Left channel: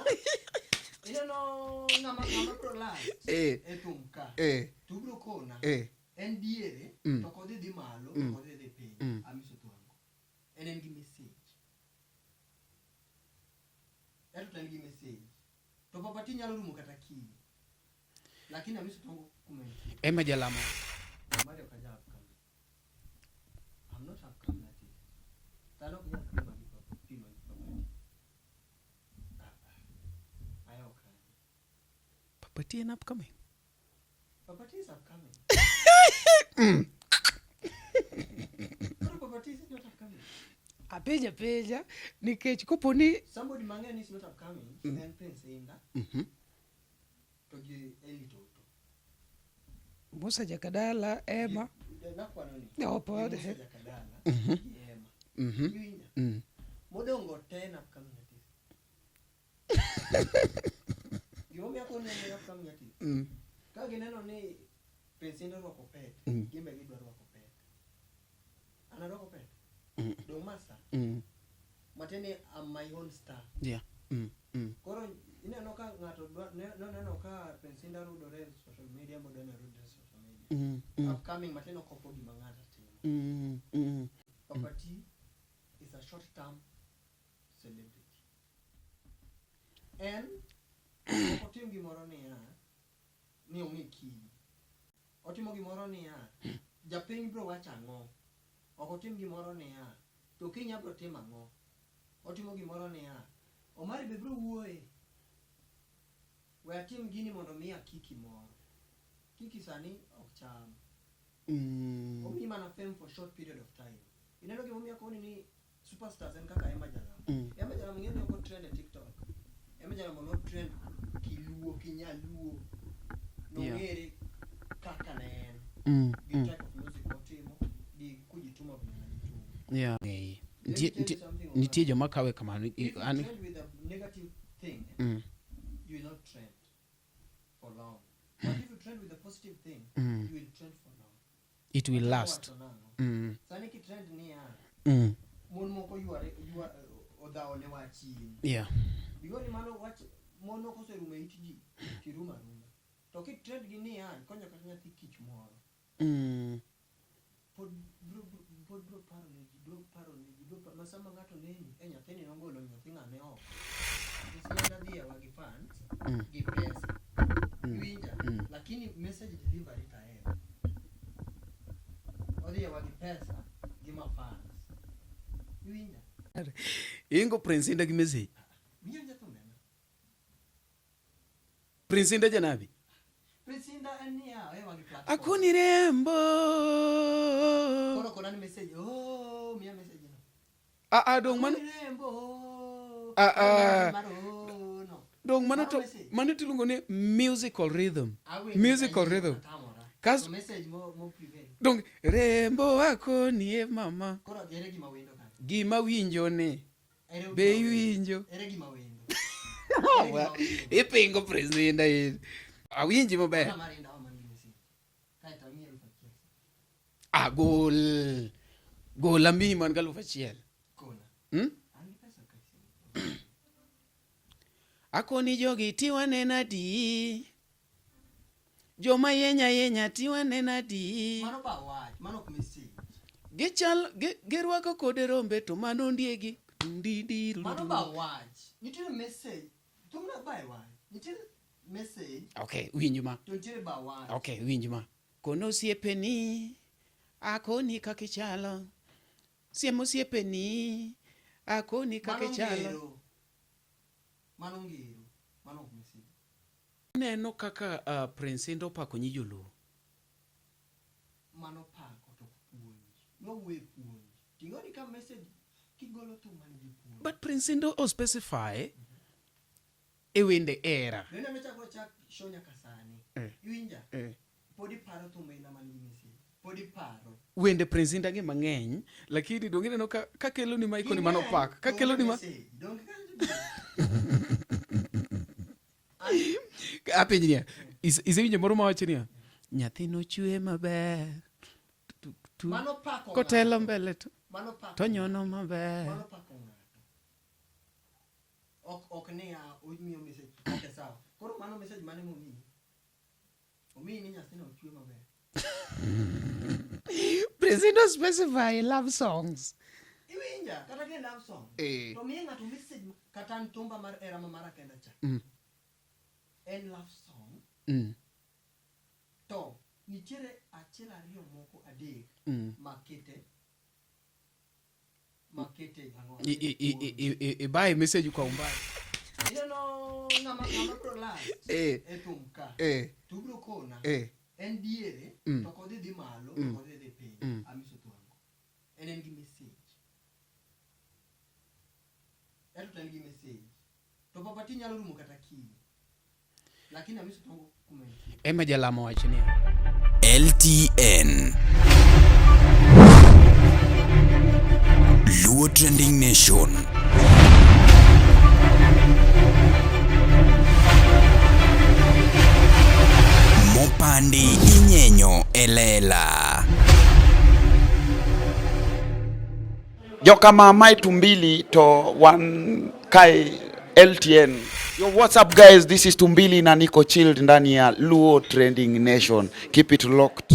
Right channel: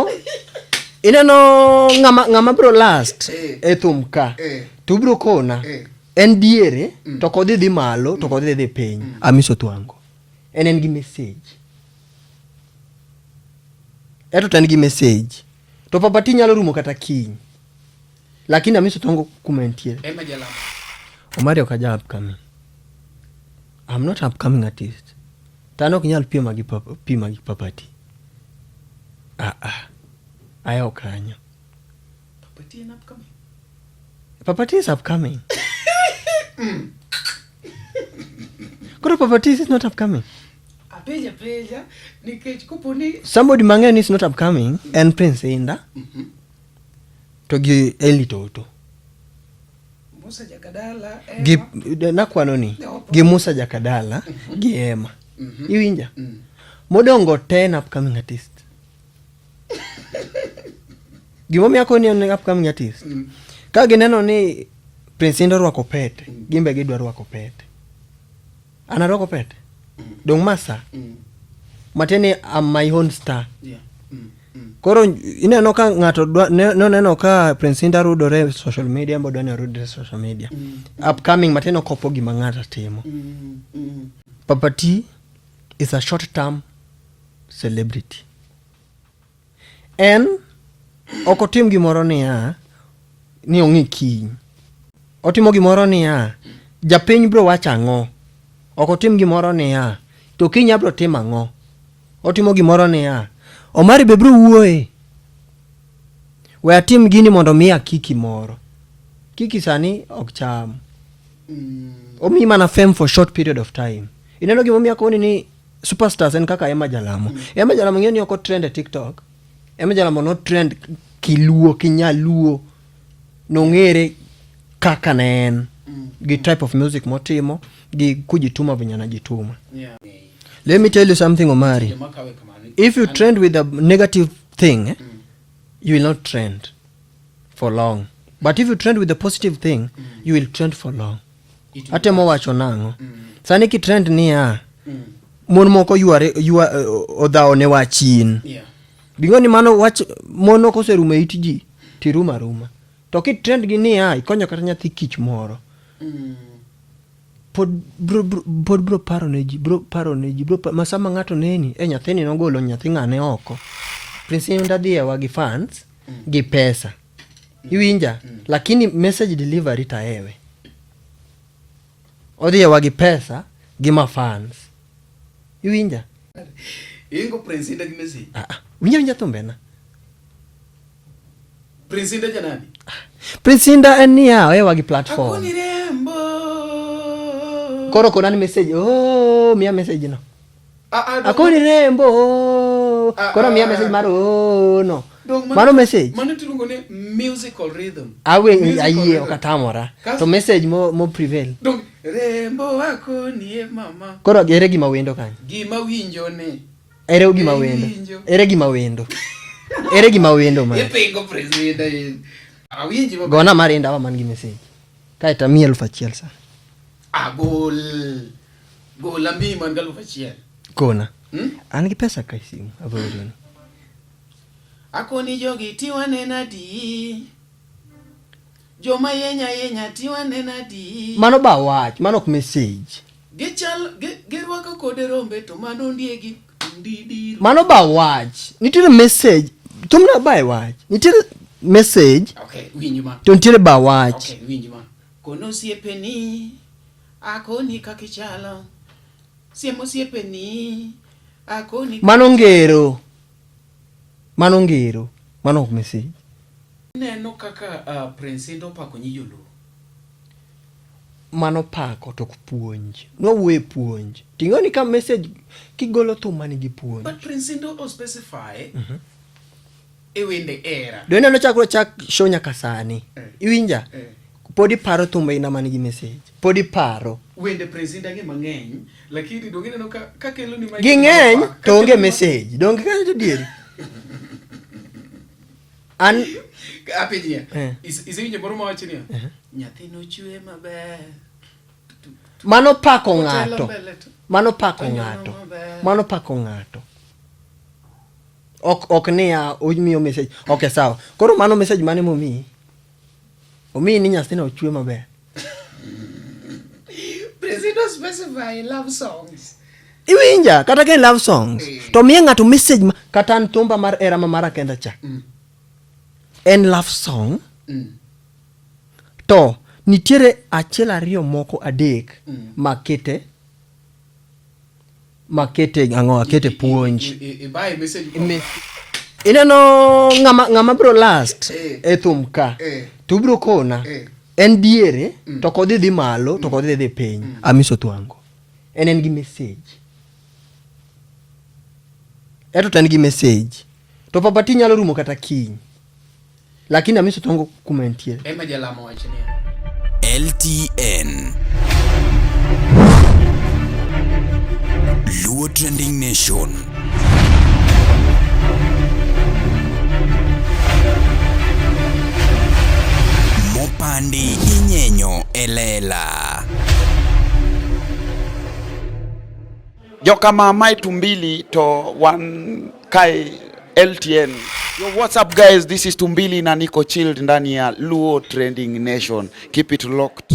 omiyo ineno ngama bro last e thumka to bro kona en diere to kodhi dhi malo to kodhi dhi piny Amiso Thwango en gi message eto tan gi message to Papati nyalo rumo kata kiny lakini Amiso Thwango kumentie Emma Jalamo Omari okaja upcoming. I'm not upcoming artist. Tano kinyal pima gi Papati. Ayo kanyo. Papati is upcoming. Papati is upcoming. Koro Papati is not upcoming. Apeja nikech koponi Somebody mang'eny is not upcoming and Prince Inda. To gi Eli Toto. Musa Jakadala Gi nakwano ni gi Musa Jakadala gi Emma. Iwinja? Modongo 10 upcoming artist. Gimomiyo akoni en upcoming artist. Ka gineno ni Prince Inda rwako pete, gimbe gidwa rwako pete. Ana rwako pete. Dong masa. Mateni am my own star. Yeah. Koro ineno ka ng'ato neno ka Prince Inda rudore social media mbodo ne rudore social media. Upcoming mateno kopo gima ng'ato timo. Papati is a short term celebrity. En okotim gimoro ni ongi kiny. Otimo gimoro japiny bro wacha ang'o. Okotim gimoro to kiny abro timo ang'o. Otimo gimoro Omari be bro wuoye. We atim gini mondo miya kiki moro. Kiki sani ok cham. Omi mana fame for short period of time. Ineno gimomiyo akoni ni superstars en kaka Emma Jalamo. Emma Jalamo ng'eni oko trend e TikTok. Emma Jalamo no trend kiluo, kinyaluo. Nong'ere kaka na en. Gi type of music motimo. Gi kujituma vinyana jituma. Yeah. Let me tell you something, Omari. If you trend with a negative thing, you will not trend for long. But if you trend with a positive thing, you will trend for long. Ate mo wacho nango. Sani ki trend ni mon moko yuare odhao ne wachin. Yeah. Bingoni mano wach mono kose rume itiji tiruma ruma. To ki trend gi ni ikonyo kata nyathi kich moro. Pod bro paro neji masama ng'ato neni nyathini nogolo nyathi ng'ane oko Prince Inda dhie wagi fans gi pesa iwinja lakini message delivery taewe odhie wagi pesa gi ma fans iwinja Ingo Prince Inda gi message winja thumbena Prince Inda janani Prince Inda en niya wagi platform Akoni rembo Koro konani message miya message no akoni rembo koro miya message maro no mano message mano tilungo ne musical rhythm aye okatamora to message mo prevail donc rembo akoni mama koro ere gima wendo kanyo gima winjo ne ere gima wendo ma ipingo president awinji mama gona marinda wa man gi message kaita 1,000 sana Gol ambi man galu fachiel. Kona. An gi pesa kai simu aboroni. Akoni jogi tiwane nadi. Joma yenya tiwane nadi. Mano ba wach, mano ok message. Gerwaka kode rombe to mano ndiegi ndidiro. Mano ba wach. Nitiere message. Tumna ba wach. Nitiere message. Okay, winjuma. To nitiere ba wach. Okay, winjuma. Kono siepeni. Akoni kakichala siemo siepeni akoni mano ngero mano message neno kaka Prince Inda pako nyiyolo mano pako to puonj no we puonj tingoni ka message kigolo thuma ni gi puonj but Prince Inda o specify e wende era do neno chak show nyaka sani iwinja podi paro thumba ina mani gi message podi paro wende Prince Inda ge mang'eny lakini dongene no ka kelo ni gi ng'eny to onge message donge ka to dieri an apinya izinyo moro mawacho ni nyathi no chwe maber mano pako ng'ato ok niya omiyo message. Okay, sawa. Koro mano message mane momi? Omi ni nyathina ochwe maber. Presido specify love songs. Iwinja kata ke love songs. To miye ng'ato message kata ntumba mar era mara kenda cha. En love song. To nitiere achiel ariyo moko adek makete puonj. Ibaye message. Ineno ng'ama bro last e thum ka. To bro kona. En diere to kodhi dhi malo to kodhi dhi piny. Amiso Twango. En gi message. Eto tan gi message. To papati nyalo rumo kata kiny. Lakini Amiso Twango kumentie. Ema jalamo wachni. LTN Luo Trending Nation. Mopandi inyenyo elela. Joka mamai Tumbili to one kai LTN. Yo, what's up guys? This is Tumbili na niko chilled ndani ya Luo Trending Nation. Keep it locked.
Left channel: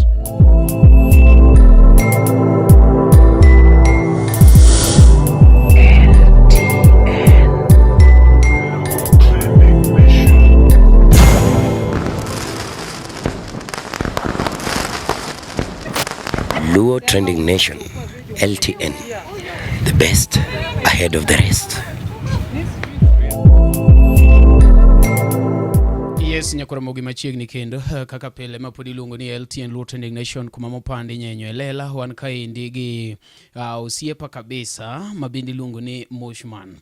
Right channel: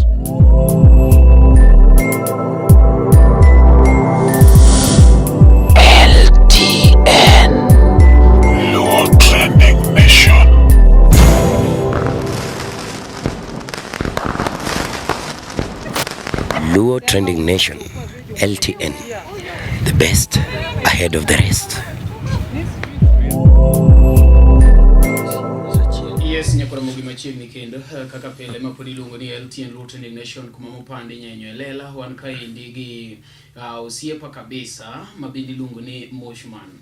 LTN Luo Trending Nation. Luo Trending Nation, LTN, the best ahead of the rest. Yes, nyakora mogi machiegni kendo kaka pile mapodi luongo ni LTN Luo Trending Nation kuma mopandi nyenyo lela wan kaendi gi osiepa kabisa mabindi luongo ni Moshman.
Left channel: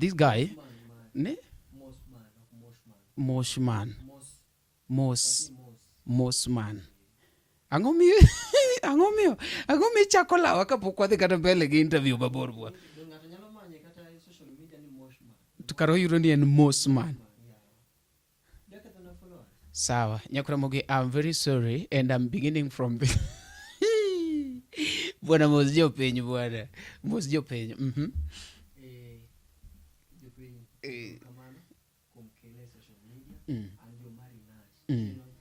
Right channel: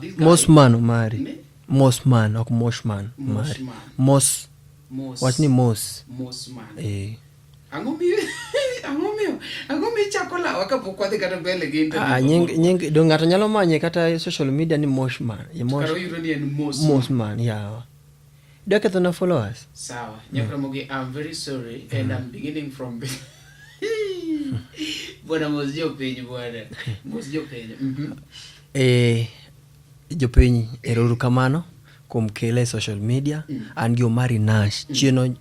This guy Mosman Omari. Mosman ok Moshman. Mos. What's ni Mos? Mosman. Angomi chakola wakapokwa de kata pele gi internet. Nying do ng'ato nyalo manye kata social media ni Moshman. Karo yuro ni en Mosman, yeah. Do you get the followers? Sawa. Nyakura mogi, I'm very sorry and I'm beginning from Bwana mosjo penyu bwana. Mosjo penyu. Jopiny eruru kamano kuom kele social media and gi Omari Nash chieno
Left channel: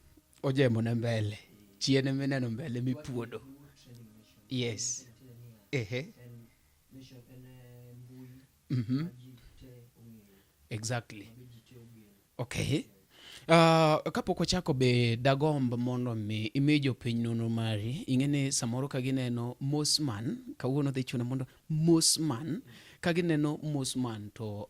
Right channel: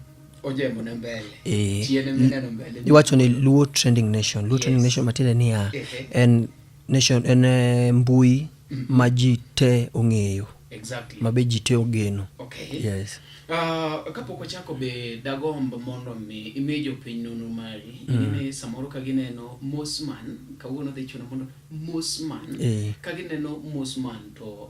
ojemo na mbele. Chiene mineno mbele. Iwacho ni Luo Trending Nation. Luo Trending Nation matinde ni en nation en mbui ma ji te ong'eyo. Exactly. Mabe ji te ogeno. Okay. Yes. Kapok ochako be dagomb mondo mi imejo piny nono mari ingene samoro ka gineno Mosman kawuono dhi chuno mondo Mosman ka gineno Mosman to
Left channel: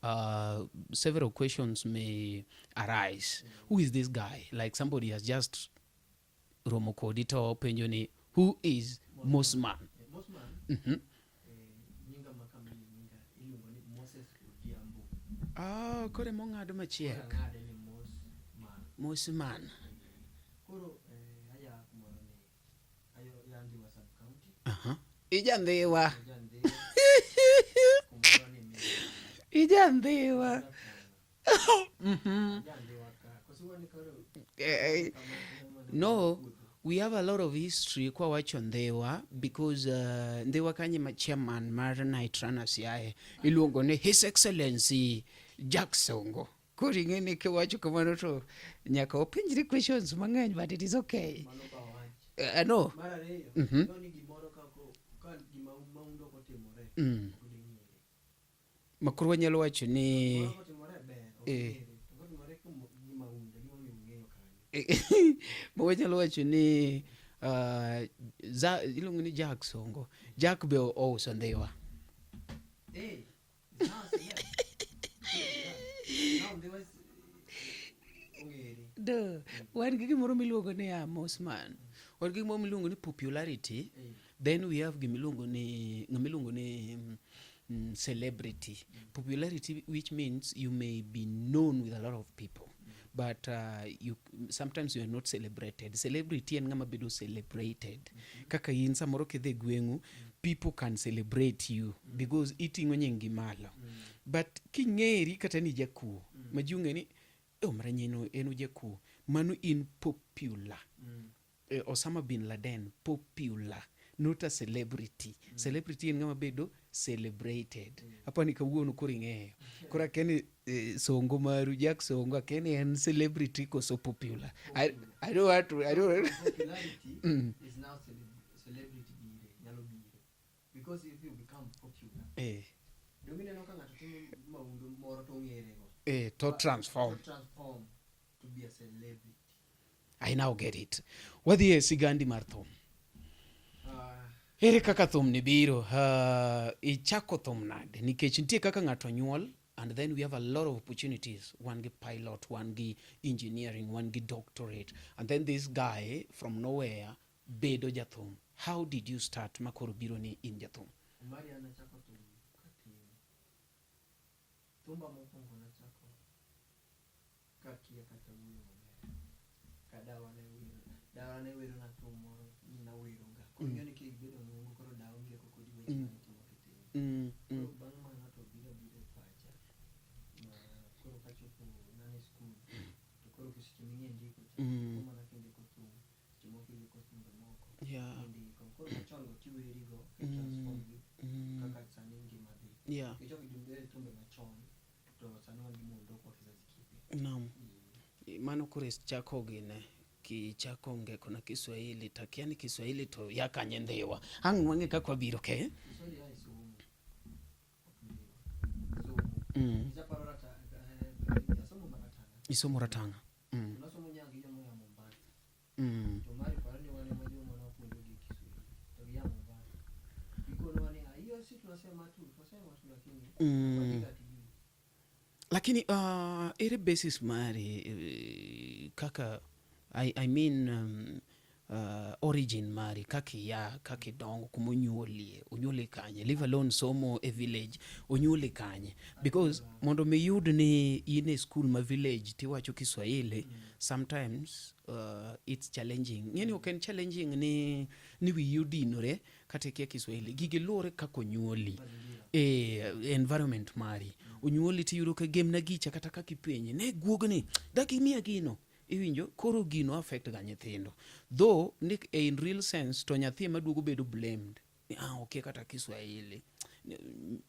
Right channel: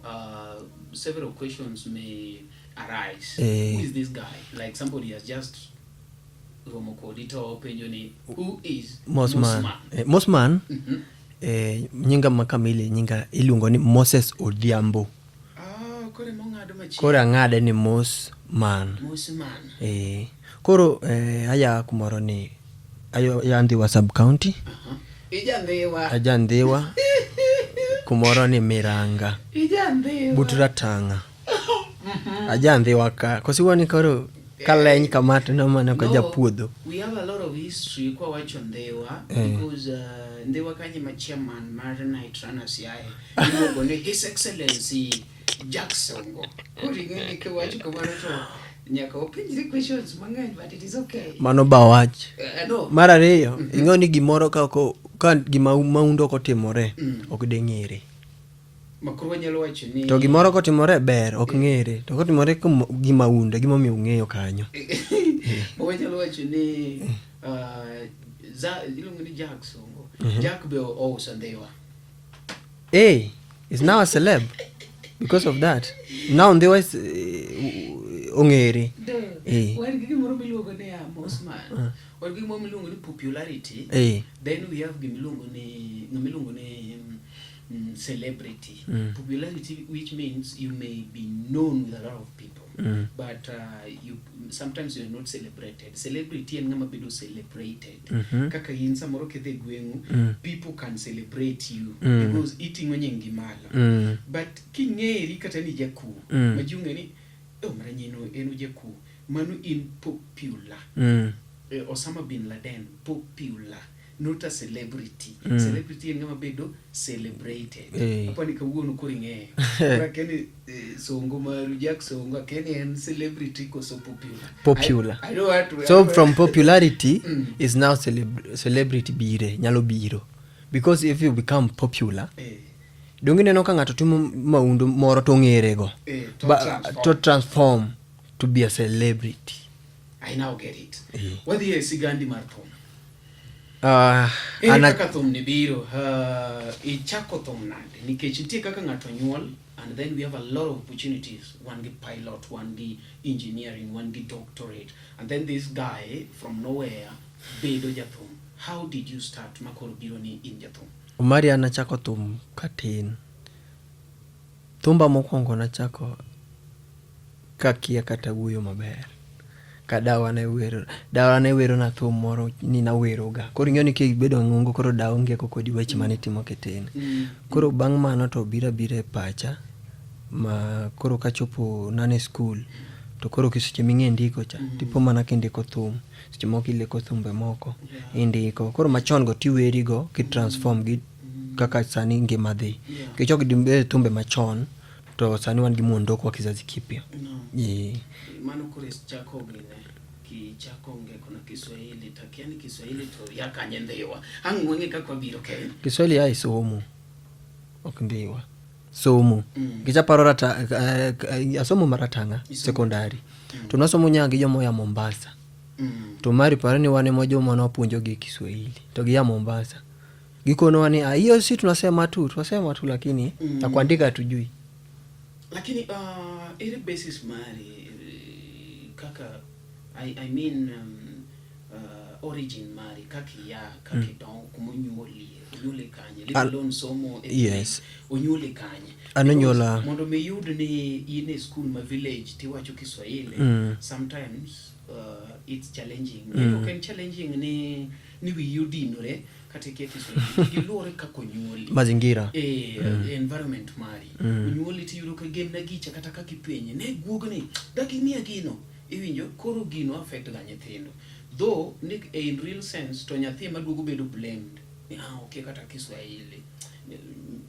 several questions may arise. Who is this guy? Like somebody has just romo kodi to penjo ni who is Mosman? Mosman nyinga makamili nyinga iluongo ni Moses Odhiambo. Koro ang'ade ni Mosman. Koro aya kumoro ni Yandhiwa sub county. Ajandhiwa. Kumoro ni Miranga. Butura Tanga. Ajandhiwa ka. Kosiwani koro kaleny kamato no mane ka japuodho. We have a lot of history kwa wacho Ndhewa because Ndhewa kanyi ma chairman mar Night Runners yae. Iluongo ni His Excellency Jackson. Kori ngene ke wacho kamano to nyaka openjre questions mang'eny but it is okay. Mano ba wach. No. Mar ariyo ing'eyo ni gimoro ka gima maundo kotimore ok deng'ere. Makuru nyalo wacho ni to gimoro kotimore ber ok ng'ere to kotimore gima unde gima miyo ng'eyo kanyo. Nyalo wacho ni iluongo ni Jackson. Jack be ouso Ndhewa. Is now a celeb because of that. Now Ndhewa is ong'ere. Wan gi gimoro miluongo ni Mosman. Wan gi gimoro miluongo ni popularity. Then we have gimilungo ni celebrity. Popularity, which means you may be known with a lot of people, but sometimes you are not celebrated. Celebrity and ngama bedo celebrated. Kaka yin samoro kedhe gwengu, people can celebrate you because eating wenyengi malo. But king'eri kata ni jaku, majunge ni maranyeno enu jaku, manu in popular. Osama bin Laden popular. not a celebrity. Celebrity ngama bedo celebrated. Apa ni kawuono koringe. Ora kene songo maru Jack Songo kene en celebrity ko so popular. I know what to, so from popularity is now celebrity bire nyalo biro, because if you become popular dongi neno ka ng'ato timo maundu moro to ng'ere go to transform to be a celebrity. I now get it. What is sigandi mar thum? Kaka thum ni biro ichako thum nade nikech nitie kaka ng'ato nyuol, and then we have a lot of opportunities. One gi pilot, one gi engineering, one gi doctorate, and then this guy from nowhere bedo jathum. How did you start makoro biro ni in jathum? Umari anachako thum katin. Thumba mokwongo nachako kakia kata wuoyo maber. Ka dawa ne wero na thum moro ni na wero ga. Koro ing'eyo ni kibedo ng'ongo koro dawa onge kodi weche mane timo ketin. Koro bang' mano to bira pacha ma koro kachopo nane school to koro kiseche ming'e ndiko cha tipo mana kindiko thum. Seche moko ileko thumbe moko indiko. Koro machon go tiweri go ki transform gi kaka sani ngima dhi. Kichok dimbe thumbe machon to sani wan gi muondo kwa kizazi kipya. Mano kore chako gine ki chako nge kuna Kiswahili takiani Kiswahili to yakanye ndewa. Hangu wange kakwa biro ke? Kiswahili ya somo. Okundiwa. Somo. Kicha parora asomo maratanga sekondari. Tunasomo nyangi jomo ya Mombasa. Tumari parani wane mojo mwana wapunjo gi Kiswahili. Togi ya Mombasa. Gikono wani hiyo si tunasema tu lakini na kuandika tujui. Lakini ile basis mari kaka I mean origin mari kaki don kunyole kanye levelon somo yes onyole kanye anonyola mondo me yud ni in a school ma village tiwacho Kiswahili sometimes it's challenging. You can challenging ni we yudinore katika Kiswahili kilore kako nyoli mazingira environment mari nyoli ti yudo ka game na gicha kata ka kipenye ne guogni daki mia gino iwinjo koro gino affect ga nyithindo though in real sense to nyathi maduogo bedo blamed okay kata Kiswahili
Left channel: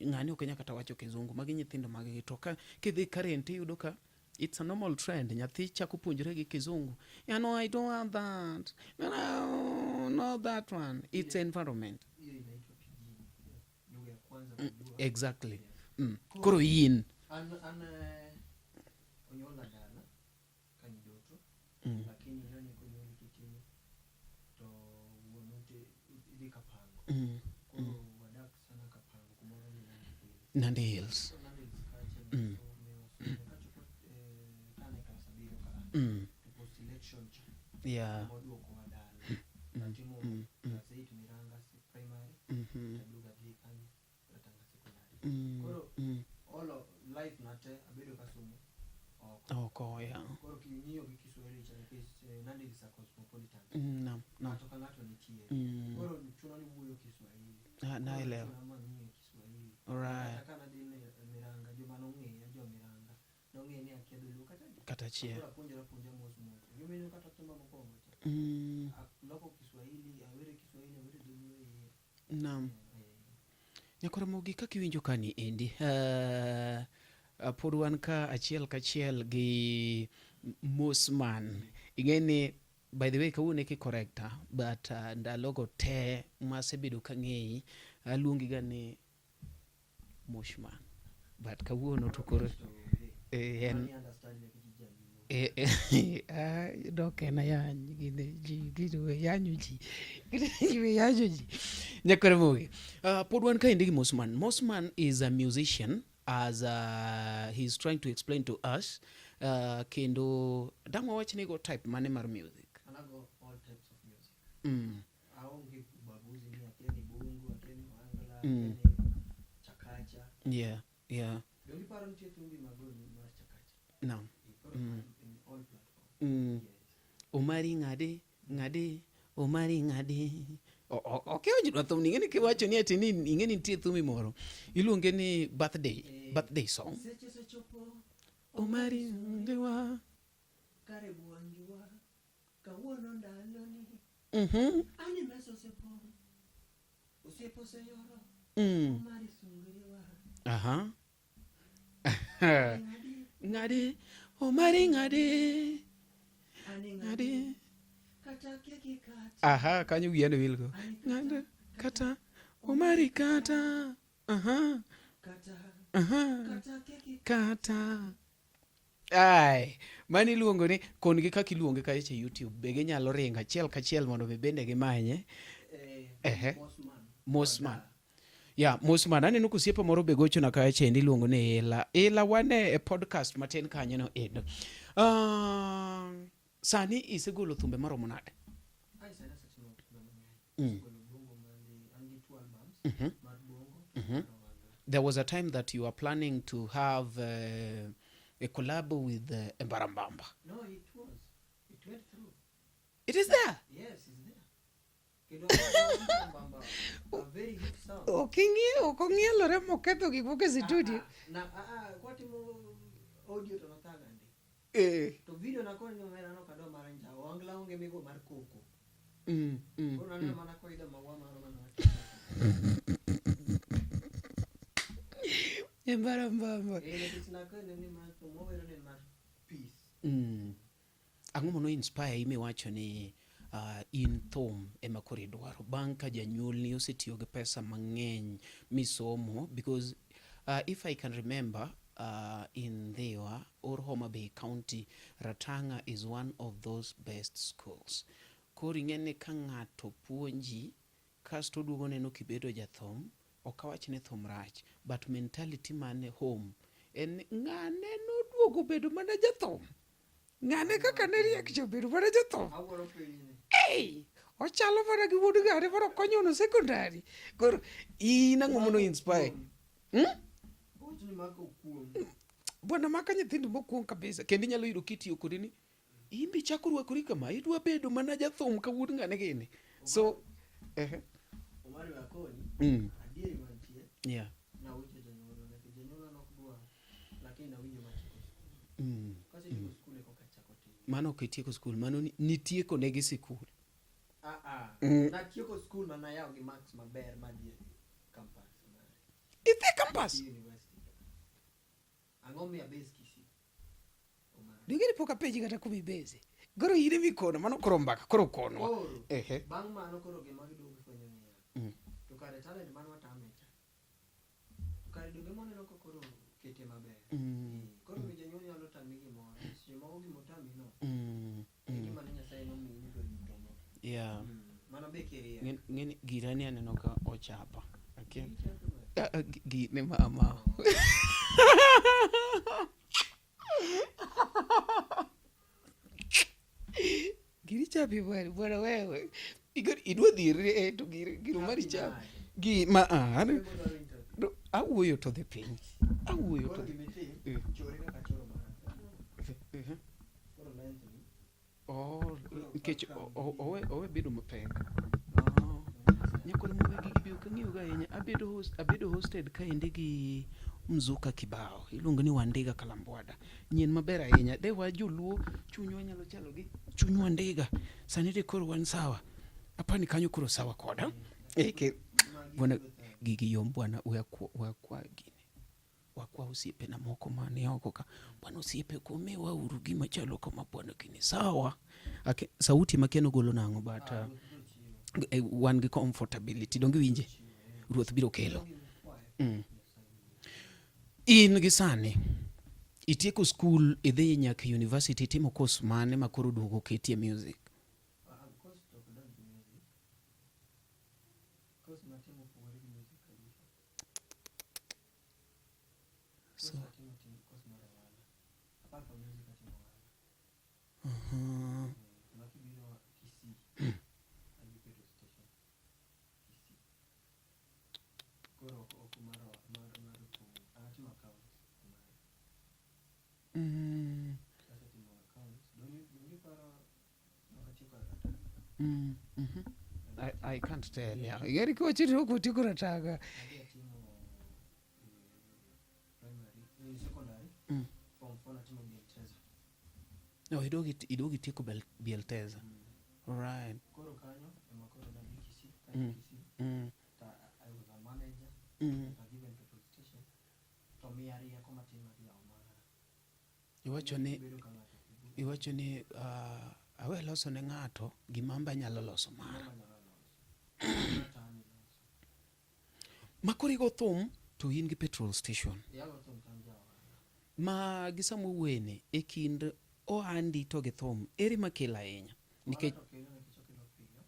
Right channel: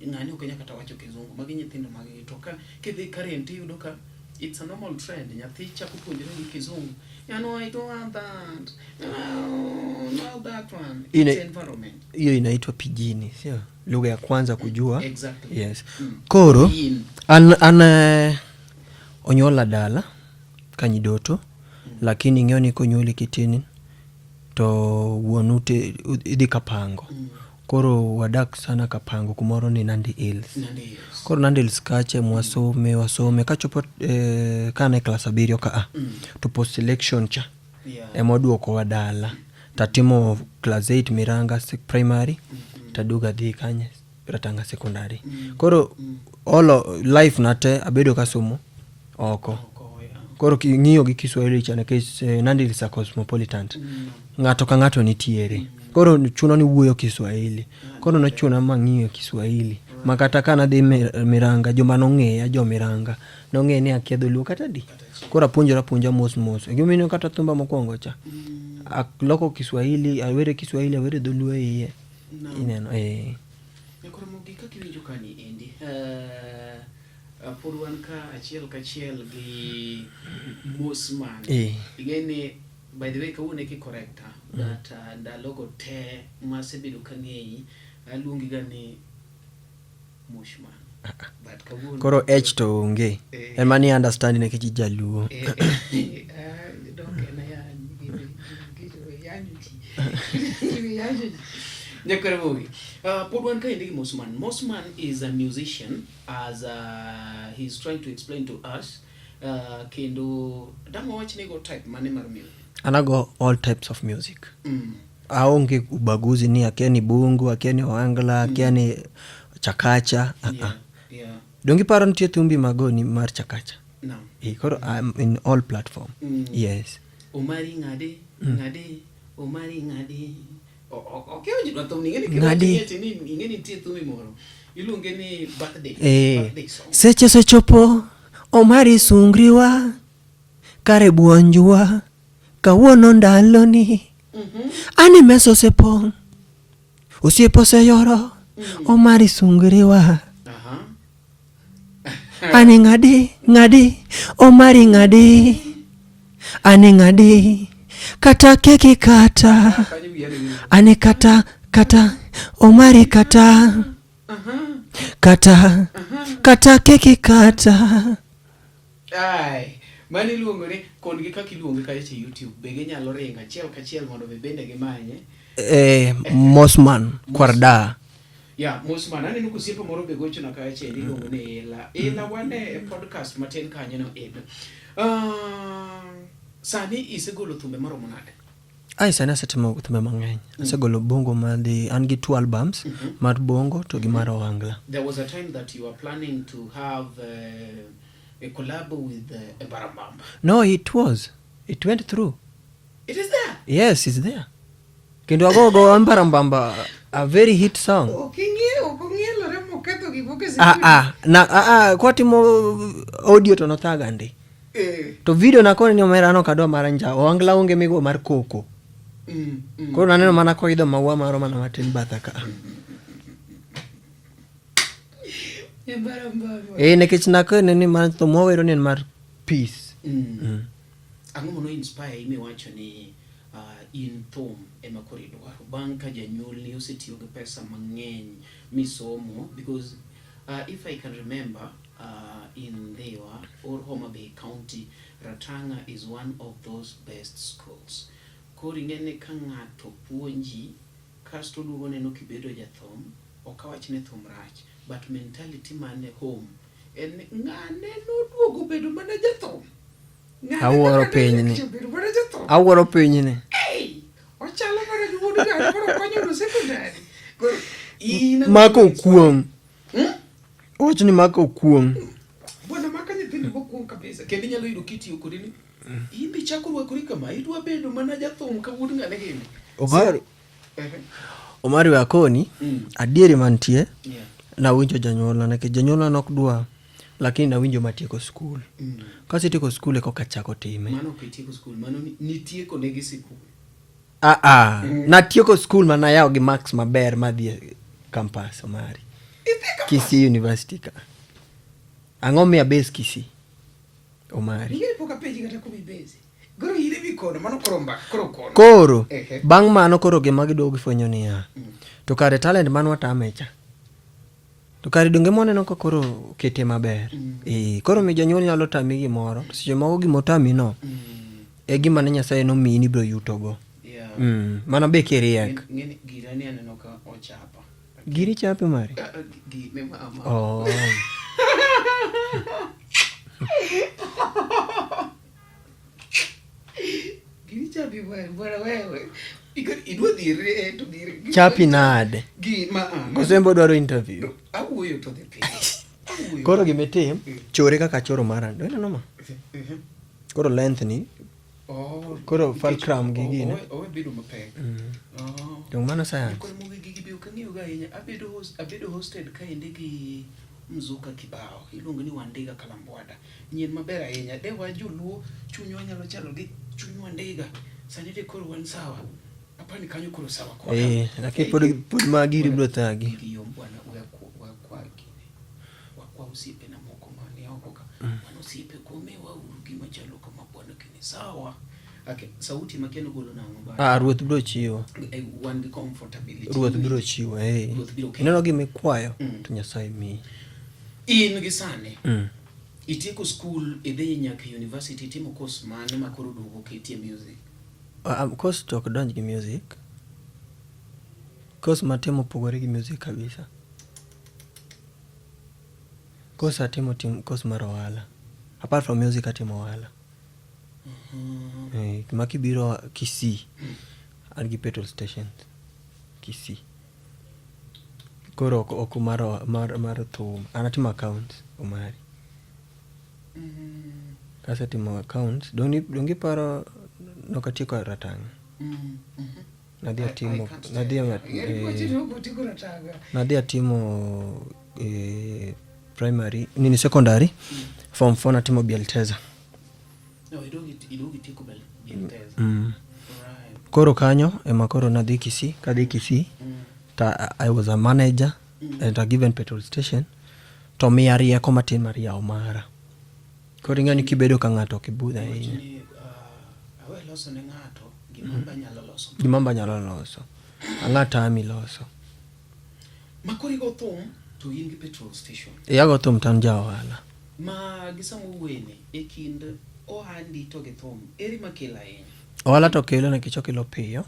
ngani ukenya kata wacho kizungu magi nyithindo magi to ka kidhi current yudo ka it's a normal trend nyathi chako puonjore gi kizungu. I don't want that. No, that one. It's environment. Hiyo inaitwa pijini, sio? Lugha ya kwanza kujua. Exactly. Yes. Koro ana onyola dala kanyidoto lakini ng'eyo konyoli kitini to wuonute idhi Kapango. Koro wadak sana Kapango kumoro ni Nandi Hills. Koro Nandi Hills kache wasome kachopo kana class 7 ka to post selection cha emoduoko wadala tatimo class 8 Miranga primary taduga dhi kanye ratanga secondary. Koro all life nate abedo kasomo oko. Koro ng'iyo gi Kiswahili chane ke Nandi Hills cosmopolitan ng'ato ka ng'ato nitiere. Koro chuno ni wuoyo Kiswahili. Koro na chuno mang'iyo Kiswahili. Makata kana dhi Miranga joma nong'eya jo Miranga nong'e ni akia dholuo kata di. Koro apuonja mos. Gimino kata thumba mokwongo cha. Loko Kiswahili, awere dholuo iye. Ineno Koro mogi kaka iwinjo kani endi por wan ka achiel kachiel gi Mosman. Igeni by the way kawune ki correcta that ndalogo te masebedo kang'ei aluongi gani Mushman. But kawune koro h to onge emani understand ne kichi jaluo don't na ya yanyu Nyakaramogi. Podwan ka indigi Mosman. Mosman is a musician as he's trying to explain to us kendo damo wachne go type mane mar music. Anago all types of music. Aonge ubaguzi ni akiani bungu, akiani oangla, akiani chakacha. Dongi paro nitie thumbi magoni mar chakacha. No. Koro I'm in all platform. Yes. Omari ngade. Okay, ojidwa thum ni ngeni tie thumbi moro. Iluonge ni birthday song. Seche chopo Omari sungriwa kare buonjwa kawuono ndalo ni ani meso sepong Osiepo oseyoro Omari sungriwa. Ane ng'adi Omari ng'adi. Ane ng'adi kata keki kata. Ane kata Omari kata. Kata keki kata. Ai, mani luongo ni kon gi kaka iluongo ka e YouTube. Be ginyalo ringo achiel kachiel mondo bende gimanye. Mosman Kwarda. Ya, Mosman aneno kosiepo moro be gocho na ka chendi luongo ni Ila wane podcast matin kanyo no ed. Sani isegolo thumbe maromo nade? Sani asetimo thumbe mang'eny. Asegolo bongo madhi an gi 2 albums mar bongo to gi mar ohangla. There was a time that you were planning to have a collab with Barambamba. No, it went through. It is there? Yes, it's there. Kendo agogo Barambamba, a very hit song. Oking'e remo ketho gi boke kwa timo audio to nothaga ndi. To video nakone ni omera no kadwa maranja. Ohangla onge migo mar koko. Koro naneno mana koidho maua maro mana matin bathaka. Nekech nakone ni man to mowero ni mar peace. Ang'o mono inspire imi wacho ni in thum ema koro idwaro bang' ka janyuol ni osetiyo gi pesa mang'eny misomo, because if I can remember in Dewa or Homa Bay County, Ratanga is one of those best schools. Koro ing'eni ka ng'ato puonji kasto duogo neno kibedo jathum, ok awach ni thum rach, but mentality mane home en ng'ane noduogo bedo mana jathum. Awuoro piny ni. Ochalo mana gi wuod gari koro konyo no secondary. Koro Mako kuong. Och ni mako kuong. Bwana maka nyithindo mokuong kabisa. Kendo inyalo yudo kitiyo kodi ni. Ibi chako rwakori kama idwa bedo mana jathum ka wuod ng'ane gini. Omari wakoni adieri mantie. Na winjo janyuolna nikech janyuolna nok dwa, lakini na winjo matieko skul. Kasetieko skul eko kachako time. Mano kitieko skul, mano nitieko negi skul. Natieko skul mana yawo gi marks maber madhi campus Omari. Kisii University ka. Ang'o miya base Kisii Omari? Yiri poka peji kata kubi base. Goro yiri bikono mano koro. Koro bang' mano koro gima gidogo gifwenyo niya. To kare talent mano watamecha. To kare donge moneno ko koro kete maber. Koro mi janyuol nyalo tami gimoro. Seche moko gimotami no. Gima ne Nyasaye no miyi ni bro yutogo. Mana be kiriek. Girani aneno ka ochapa. Giri chape Mari? Ne mama. Giri chape bwana wewe. Idwa dhire to giri. Chapi nade. Kosembo dwaro interview. Awuoyo to the page. Koro gimetim chore kaka choro marando. Ina noma. Koro length ni. Koro fulcrum gi gine. Bedo mapek. Yung mano science. Koro mwe gigi bi ukang'iyo ga inya. Abedo hosted ka indi gi Mzuka Kibao. Iluongo ni Wandega Kalambwada. Nyien maber ahinya. Dewa joluo chunywa nyalo chalo gi chunywa Ndega. Sani de koro wan sawa. Apani kanyo koro sawa kwa. Lakini pod magiri bro thagi. Gigi yom bwana wakwa gine. Wakwa usipe na moko mani oko ka. Bwana usipe kumewa urugi machalo kama bwana kini sawa. Okay, sauti makiano golo nango bwana. Ruoth bro chiwo. One comfortability. Ruoth bro chiwo. Ruoth biro okay. Neno gimikwayo to Nyasaye mi. In gisane. Itieko school idhi nyaka university timo course mane makoro duogo ketie music. Course to donj gi music. Course matimo pogore gi music kabisa. Course atimo course mar ohala. Apart from music atimo ohala. Makibiro Kisii. An gi petrol station. Kisii. Koro ok mar thum. Anatimo accounts Omari. Kasetimo accounts. Dongi paro nokatieko Ratanga. Nadhi atimo primary nini secondary form 4 natimo Bielteza. Idogi tiko Bielteza. Koro kanyo ema koro nadhi Kisii, kadhi Kisii. I was a manager at a given petrol station. To miya rieko matin mar yawo mara. Koro ing'eni kibedo ka ng'ato kibudha ahinya. Awe loso ne ng'ato gimamba nyalo loso. Gimamba nyalo loso. Ang'ata ami loso. Makori go thum to in gi petrol station. Yago thum tan ja ohala. Ma gisamo wene e kind ohandi to gi thum eri makela ahinya. Ohala to kelo nikech okelo piyo.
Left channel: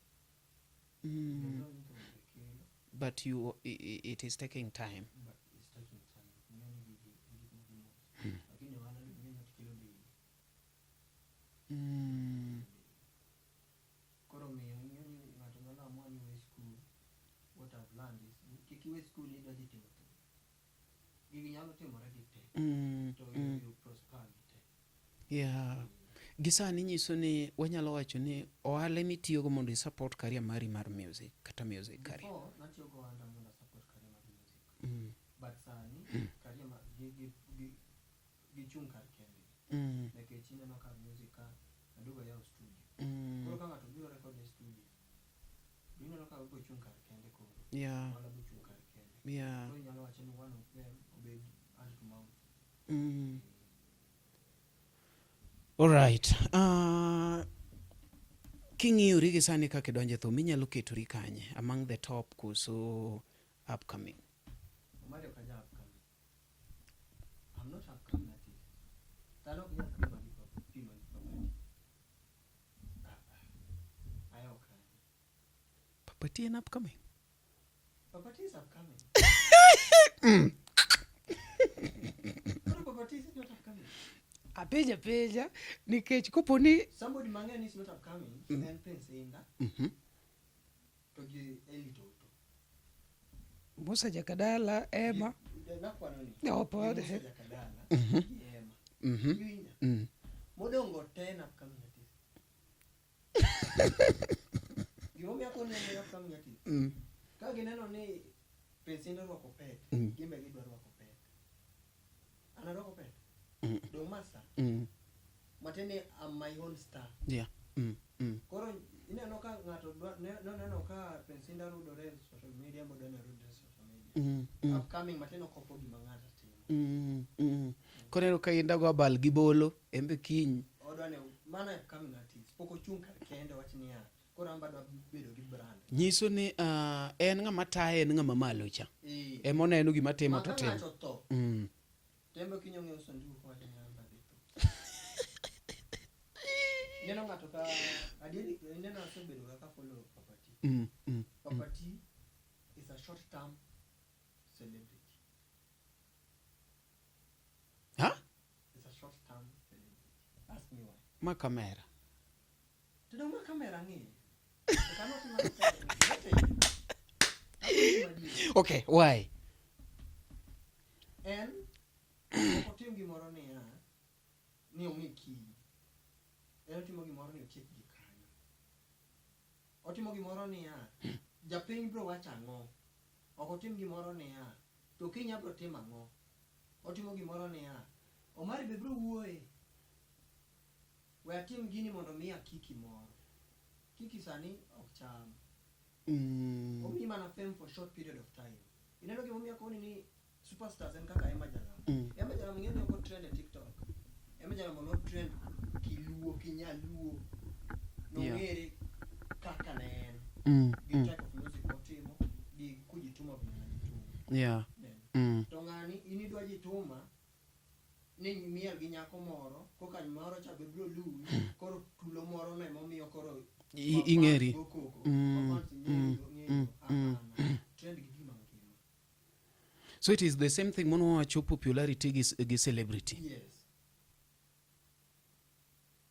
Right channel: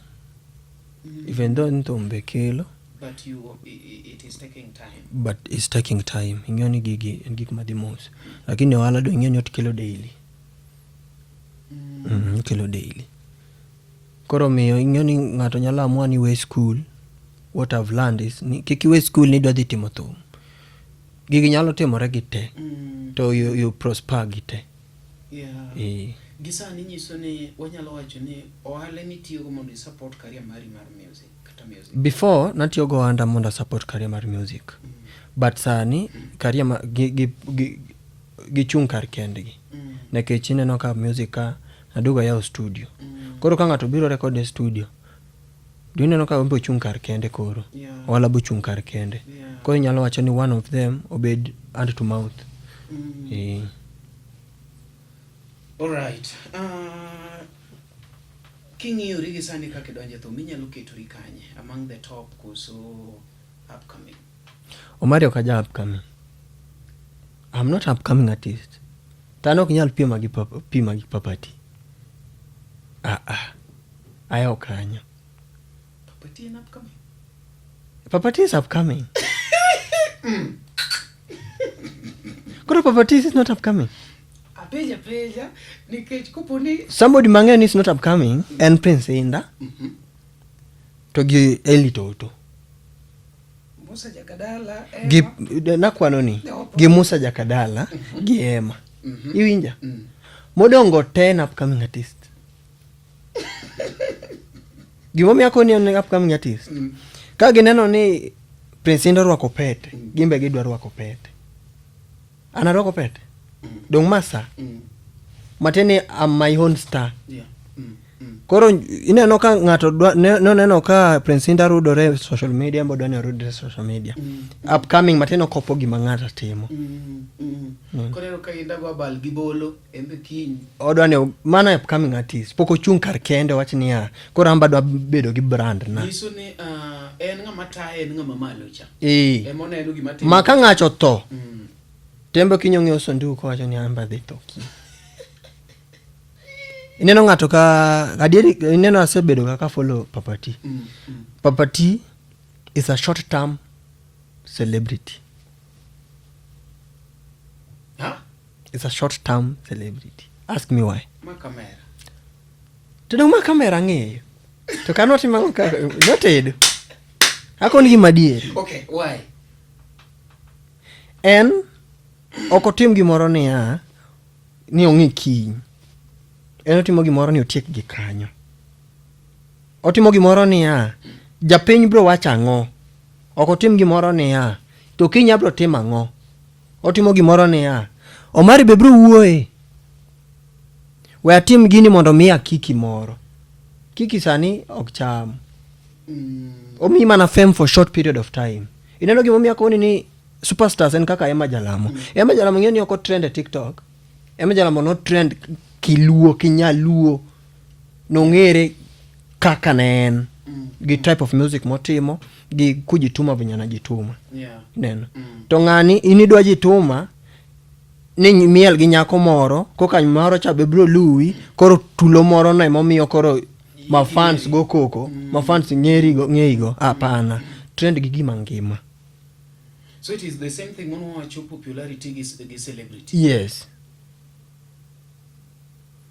Even though thum be kelo. But it is taking time. But it's taking time. Ing'eni gigi en gik madhi mos. Lakini ohala do ing'eni ot kelo daily. Kelo daily. Koro miyo ing'eni ng'ato nyalo amua ni we school. What I've learned is kiki we school ni dwa dhi timo thum. Gigi nyalo timore gi te. To you prosper gi te. Yeah. Gisa ni nyiso ni wanyalo wacho ni ohala mitiyo go mondo support career mari mar music kata music. Before natiyo go ohanda mondo support career mar music. But sani career gi chung kar kendgi. Nekech ineno ka music ka naduga yawo studio. Koro ka ng'ato biro record e studio. Dineno ka ombo chung kar kende koro. Wala bu chung kar kende. Koro nyalo wacho ni one of them obed hand to mouth. All right. King'iyo rigi sani kaka donje thum inyalo ketori kanye among the top kuso upcoming. Omari okaja upcoming. I'm not upcoming artist. Tano kinyal pima gi Papati. Ayo kanyo. Papati is upcoming. Papati is upcoming. Kuro Papati is not upcoming. Peja nikech koponi somebody mang'eny is not upcoming and Prince Inda. To gi Eli Toto. Musa Jakadala nakwano ni gi Musa Jakadala gi Emma. Iwinja? Modongo 10 upcoming artist. Gimomiyo akoni en upcoming artist. Ka gineno ni Prince Inda rwako pete, gimbe gidwa rwako pete. Ana rwako pete? Dong masa. Matene am my own star. Yeah. Koro ineno ka ng'ato neno ka Prince Inda rudore social media mbodo ne rudore social media. Upcoming mateno kopo gima ng'ata timo. Koro ka Inda go bal gibolo embe kiny. Odwa ne mana upcoming artist. Poko chung kar kende wach niya. Koro amba dwa bedo gi brand na. Yiso ni en ng'ama tae en ng'ama malo cha. Emone eno gima timo. Maka ng'acho to. Tembo kinyong'e sanduku wacho ni amba dhi to. Ineno ng'ato ka adieri ineno asebedo kaka follow Papati. Papati is a short term celebrity. Huh? It's a short term celebrity. Ask me why. Ma kamera. Tino ma kamera ng'eyo. To kanoti mango ka noted. Akoni gi madieri. Okay, why? En okotim gimoro ni ong'i kiny. En otimo gimoro ni otiek gi kanyo. Otimo gimoro japiny bro wacho ang'o. Okotim gimoro to kiny abro timo ang'o. Otimo gimoro Omari be bro wuoye. We atim gini mondo miya kiki moro. Kiki sani ok cham. Omi mana fame for short period of time. Ineno gimomiyo akoni ni superstars en kaka Emma Jalamo. Emma Jalamo ng'eni oko trend e TikTok. Emma Jalamo no trend kiluo, kinyaluo. Nong'ere kaka ne en. Gi type of music motimo. Gi kujituma vinyana jituma. Yeah. Neno. To ng'ani inidwa jituma. Ni miel gi nyako moro. Koka moro cha bebro lui. Koro tulo moro na momiyo koro ma fans go koko. Ma fans ng'erigo. Apana. Trend gi gima ngima. So it is the same thing when we show popularity gi celebrity. Yes.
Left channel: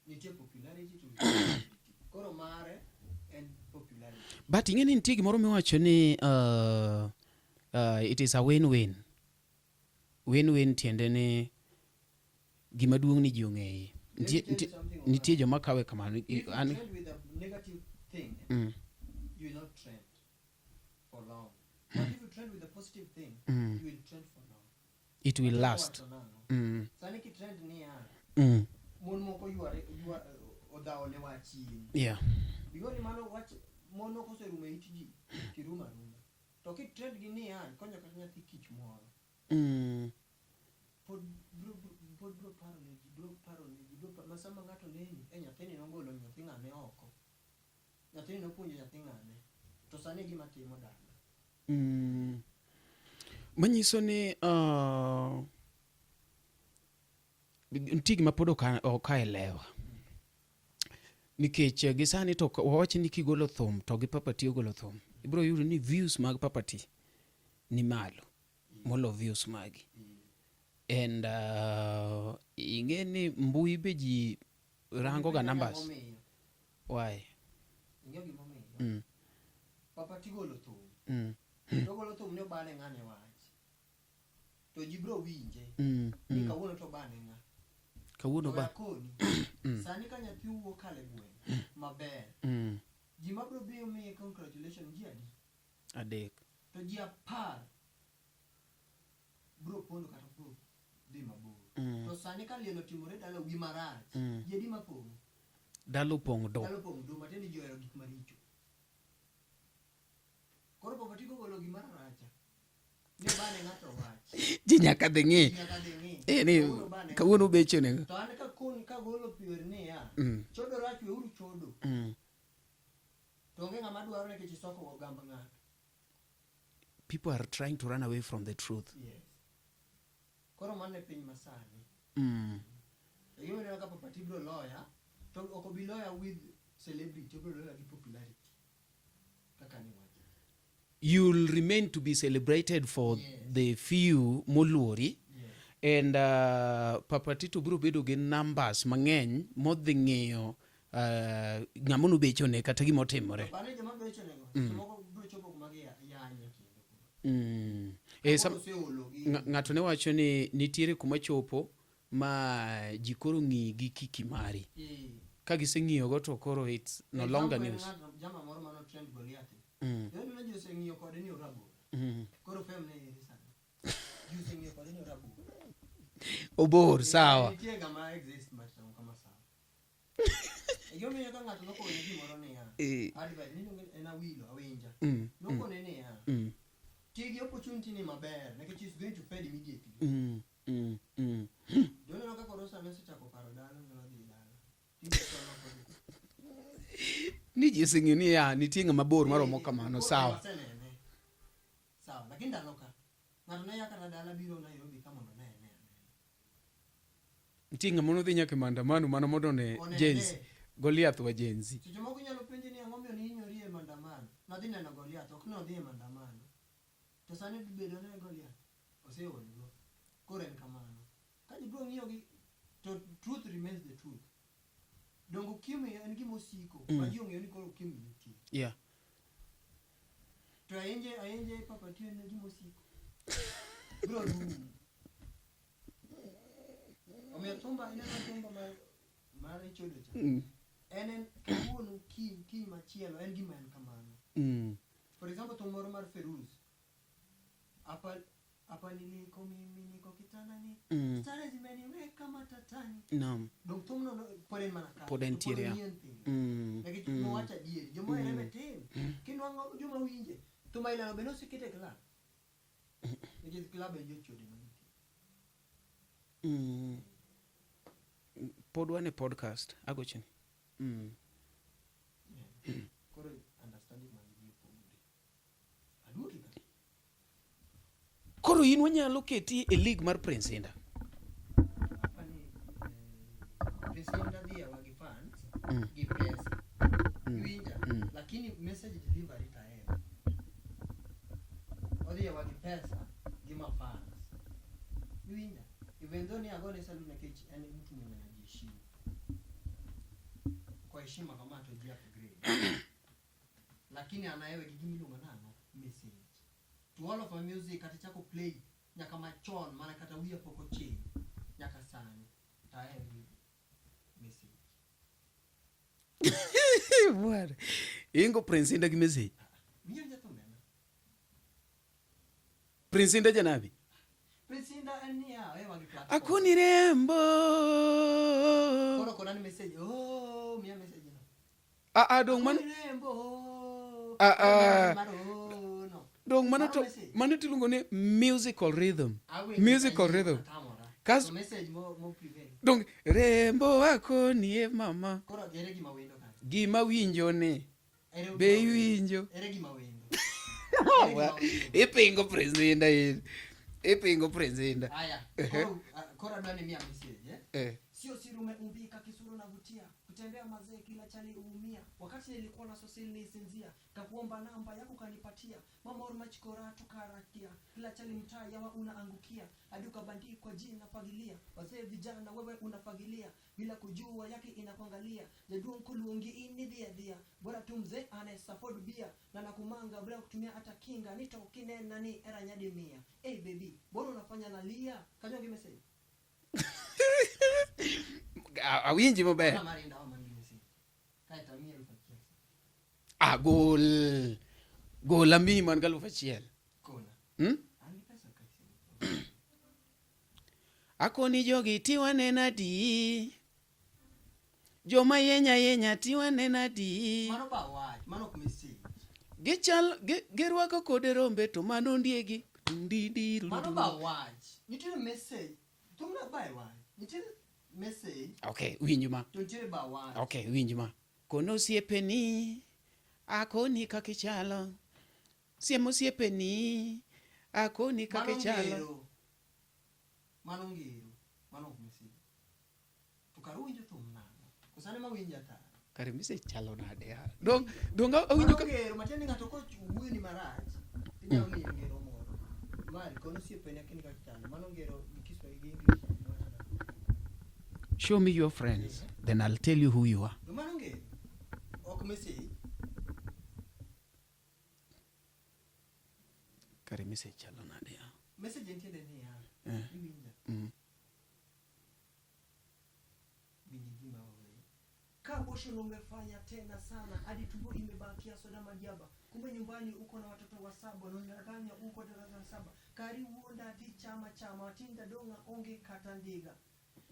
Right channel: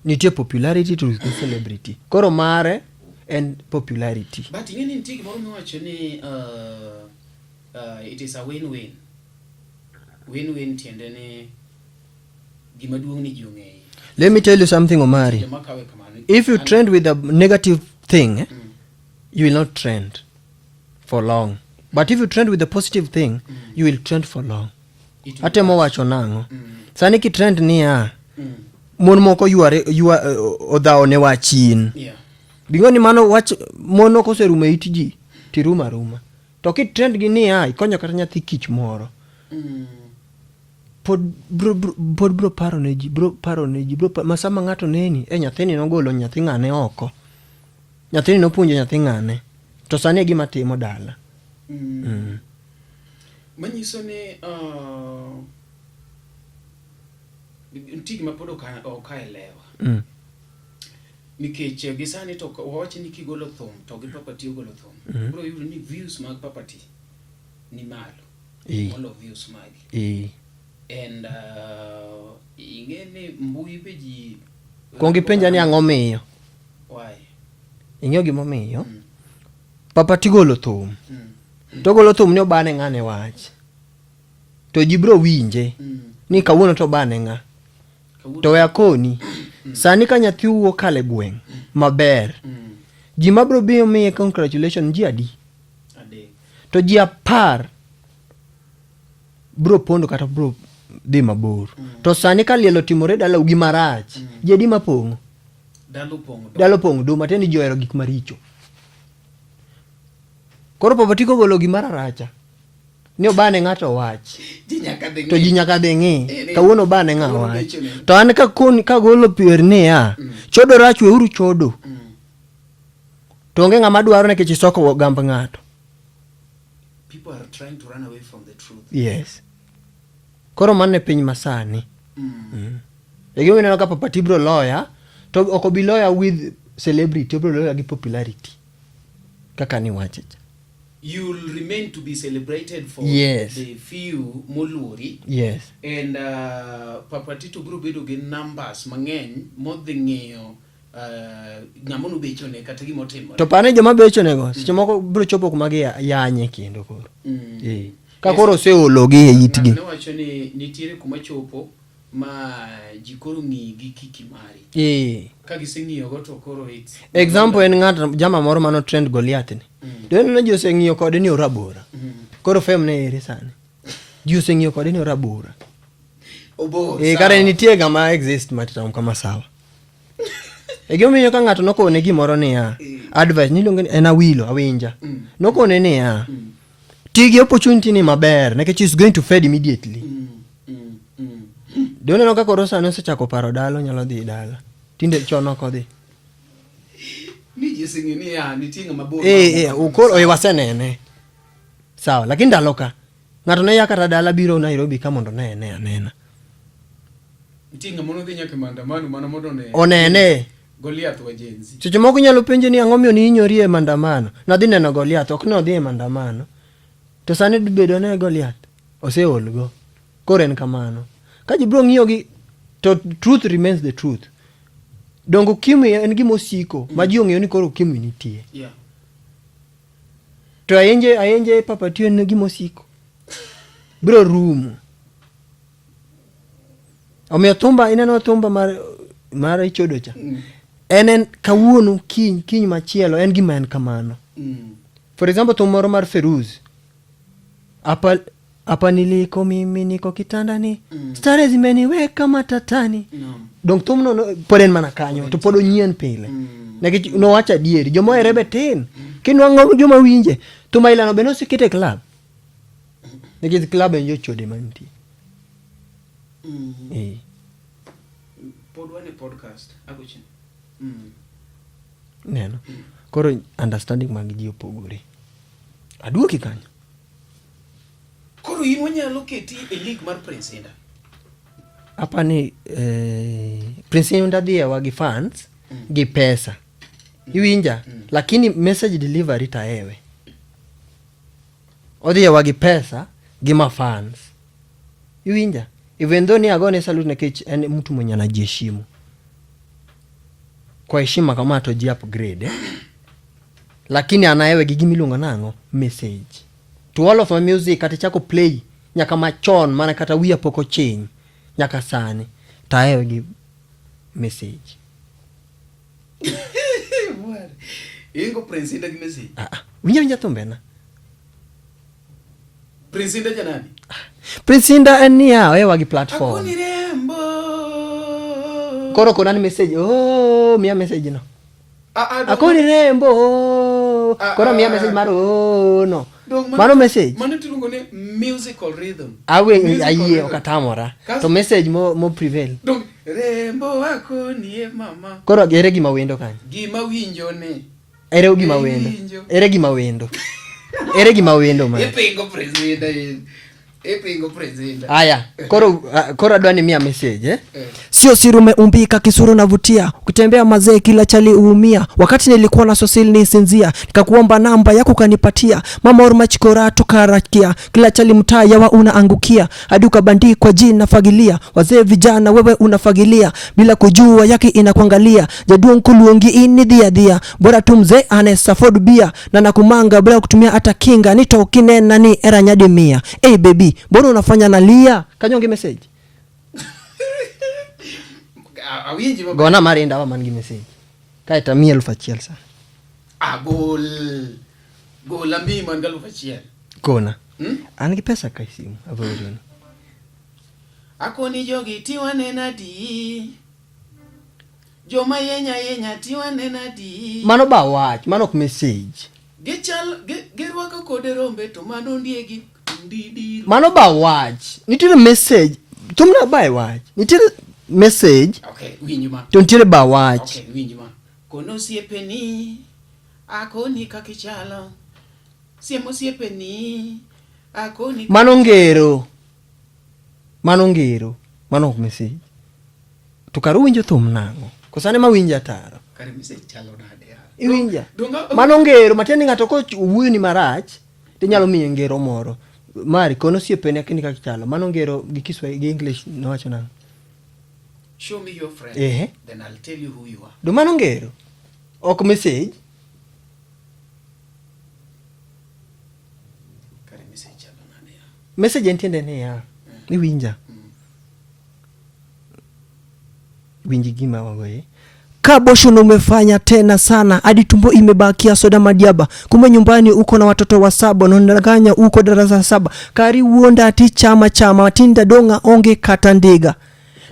Nitie popularity to the celebrity. Koro mare and popularity. But ingeni nitie gimoro miwacho ni it is a win-win. Win-win tiende ni gima duong' ni ji ong'eye. Let me tell you something, Omari. If you trend with a negative thing, you will not trend for long. But if you trend with a positive thing, you will trend for long. Ate mo wacho nango. Sani ki trend ni mon moko yuare odhao ne wachin. Yeah. Bingoni mano wach mono koserume itiji tiruma. to kitrend gi niya ikonyo kata nyathi kich moro pod bro paro ne ji masama ng'ato neni nyathini nogolo nyathi ng'ane oko, nyathini nopuonjo nyathi ng'ane, to sani gima timo dala. Manyiso ni ntigi ma pod okaelewa nikech gisani to wawache ni kigolo thum to gi Papati ogolo thum bro yudo ni views mag Papati ni malo molo views magi and ingene mbui be ji kongi penja ni ang'o miyo why ing'eyo gimo miyo Papati golo thum to golo thum ni obane ng'ane wach to ji bro winje ni kawuono to bane ng'a to ya koni sani ka nyathi wuok kale gweng maber ji mabro biyo miye congratulation ji adi to ji 10 bro pondo kata bro dhi mabor to sani ka lielo timore dala ugi marach ji adi mapong'o dalo pong'o do mateni johero gik maricho. Koro Papati kogolo gimara racha ni obane ng'ato wach to ji nyaka dhi ng'i kawuono obane ng'a wach to an ka golo pier niya chodo rach weuru chodo to onge ng'ama dwaro nikech isoko gamb ng'ato. People are trying to run away from the truth. Yes. Koro mane piny masani egi mineno ka Papati bro lawyer to ok obi lawyer with celebrity, bro lawyer gi popularity kaka ni wachicha. You'll remain to be celebrated for the few moluri. Yes. And Papati to bro bedo gi numbers mang'eny modhi ng'iyo ng'amono bechone kata gimotimo. To pane joma bechone go seche moko bro chopo kuma gi yanye kendo koro. Ka koro seologi e yitgi. Ne wacho ni nitiere kuma chopo ma jikoro ng'i gi kiki mari. Ka giseng'iyo go to koro it's example en ng'at jama moro mano trend Goliath ni. Deno jo seng'iyo kode ni orabora. Koro fame ne ere sani. Jo seng'iyo kode ni orabora. Obor. Kare nitie gama exist matitam kama sawa. Egyomiyo ka ng'ato nokone gimoro niya advice niluongo ni en awilo awinja. Nokone niya tigi opportunity ni maber nekech is going to fade immediately. Deno no ka koro sani osechako paro dalo nyalo dhi dala. Tinde chono kodhi. Ni jisengi ni ya nitinga mabor. Ukoro wasenene. Sawa, lakini ndalo ka ng'ato ne yakata dala biro Nairobi ka mondo ne anena. Nitinga mono dhi nyaka maandamano mano mondo ne onene Goliath wa jenzi. Seche moko nyalo penje ni ang'o miyo ni inyori e maandamano. Nadhi neno Goliath ok no dhi e maandamano. To sani bedo ne Goliath oseolgo. Koro en kamano. Ka ji bro ng'iyo gi to truth remains the truth. Dongo Ukimwi en gimo siko ma ji ong'eyo ni koro Ukimwi nitie. To ayenje Papati en gimo siko. Bro rumo. Omiyo thumba ineno thumba mar ichodo cha. En kawuono kiny machielo en gima en kamano. For example thum moro mar Feruz. Hapa niliko mimi niko kitandani. Stare zimeniweka matatani. Dong thum no poden mana kanyo to podo nyien pile. Nekech no wacha dieri jomo erebe tin. Kinwang'o joma winje. Thuma ilano beno sikete club. Nekech club en jo chode manti. Podwane podcast agochen. Neno. Koro understanding mag ji opogore. Aduoki kanyo. Koro in wanyalo keti e league mar Prince Indah. Hapa ni Prince Indah dhie wagi fans gi pesa. Iwinja lakini message delivery taewe. Odhie wagi pesa gi ma fans. Iwinja even though ni agone salute nekech en mtu mwenye anajiheshimu. Kwa heshima kama to ji upgrade. Lakini anaewe gi gimiluongo nango message. To all of my music kata chako play nyaka machon mana kata wiya poko ching nyaka sani taewe gi message. Ingo Prince Indah gi message. Winja thumbena. Prince Indah janani? Prince Indah en niya oewa gi platform. Akoni rembo. Koro konani message. Oh, miya message no. Akoni rembo. Koro miya message mar no. Mano message. Mano tiluongo ni musical rhythm. Ayie okatamora. To message mo prevail. Dong rembo wako nie mama. Koro ere gima wendo kanyo. Gima winjo ne. Ere gima wendo. Ere gima wendo. Ere gima wendo man. Epingo presida. Aya, koro adwani mia message Sio siri umeumbika kisuru navutia. Ukitembea mazee kila chali uumia. Wakati nilikuwa na sosili nisinzia. Nikakuomba namba yako kanipatia. Mama orma chikora tukarakia. Kila chali mtaa yawa unaangukia. Hadi ukabandikwa jina fagilia. Wazee vijana wewe unafagilia. Bila kujua yake inakuangalia. Jadua nkuluongi ini dhia. Bora tu mzee anesaford bia. Na nakumanga bila kutumia hata kinga. Nito kinena ni era nyadimia. Hey baby, mbona unafanya nalia? Kanyonge message. Awinji baba. Gona marinda wa mangi message. Kaita 1,000 sa. Gol ambi man 1,000. Gona. Angi pesa kai simu avorin. Akoni jogi tiwane nadi. Joma yenya tiwane nadi. Mano ba watch, mano ku message. Gerwaka kode rombe to mano ndiegi. Mano ba watch. Nitire message. Tumna ba watch. Nitire message. Okay, winjuma. Tontire ba watch. Okay, winjuma. Kono siepeni. Akoni kakichalo. Siemo siepeni. Akoni Mano ngero. Mano ku message. Tukaruwinjo thumnango. Kosane mawinja taro. Kare message chalo nade ya. Iwinja. Mano ngero matieni ngato ko wuoyo ni marach. Tinyalo miye ngero moro. Mari kono siepeni akini kakichalo. Mano ngero gi Kiswahili gi English nowacho nang. Show me your friend. Then I'll tell you who you are. Do mano ngero. Ok message. Kare message chalo nade ya. Message entiende ne ya. Iwinja. Winji gima wawe. Kabosho umefanya tena sana hadi tumbo imebakia soda madiaba. Kumbe nyumbani uko na watoto wa 7 na unadanganya uko darasa 7. Kari uonda ati chama tinda donga onge katandega.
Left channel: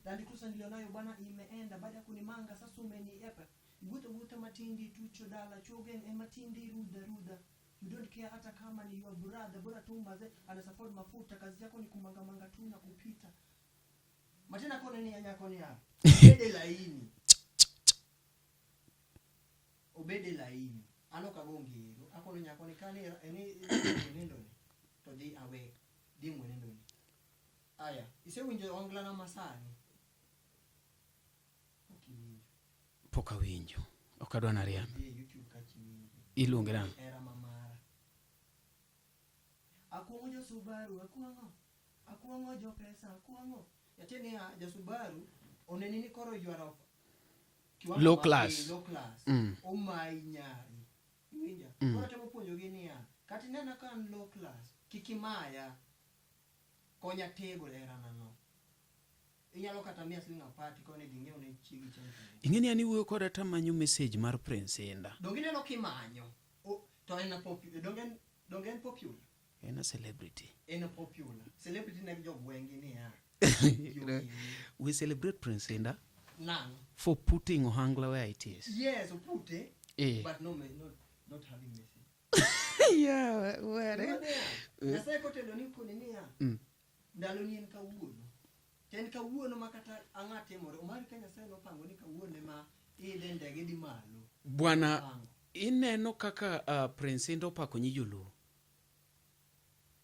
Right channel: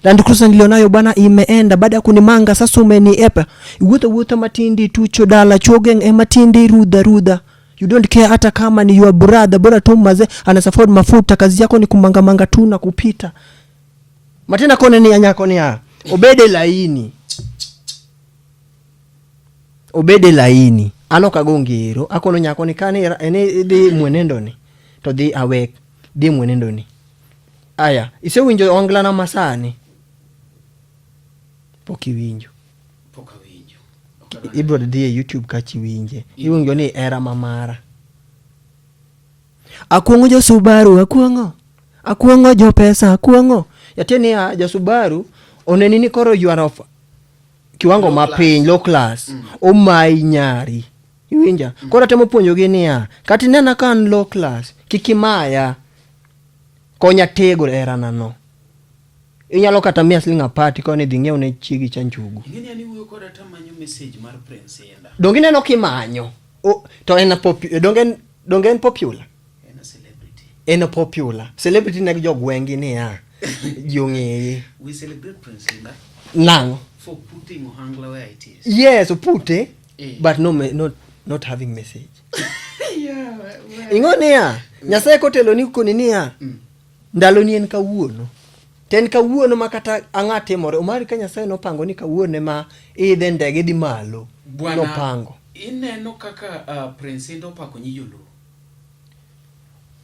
Land Cruiser nilionayo bana imeenda baada ya kunimanga sasa umeniepa. Wuta matindi tucho dala chogeng matindi ruda. You don't care hata kama ni your brother, bora tu maze anasaford mafuta, kazi yako ni kumanga tu na kupita. Matena kone ni anyako ni ya. Obede laini. Ano kagongero. Akono nyako ni kani ene di mwenendo ni. To di awek. Di mwenendo ni. Aya. Ise winjo ongla na masani. Poki winjo. Ibro di YouTube kachi winje. Iwinjo ni era mamara. Akuongo jo Subaru, akuongo jo pesa, akuongo. Yateni ya jo Subaru, onenini koro you are of kiwango mapiny, low class. Omai nyari. Iwinja. Koro temo puonjo gini ya. Kati nena kan low class. Kikimaya. Konya tego era nano. Inyalo kata mia slinga party kone dingeo ne chigi chanchugu. Ingeni yani uwe kora tamanyo message mar prince yenda. Dongine no kimanyo. To ena dongen popular. Ena celebrity. Ena popular. Celebrity na jog wengi ni ya. Yonge. We celebrate prince yenda. Nango. For putting ohangla where it is. Yes, pute. But not having message. Yeah. Ingone ya. Nyasaye kotelo ni kunini ya. Ndalo ni en kawuono. Ten kawuono makata angate more. Umari ka Nyasaye no pango ni kawuone ma idhe ndege di malo. No pango. Ineno kaka prince ndo pako nyiyulu.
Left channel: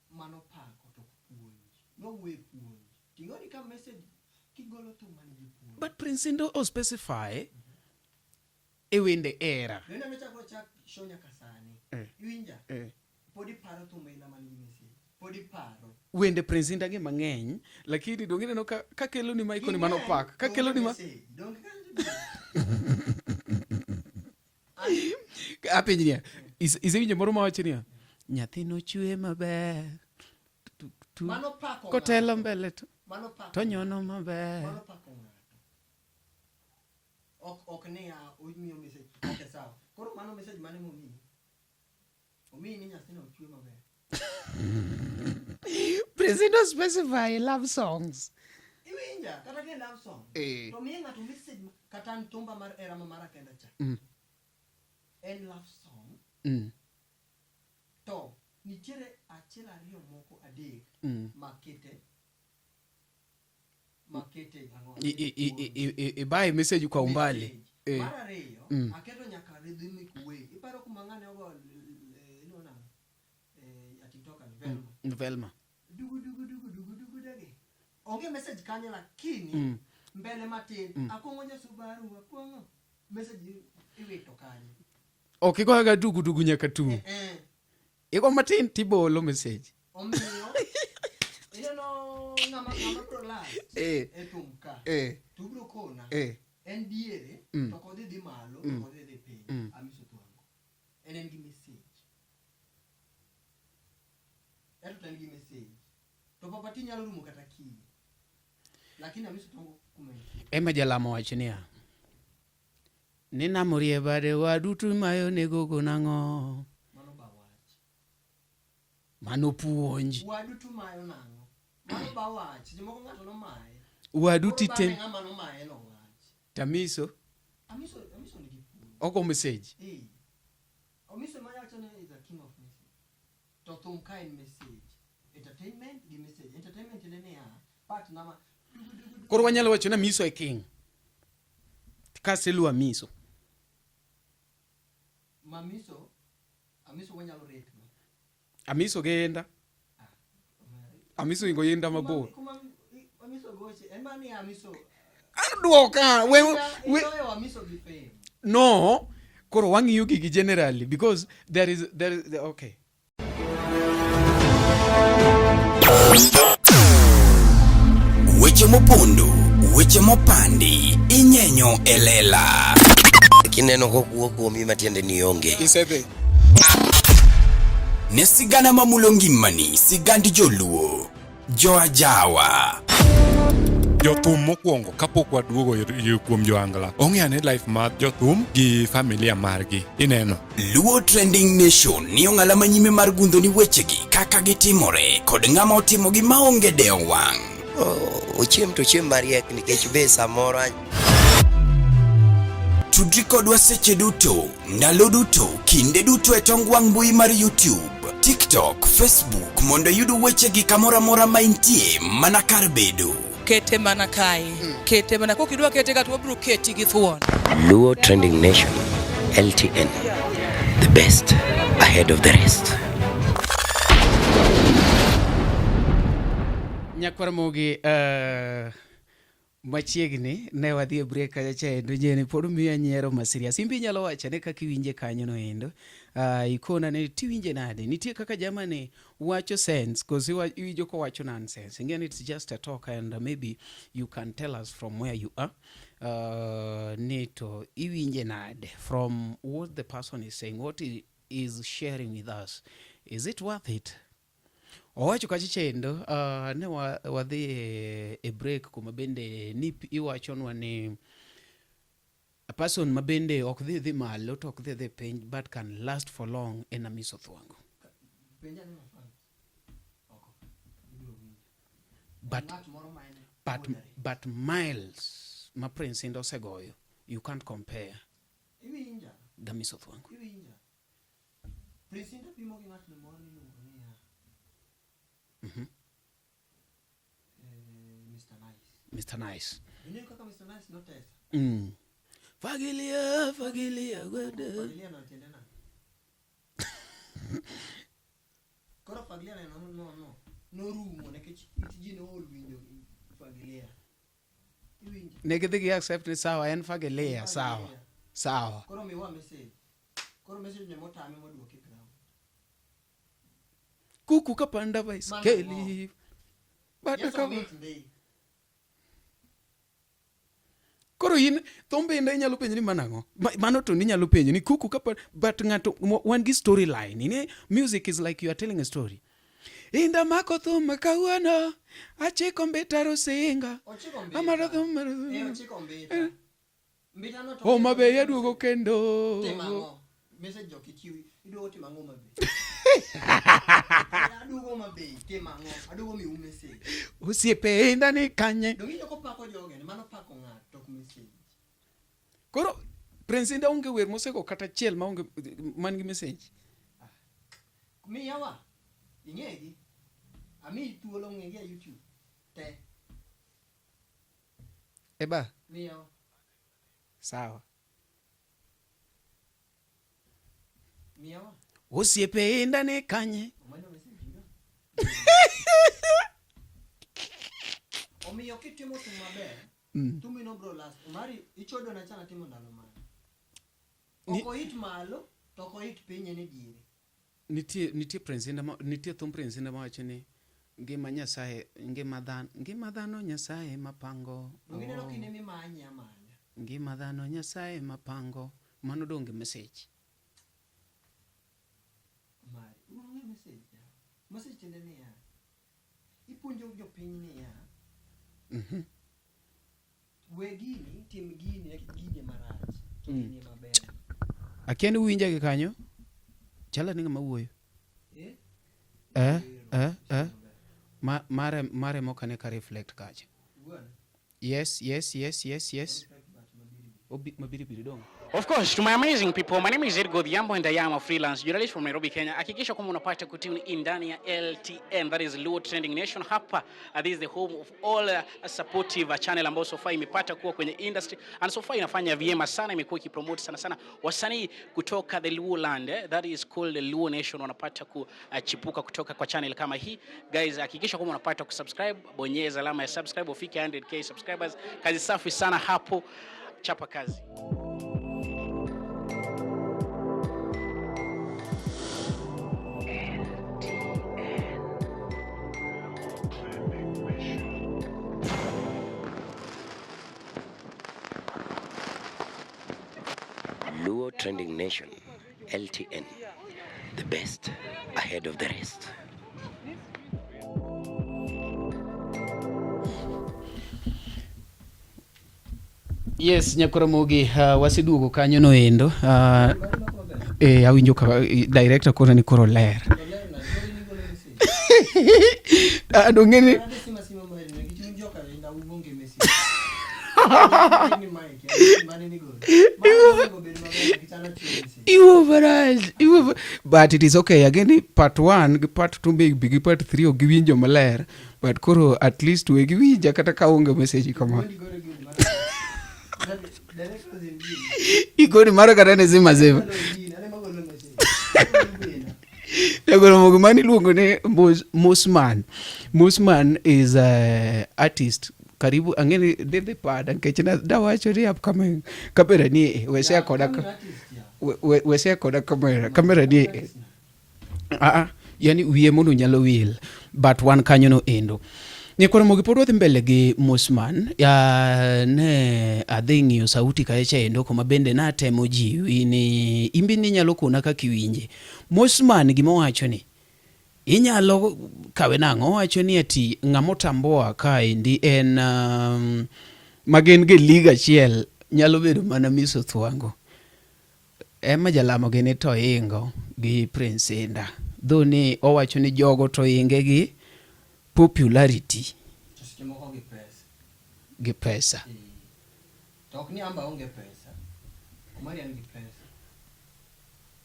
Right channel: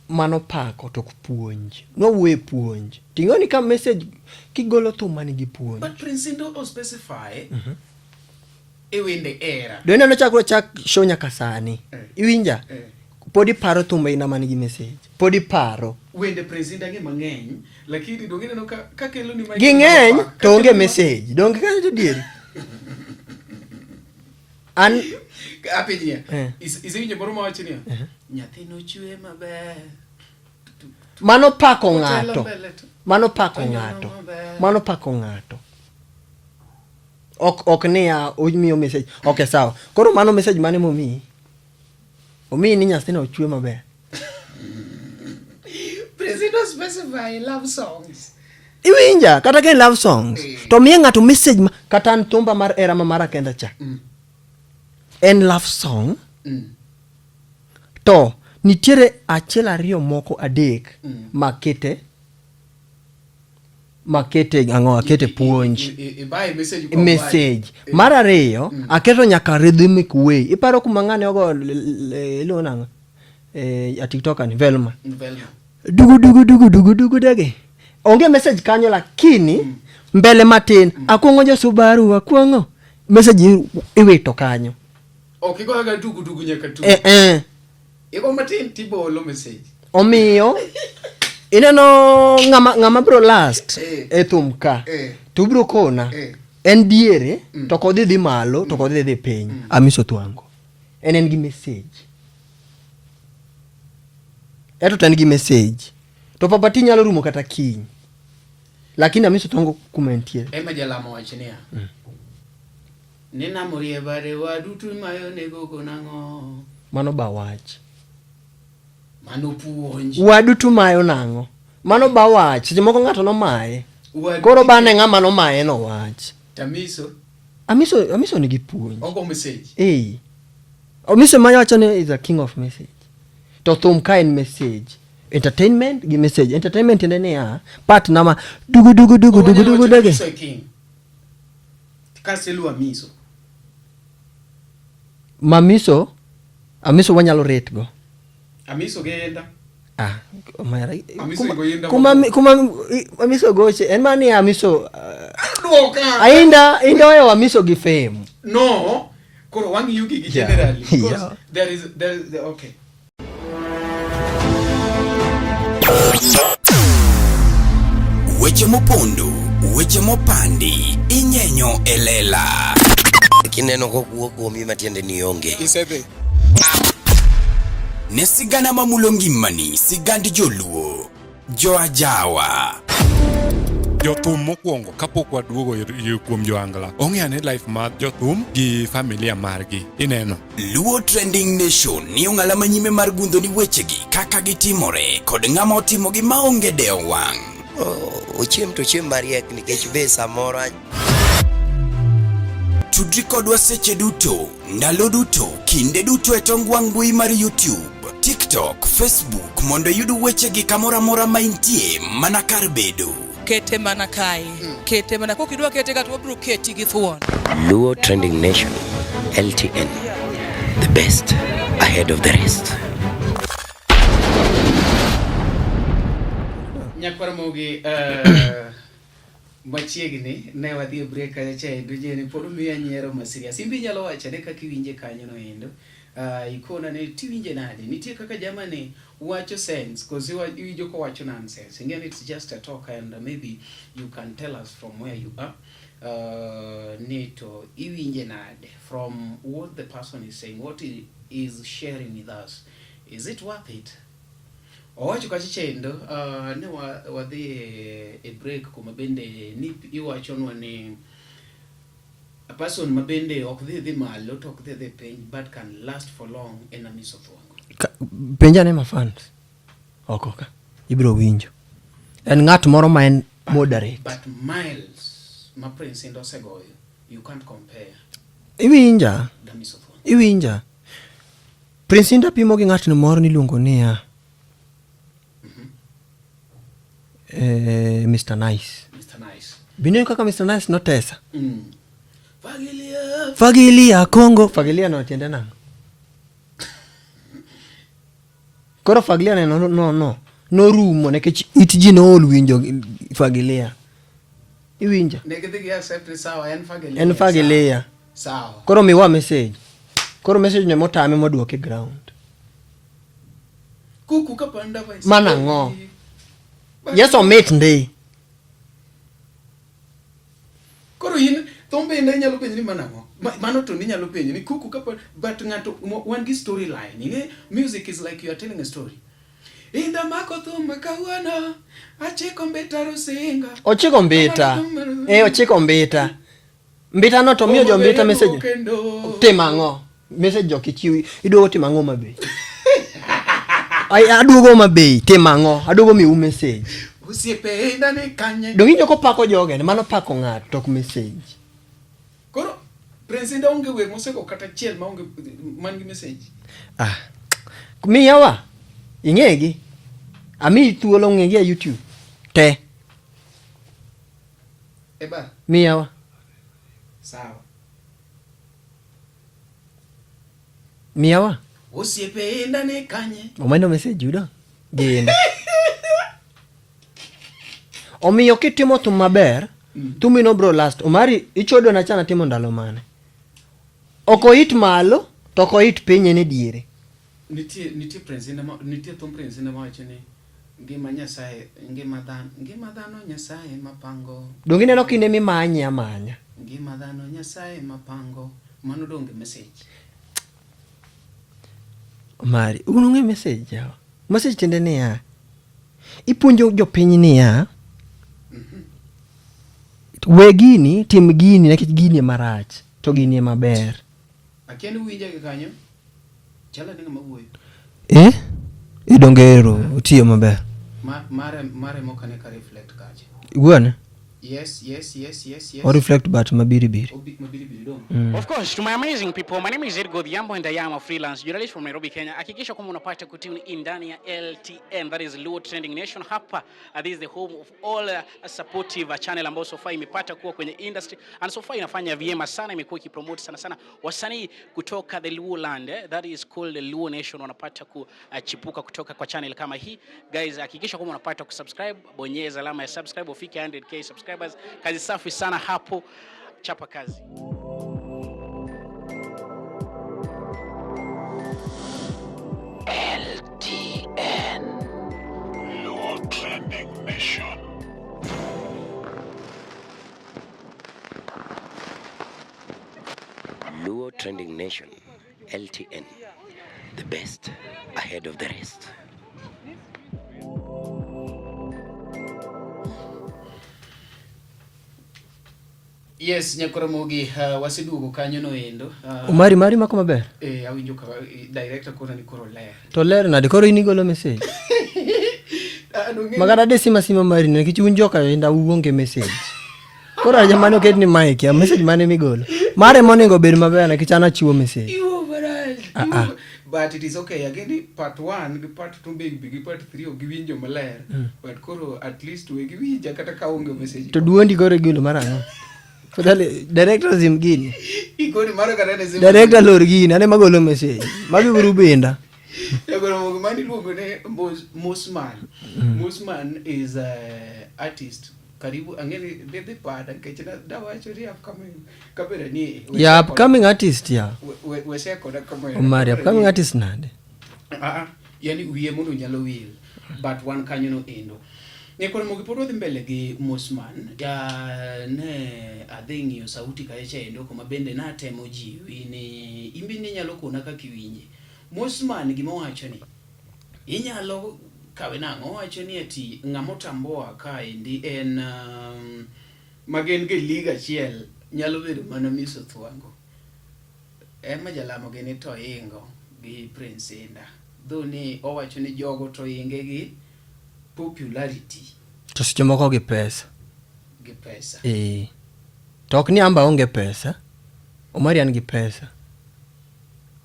Mano pako to kupuonj. No we puonj. Tingoni ka message kigolo thuma ni gi puonj. But prince ndo specify ewende era. Dwene no chak show nyaka sani. Iwinja. Podi paro thuma ina mani gi message. Podi paro. Wende prince ndage mangeny. Lakini dongine no kakelo ni mic. Gingeny to onge message. Donge ka to dieri. An apinya. Izinyo moro mawachinia. Nyathino chwe maber. Mano pako ngato. Mano pako ngato. Ok ne ya omiyo message. Okay, sawa. Koro mano message mane momi. Omi ni nyathino chwe maber. President specify love songs. Iwinja kata ke love songs. To miye ngato message kata ntumba mar era mamara kenda cha. En love song. To nitiere achiel ariyo moko adek makete akete puonj message. Mar ariyo aketo nyaka rhythmic way. Iparo kuma ng'ane ogo ilo nang'o a TikTok ani Velma dugu dege onge message kanyo, lakini mbele matin akwongo jo Subaru akwongo message iwito kanyo. Okay, go aga dugu nyaka tu. Ego matin tibolo message. Omiyo ineno ng'ama bro last e thum ka to bro kona en diere to kodhi dhi malo to kodhi dhi piny Amiso Thwango en gi message eto tan gi message to papati nyalo rumo kata kiny, lakini Amiso Thwango kumentie ema jalamo wachnia nina morie bade wadutu mayo nego konang'o mano ba wach mano puonj wadutu mayo nang'o mano ba wach. Seche moko ng'ato nomaye koro bane ng'ama nomaye no wach. Tamiso Amiso nigi puonj ogo message Amiso ma wacho ni is a king of message. To thum ka en message entertainment gi message. Entertainment ende niya part nama dugu dege kaselu Amiso Mamiso Amiso wanyalo rate go Amiso genda kuma Amiso goche en mani Amiso ainda oyo Amiso gi fame no koro wangi yugi gi generally because there is the okay. Weche mopondo, weche mopandi, inyenyo elela. Kineno kokuo kuomi matiende ni onge. Isebe. Ne sigana mamulo ngimani, sigandi joluo, joajawa. Jothum mokwongo kapok waduogo kuom joangla ong'eane life mar jothum gi familia margi ineno. Luo Trending Nation ni ong'ala manyime mar gundo ni wechegi kaka gitimore kod ng'ama otimogi maonge deo wang'. Ochiem to chiem mariek nikech be samoro tudri kodwa seche duto, ndalo duto, kinde duto e tong wang' mbui mar YouTube, TikTok, Facebook mondo yud wechegi kamora mora ma intie mana kar bedo. Kete mana kae kete mana kokidwa kete ka to bro keti gi thuon. Luo Trending Nation LTN, the best ahead of the rest. Nyakwaromogi machiegni ne wadhi e break kacha endo jeni pod miya nyiero masiria simbi nyalo wacha ne kaka iwinje kanyo no endo ikona ne tiwinje nade nitie kaka jamani wacho sense cause iwinjo ko wacho nonsense again it's just a talk and maybe you can tell us from where you are neto iwinje nade from what the person is saying, what he is sharing with us, is it worth it? Owacho kachi chendo ne wadhi e break kuma bende ni iwachonwa ni a person mabende ok dhi malo to ok dhi piny but can last for long en Amiso Thwango. Penja ne mafans okoka ibro winjo en ng'at moro ma en moderate but miles ma Prince Indah osegoyo you can't compare. Iwinja Amiso Thwango iwinja Prince Indah pimo gi ng'at moro niluongo niya Mr. Nice. Bino kaka Mr. Nice notesa. Fagilia Kongo. Fagilia no tiende nang. Koro Fagilia no rumo nekech itji no olwinjo Fagilia. Iwinja. Nekidhi accept sawa en Fagilia. Sawa. Koro miwa message. Koro message ne motame moduoke ground. Kuku kapanda vice. Mana ngo. Yes or mate ndey. Koro yin thombe ndey nyalo penjo ni manango. Mano to ni nyalo penjo ni kuku kapa but ngato one gi storyline. Ine music is like you are telling a story. Inda mako thumbe kawuono achiko mbeta rosinga. Ochiko mbeta. Ochiko mbeta. Mbeta no to miyo jo mbeta message. Temango. Message jo kichiwi. Iduogo temango mabe. Aduogo mabe temango. Aduogo mi message. Usiepe inda ni kanye. Donginjo ko pako joge mano pako ng'ato tok message. Koro Prince Indah onge we moseko kata chiel ma onge man gi message. Miyawa ing'egi ami thuolo ng'egi e YouTube te Eba, miyawa sawa. miyawa Osiepe enda ne kanye. omendo message yudo gin omiyo kitimo thum maber thumi no bro last omari ichodo na chana timo ndalo mane oko hit malo to oko hit piny ne diere Nitie prince nitie thum prince ne mawacho ni ngima Nyasaye, ngima dhano Nyasaye mapango. dongi neno kinde mimanye amanya Ngima dhano Nyasaye mapango. Mano donge message. omari unung'e message yawa message tende niya ipuonjo jopiny niya we gini tim gini nikech gini marach to gini maber Akia ni winja gi kanyo. Chala ni ngama wuoyo. idongero tiyo maber Mare mokane ka reflect kache. gwone Yes. or reflect but mabiribiri Mabiribiri dong. Of course, to my amazing people, my name is Edgo Dhiambo and I am a freelance journalist from Nairobi, Kenya. Hakikisha kwamba unapata kutune in ndani ya LTN, that is Luo Trending Nation. Hapa, this is the home of all supportive channel ambayo so far imepata kuwa kwenye industry and so far inafanya vyema sana, imekuwa ikipromote sana wasanii kutoka the Luo land, that is called the Luo Nation, wanapata kuchipuka kutoka kwa channel kama hii. Guys, hakikisha kwamba unapata kusubscribe, bonyeza alama ya subscribe ufike 100k subscribers. Kazi safi sana hapo, chapa kazi. LTN, Luo Trending Nation. Luo Trending Nation, LTN, the best ahead of the rest. Yes, Nyakoromogi, wasiduogo kanyo no endo. mari mako maber Awinjo ka director koro ni koro ler. to ler nade koro inigolo message magana de sima mari nikech un joka enda uonge message koro jamani oket ni mic ya message mane migolo mare monego bed maber nikech ana chiwo message But it is okay. Again, part 1 gi part 2 gi part 3 giwinjo maler. But koro at least we giwinja kata ka onge message. to duondi koro gilo marano so dale director zimgini Ikoni mara kata ne zima. director lor gini ane magolo message magi buru benda Nyakoromogi mani luongo ne Mosman. Mosman is a artist. Karibu angeni dede pada nkech na dawacho ni upcoming kamera ni ya upcoming artist ya wese koda kamera upcoming ni artist nade yani wiye mono nyalo wil but one kanyo no endo. Nyakoromogi pod wadhi mbele gi Mosman ya ne adhi ng'iyo sauti kaecha endo kuma bende na temo jiwi ni imbi ni nyalo kona kaka iwinje. Mosman gima wacho ni inyalo kawe nang'o wacho ni ati ng'amo tamboa kaendi en magen gi liga achiel nyalo bedo mana Miso Thwango ema jalamo gene to ingo gi Prince Indah dho ni owacho ni jogo to inge gi popularity to seche moko gi pesa to ok ni amba onge pesa omari an gi pesa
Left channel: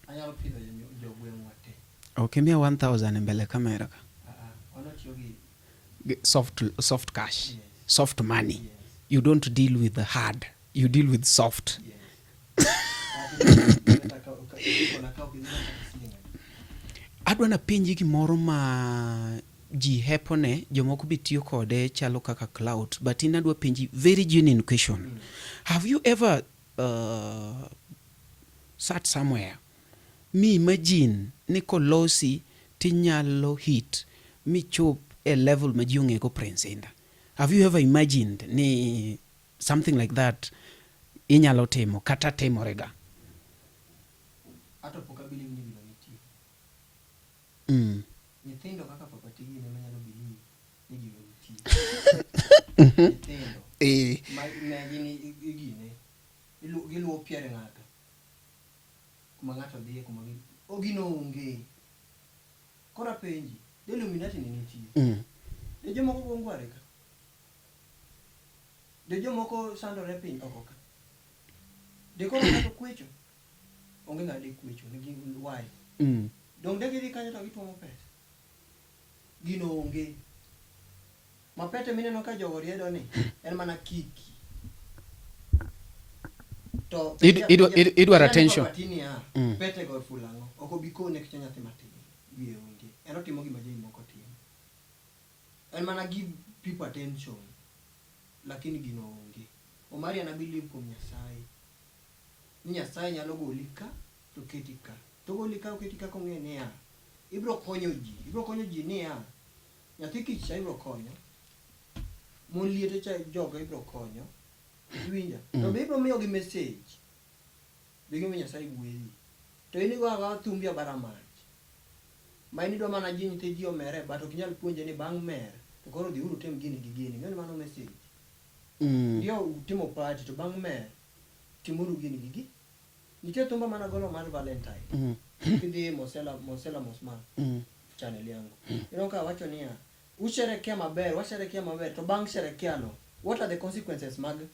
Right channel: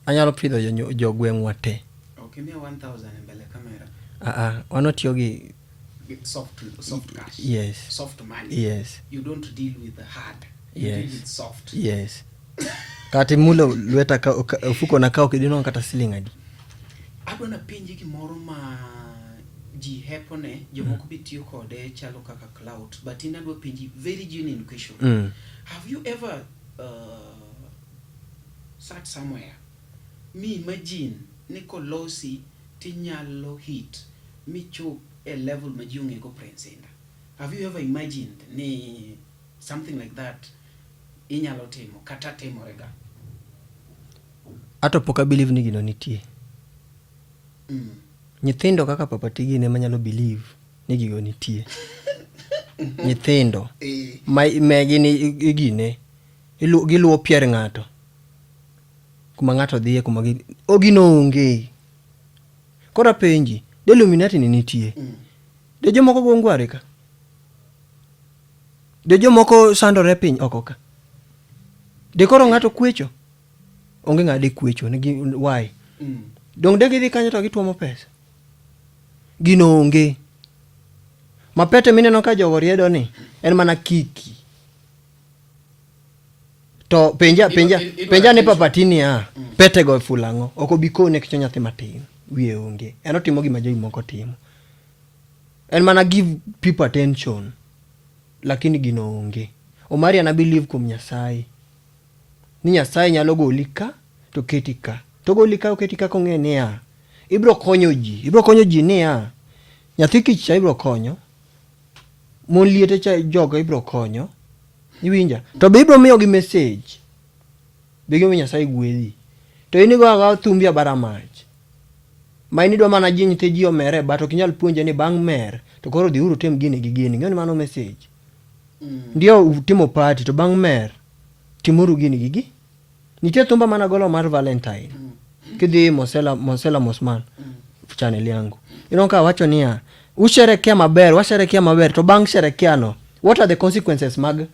anyalo pidho jogweng'wa te okay mia 1000 mbele kamera wanotiyo gi soft cash. Yes. Soft money. Yes. You don't deal with the hard. You Yes. deal with soft. Yes. Kati mundo lweta fuko na kao kidino kata siling adi. Adwa na penji gimoro ma ji hepone jomoko bitiyo kode chalo kaka cloud, but inadwa penji very genuine question. Have you ever sat somewhere me imagine ni kolosi tinyalo hit mi chop a level ma ji ong'e go Prince Indah? Have you ever imagined ni something like that inyalo timo kata timorega? Ato poka believe ni gino nitie. Nyithindo kaka papa tigi ne manyalo believe ni gigo nitie. Nyithindo ma gini igine giluwo pier ng'ato kuma ng'ato dhiye kuma ogino onge. Kora penji de Illuminati ni nitie. De jomoko go ngware ka. De jomoko sandore piny oko ka. De koro ng'ato kwecho. Onge ng'ade kwecho ni why. Dong de gidhi kanyo to gituomo pesa. gino onge. Mapete mineno ka jogo riedo ni en mana kiki. To penja ne papatini pete go fulango oko bikone kicho nyathi matin wiye onge. En otimo gima jogi moko timo. En mana give people attention lakini gino onge. Omari ana believe kum Nyasaye. Ni Nyasaye nyalo goli ka to keti ka. To goli ka oketi ka kong'e niya. Ibro konyo ji niya. Nyathi kich cha ibro konyo. Mon liete cha jogo ibro konyo. Iwinja. To be ibro miyo gi message. Bege mi Nyasaye gwedhi. To inigo aga thumbi abara mach. Ma inido mana ji nyite ji omere but ok inyal puonje ni bang' mer to koro dhi uru tem gini gi gini. Ng'eni mano message. Ndio utimo party to bang' mer timuru gini gigi. Nitie thumba mana golo mar Valentine. Kidhi Mosela Mosman. Channel yangu. Inonka wacho niya washerekea maber to bang' sherekea no what are the consequences mag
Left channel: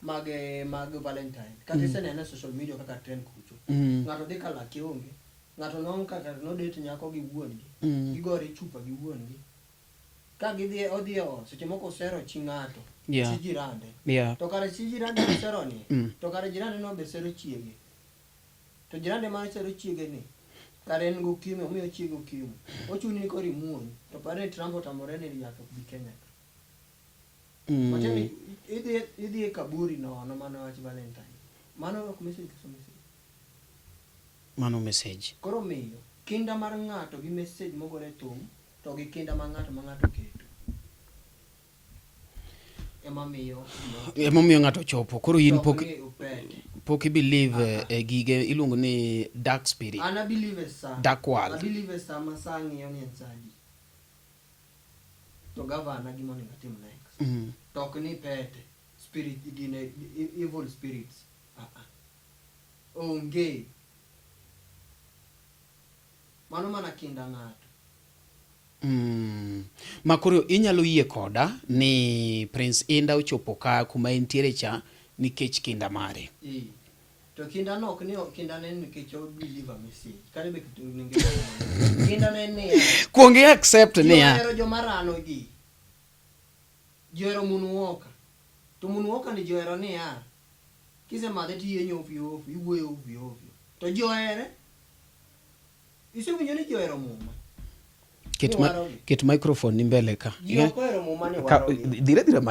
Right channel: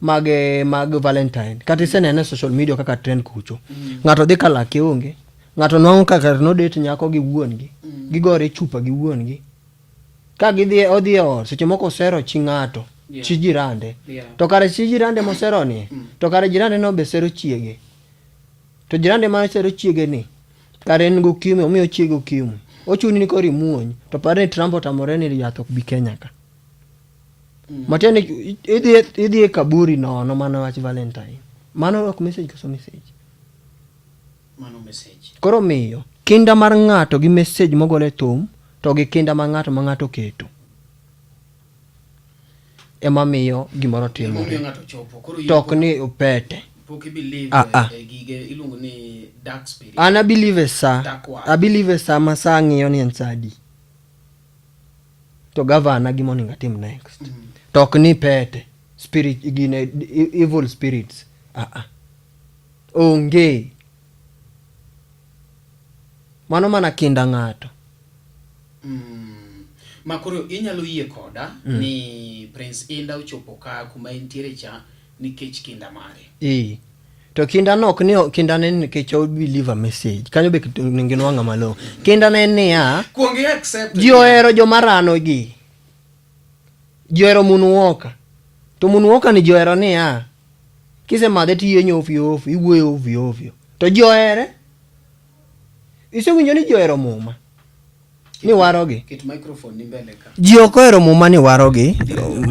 Valentine? Kati senene social media kaka trend kucho. Ng'ato dhi kala kionge. Ng'ato nwang'o kaka no date nyako gi wuon gi. Gigore chupa gi wuon gi. Ka gidhi odhi or seche moko sero chi ng'ato. Chi jirande. To kare chi jirande mosero ni. To kare jirande no be sero chiege. To jirande ma sero chiege ni. Kare en go kimi omiyo chiege kimi. Ochuni ni kori muony. To pare Trump otamore ni yath ok bi Kenya ka. Matiani idhi kaburi no mana wach Valentine. Mano ok message koso message. Mano message. Koro miyo kinda mar ng'ato gi message mogole thum to gi kinda mar ng'ato keto. Ema miyo gimoro timo. Ema miyo ng'ato chopo. Koro tok ni upete. Poki believe gige ilungo ni dark spirit. Ana believe sa. I believe sa masangi ni ensadi. To governor gimo ninga team next. Tok ni pete. Spirit gine evil spirits. Onge. Mano mana kinda ng'ato. Makoro inyalo yie koda ni Prince Inda ochopo ka kuma entiere cha nikech kinda mare. To kinda nok ni kinda ne nikech o believe a message. Kanyo be ninginwanga malo. Kinda ne niya. Kuonge accept. Joero jomarano gi. Joero munuoka. To munuoka ni joero niya. Kise madhe tiyenyo ofio iwuoyo ovyo. To joere isewinjo ni joero muma. Ni warogi. Ket microphone ni mbele ka. Jioko ero muma ni warogi.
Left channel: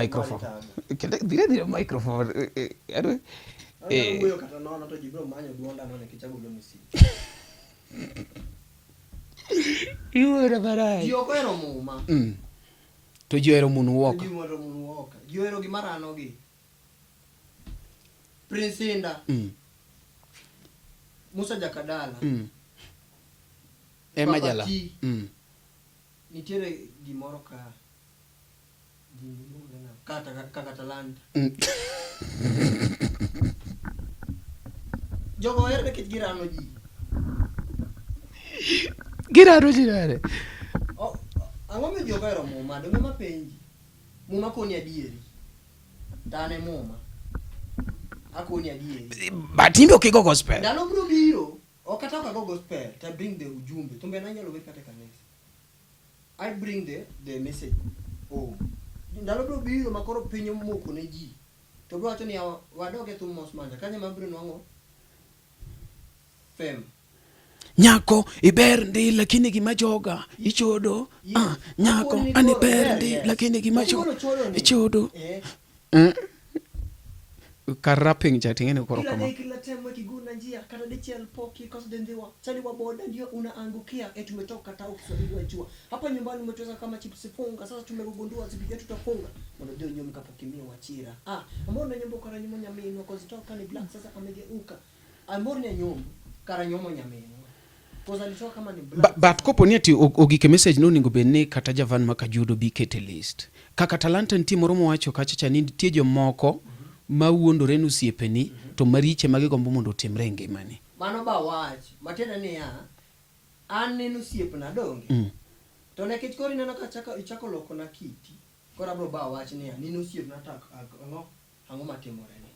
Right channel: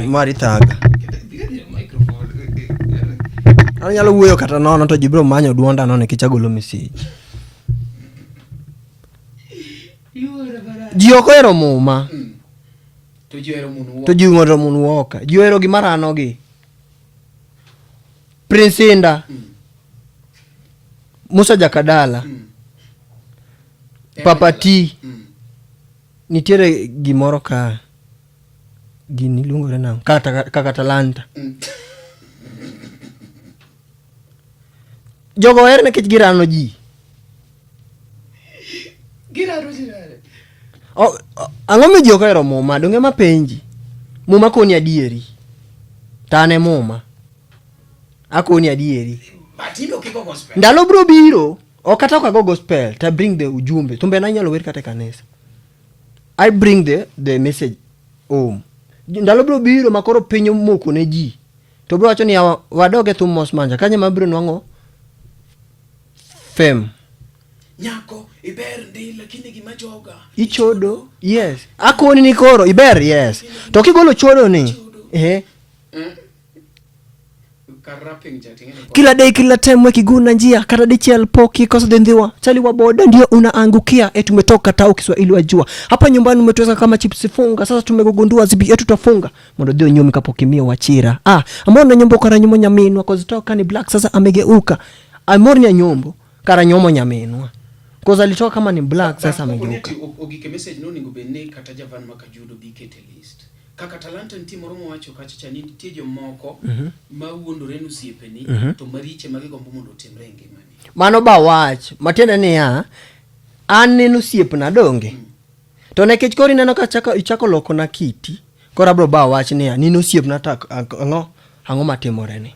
Mari thaga. Dire microphone. Ano yalo wuoyo kata nono to jibro manyo duonda no ne kichagolo message. Iwora bara. Jioko ero muma. To joero munuoka. To jiworo munuoka. Joero gimarano gi. Prince Inda. Musa Jakadala. Papati. Nitiere gimoro ka gini lungore na kaka talanta. Jogo erne kich girano ji. Girano ji nare. Ang'o mi jogo ero muma donge mapenji. Muma koni adieri. Tane muma. Akoni adieri. Batimbe okigo gospel. Ndalo bro biro. Okata kwa go gospel. Ta bring the ujumbe. Tumbe na nyalo wer kate kanisa. I bring the message home. Ndalo bro biro makoro pinyo moko ne ji. To bro wacho ni wadoge thum mos manja. Kanye mabiro nwango fem. Nyako iber ndi lakini gima joga ichodo. Yes. Akoni ni koro iber yes. To kigolo chodo ni. Karaping chatingene kwa. Kila day kila time wekiguna njia kata dichiel poki kosa dendhiwa chali wa boda ndio unaangukia tumetoka tao Kiswahili wajua hapa nyumbani umetoweka kama chips funga sasa tumegundua zibi yetu tutafunga mondo dio nyomi kapokimia wachira amona nyombo kara nyomo nyaminwa kozitoka ni black sasa amegeuka amornya nyombo kara nyomo nyaminwa koza alitoka kama ni black sasa kopo niati ogike message no ningo bene kata Javan Makajudo bikete list kaka talanta nti moromo wacho kachacha ni tie jomoko mawuondore nu siepeni to mariche mage gombo mondo timre ngimani mano ba wach matiende ni an nenu siepna donge to nekech kori neno ka ichako loko na kiti kora bro ba wach ni ninu siepna tak ang'o matimore ni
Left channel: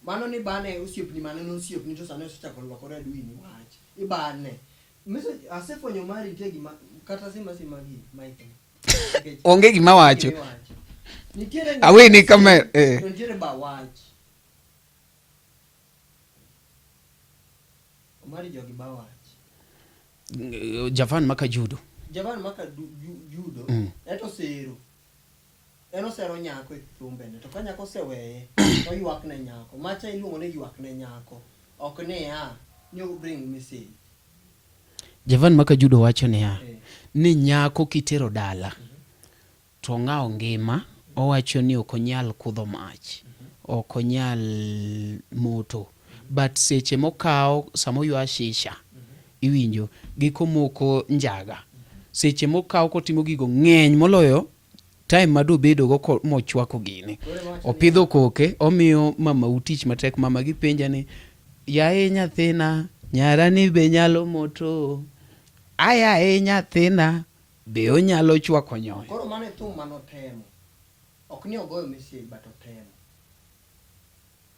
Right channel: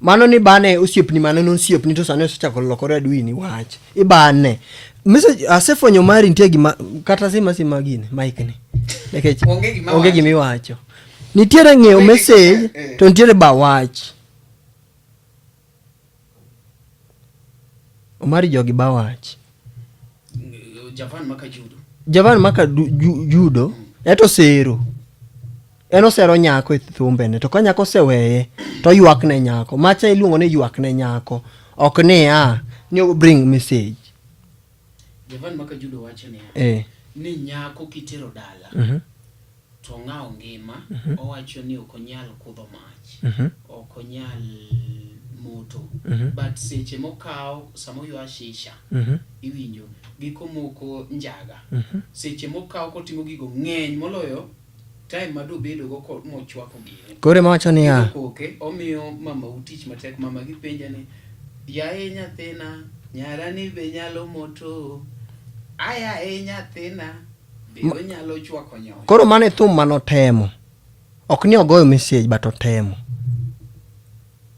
mano ni bane osiepni mano no siepni to sane osechako lokore adwi ni wach ibane message asefwenyo mari nitie gima kata sima gine mic ni like onge gima wacho onge gima wacho nitiere ng'eyo message to nitiere ba wach omari jogi ba wach Javan maka judo eto sero eno sero nyako e thumbene to ka nyako seweye to ywak ne nyako macha iluongo ni ywak ne nyako ok ni bring message. Javan maka judo wacho ni nyako kitero dala to ng'ao ngima owacho ni okonyal kudho mach okonyal moto but seche mokao samo ywa shisha iwinjo giko moko njaga seche mokao kotimo gigo ng'eny moloyo time mado bedo go mochwako gine kore mawacho ni pidho koke omiyo mama utich matek mama gipenja ni yae nyathina nyarani be nyalo moto aya nyathina be onyalo chwako nyoyo koro mane thum manotemo ok ni ogoyo message but otemo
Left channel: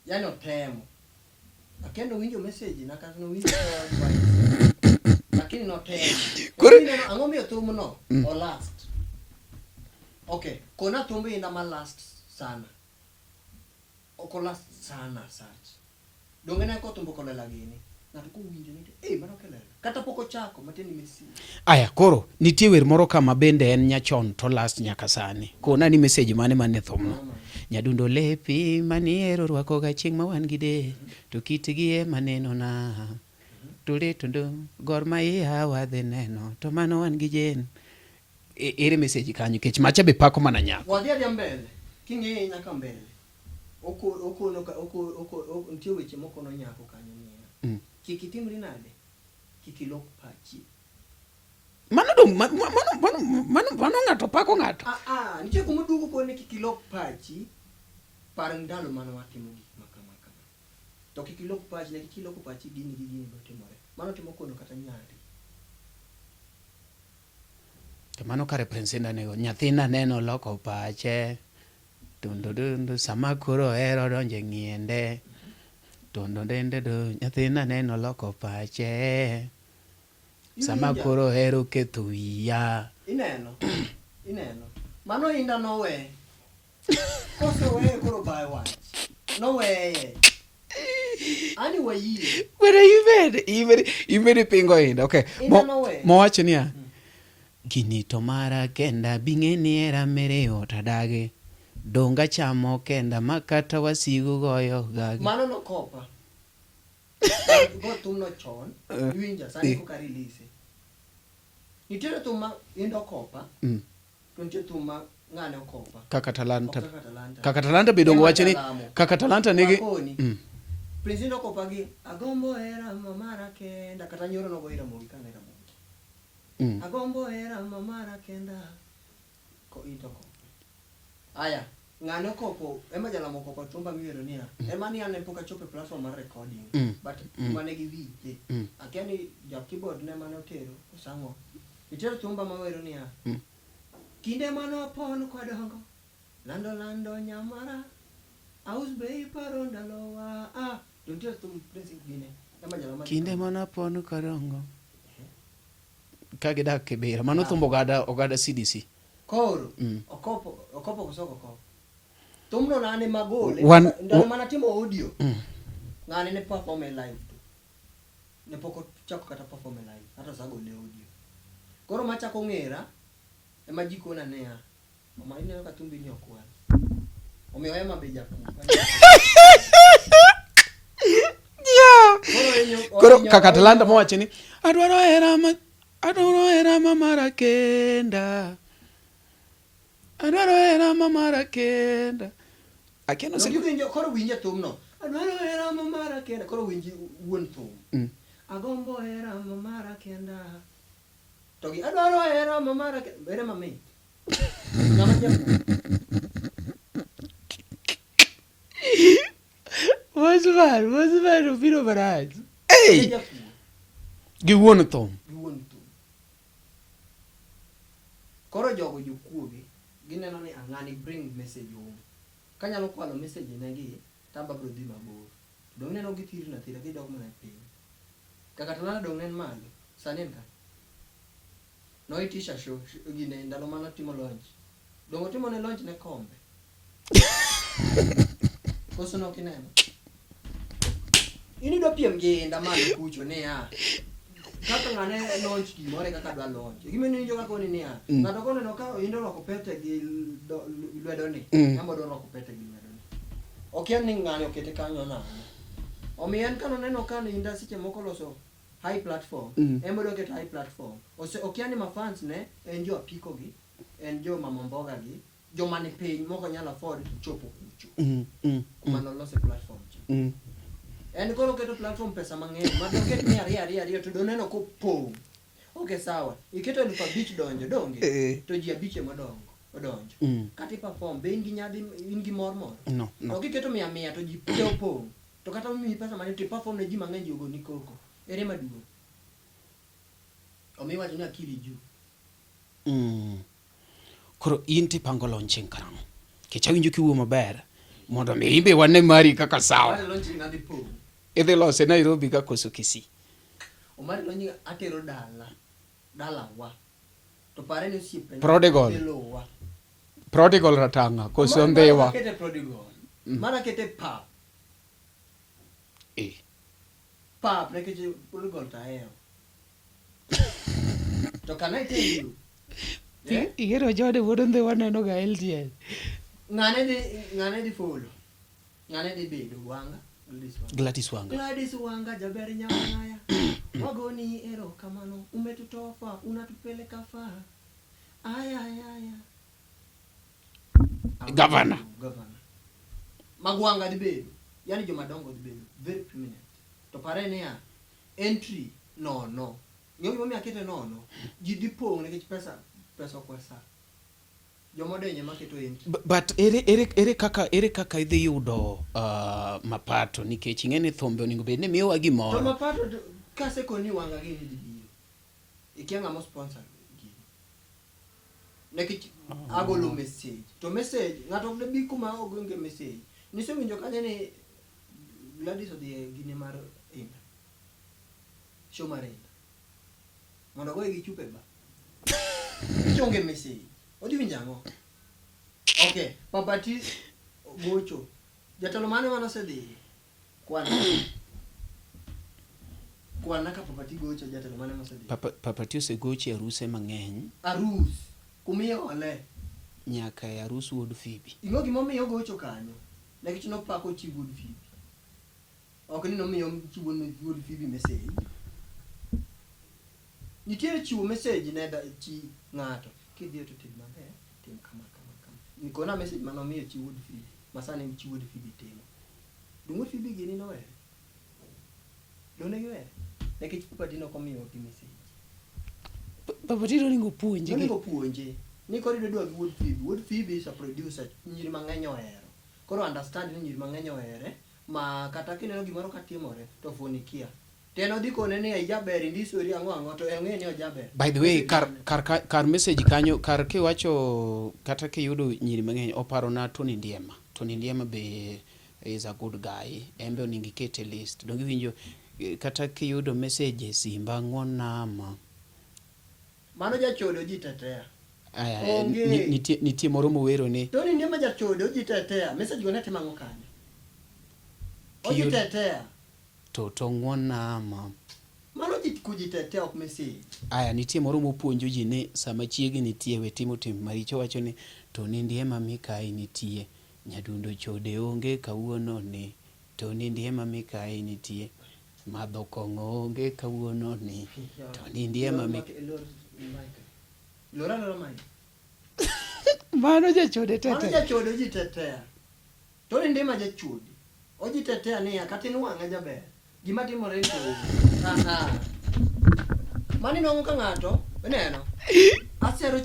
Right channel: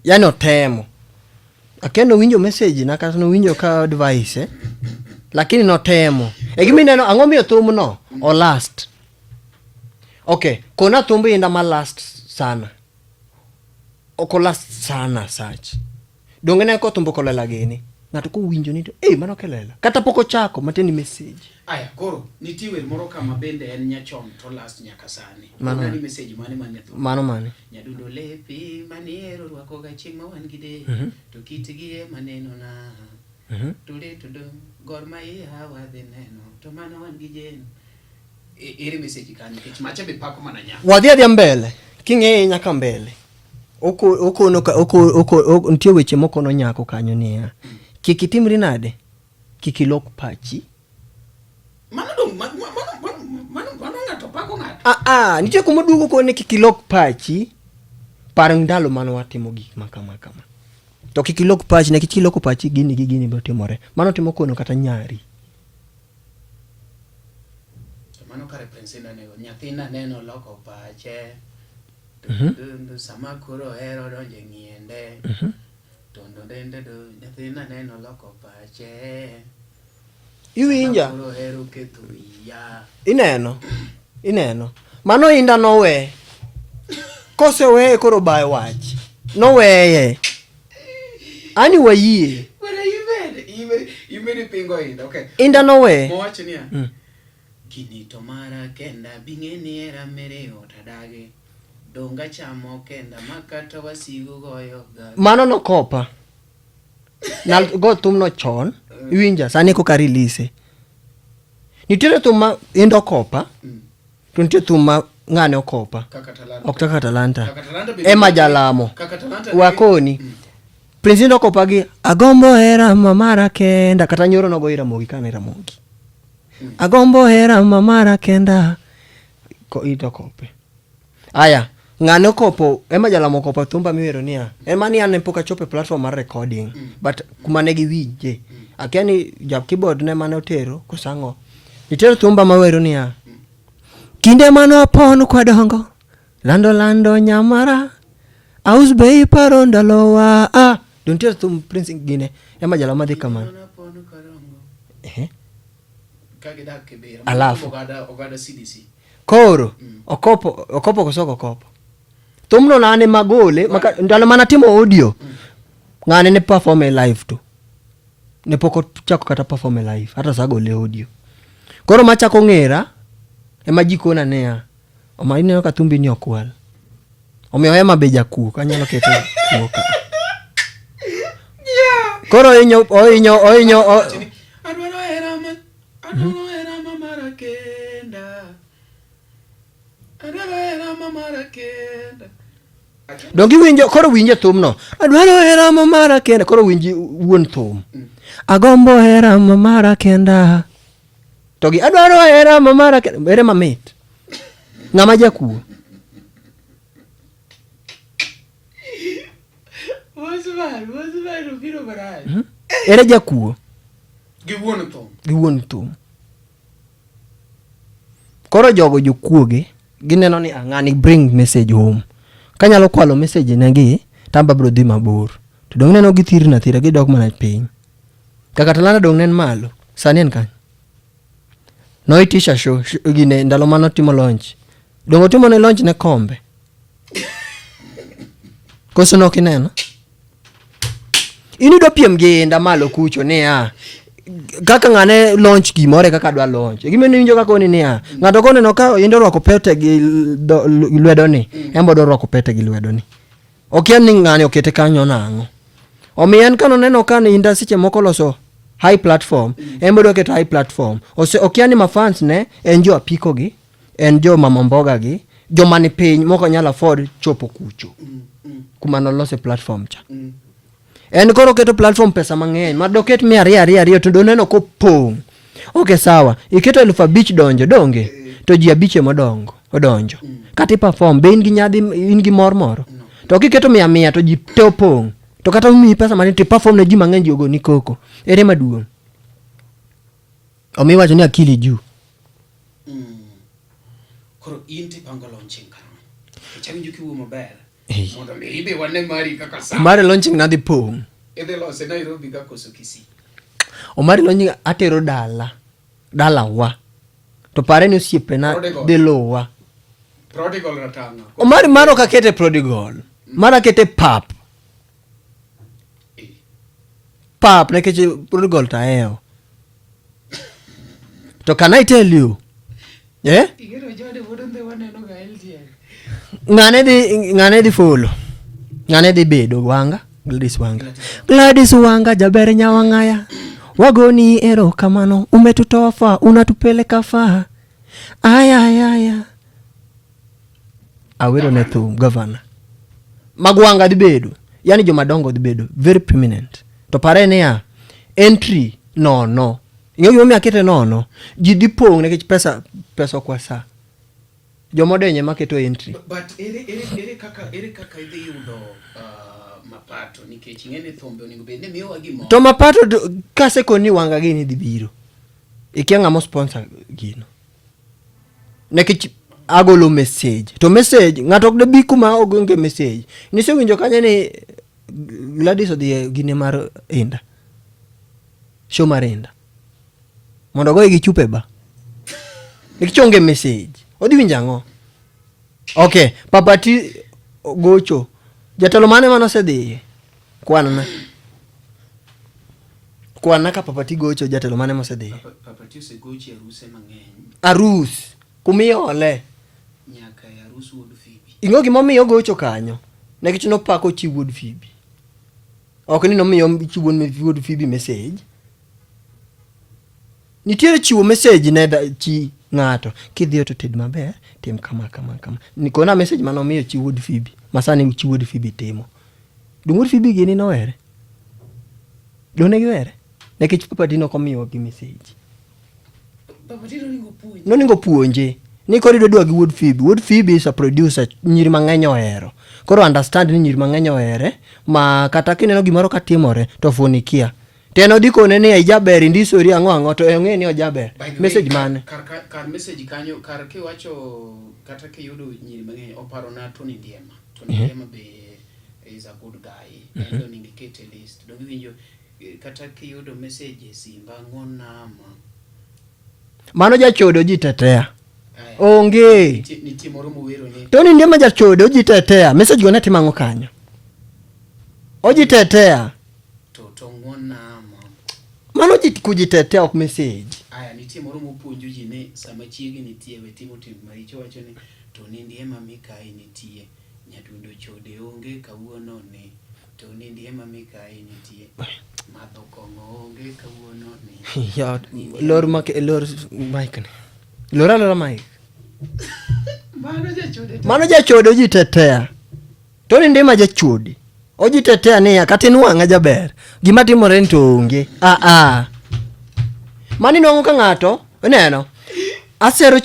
yani otemo akendo winjo message na kata no winjo ka advice lakini notemo gimi neno ang'o miyo thum no o last okay kona thumbi inda ma last sana oko last sana sach dongene ko thumbo kolela gini ng'ato ko winjo ni to mano kelela kata poko chako mateni message aya koro nitie wer moro kama bende en nyachon to last nyaka sani kona ni message mane thum mano nyadundo lepi maniero rwako ga chieng' ma wan gide to kitgi maneno na tole tondo gor ma ya wadhi neno to mano wan gi jen ere message kanyo kech macha be pako mana nya wadhi mbele king'e nyaka mbele oko ntie weche moko no nyako kanyo ni kikitimri nade kikilok pachi mano ng'ato pako ng'ato nitie kuma duogo ko ne kikilok pachi par ndalo mano watimo gik makama to kikilok pachi ne kikilok pachi gini biro timore mano timo kono kata nyari to mano ka representa ne nyathina neno loko pache to sama koro ero donje ngiende tondo dende do nyathina neno loko pache iwinja sama koro ero ketuya ineno mano inda nowe kose we koro bai wach noweye ani wayie where you made pingo inda okay inda nowe mo wacho niya kinito mara kenda bing'eni era mere otadage donga chamo kenda makata wasigu goyo gaga mano no kopa na go tum no chon winja sani ko karilise nitiere tuma indo kopa to nitiere tuma ng'ane okopa kaka Talanta be ema jalamo kaka Talanta wakoni Prince indo kopa gi agombo era mamara kenda kata nyoro no go ira mogi kana ira mogi agombo era mamara kenda ko ito kope aya ng'ane kopo ema jalamo kopa thumba miwero niya ema ni ane poka chope platform mar recording but kumane gi winje akiani jab keyboard ne mane otero kusango nitero thumba mawero niya kinde mano pon kwa dongo lando nyamara aus bei paro ndalowa don't tell thum Prince gine ema jalamo dhi kama kinde mano pon kwa dongo kagida kebera mano ogada CDC koro okopo kosoko kopo tumno nane magole ndalo mana timo audio ngane ne perform live tu ne poko chako kata perform live hata sagole audio koro machako ng'era ema jikona nea omaine ka tumbi ni okwal omiyo ema beja ku kanyalo keto koro inyo adoro era mamara kenda dongi winjo koro winje thum no adwaro era mamara kenda koro winji wuon thum agombo era mamara kenda togi adwaro era mamara kenda ere mamit ng'ama jaku Wazvaru viro baraji ere jaku gi wuon thum koro jogo jokuoge gineno ni ang'ani bring message home kanyalo kwalo message negi tamba bro dhi mabor to dong neno githirna thira gidok mana piny kaka Talanta dong nen malo Sani en kan. Noitisha show gine ndalo mano timo launch. Dongo timo ne launch ne kombe. Koso no kineno. Ini do piem gi nda malo kucho ne kaka ngane launch gimore kaka dwa launch. Gime ni winjo kaka oni ne ngato kone no ka indo rwako pete gi lwedo ni. Embo do rwako pete gi lwedo ni. Okian ni ngane okete kanyo nango. Omien kano neno kan inda siche moko loso high platform. Embo do ket high platform. Okian ni mafans ne enjo apiko gi, enjo mamamboga gi. Jo mani piny moko nyala afford chopo kucho. Kuma no lose platform cha. En koro keto platform pesa mang'eny. Madoket 200 to doneno ko pong. Okay sawa. Iketo 1000 donjo donge. To ji abiche modongo. Odonjo. Kati perform be in gi nyadhi in gi mor moro. To kiketo 100 to ji te opong. To kata umi pesa mani to perform ne ji mang'eny jogo ni koko. Ere maduong'. Omi wacho ni akili juu. Koro inti pango launching karang. Kichawinjo kiwo maber. Mondo mi ibe wane mari kaka sawa. Mari launching nadi pong. Idhi lose Nairobi ka koso Kisii. Omari launching atero dala wa. To pare ni osiepe na de lowa. Prodigal ratanga. Omari mano kakete prodigal. Mara kete pap. Pap na keche prodigal taeo. To can I tell you? Yeah? Igero jode wodonde waneno ga LTN. Ngane di folo. Ngane di bedo wanga. Gladys Wanga jaber nyawangaya. Wagoni ero kamano. Umetutofa. Unatupeleka faa. Aya. Awero na tu governor. Magwanga di bedo. Yani jo madongo di bedo. Very prominent. To pare ne ya. Entry. No. Ingo mi akete no. Jidi pong ne pesa kwa saa. Jomodenye maketo entry. But ere kaka idhi yudo mapato nikech ing'eni thombe oningo bed ni miyo wagi mo. To mapato kase koni wanga gini dhi biro. Ikianga mo sponsor gino. Nekech agolo message. To message ngato de bi kuma ogonge message. Nise winjo kanya ni Gladys odhi gine mar Inda. Show mar Inda. Mondo go gi chupe ba. Ikichonge message. Odi winjango. Okay, papati gocho. Jatelo mane manosedhi? Kwana ka papati gocho jatelo mane mosedhi? Papati osegochi aruse mang'eny. Arus. Kumiyo ole. Nyaka arus Wood Phoebe. Ingo gimomiyo gocho kanyo. Nekech no pako chi Wood Phoebe. Ok ni nomiyo chi Wood Phoebe message. Nitiere chiwo message ne chi ngato kidhi to ted maber tim kama nikona message mano miyo chi Wood Phoebe masani chi Wood Phoebe timo Wood Phoebe gini no were done gi were nekech papati no komiyo gi message papati no ningo puonje ni korido dwa gi Wood Phoebe is a producer nyiri mang'eny ohero koro understand ni nyiri mang'eny ohere ma kata kineno gimoro katimore to funikia teno dikone ni ajaber indisori ang'o to eng'e ni ojaber message man kar message kanyo kar kiwacho kata kiyudo nyiri mang'eny oparo na Tony Ndiema be is a good guy endo ningikete list dongi winjo kata kiyudo message Simba ng'onama mano jachodo ji tetea onge nitie moro mowero ni Tony Ndiema jachodo ji tetea message go neti mang'o kanyo oji tetea to ng'onama mano ji kujitetea ok message aya nitie moro mopuonjo ji ni sama chiegi nitie we timo tim maricho wacho ni Tony Ndiema mikai nitie nyadundo chode onge kawuono ni Tony Ndiema mikai nitie madho kong'o onge kawuono ni lor mic lora mic mano jachode ji tetea Tony Ndiema jachode oji tetea niya kati nuwang'a jaber gima timore ni to onge mani nong'o ka ng'ato neno asero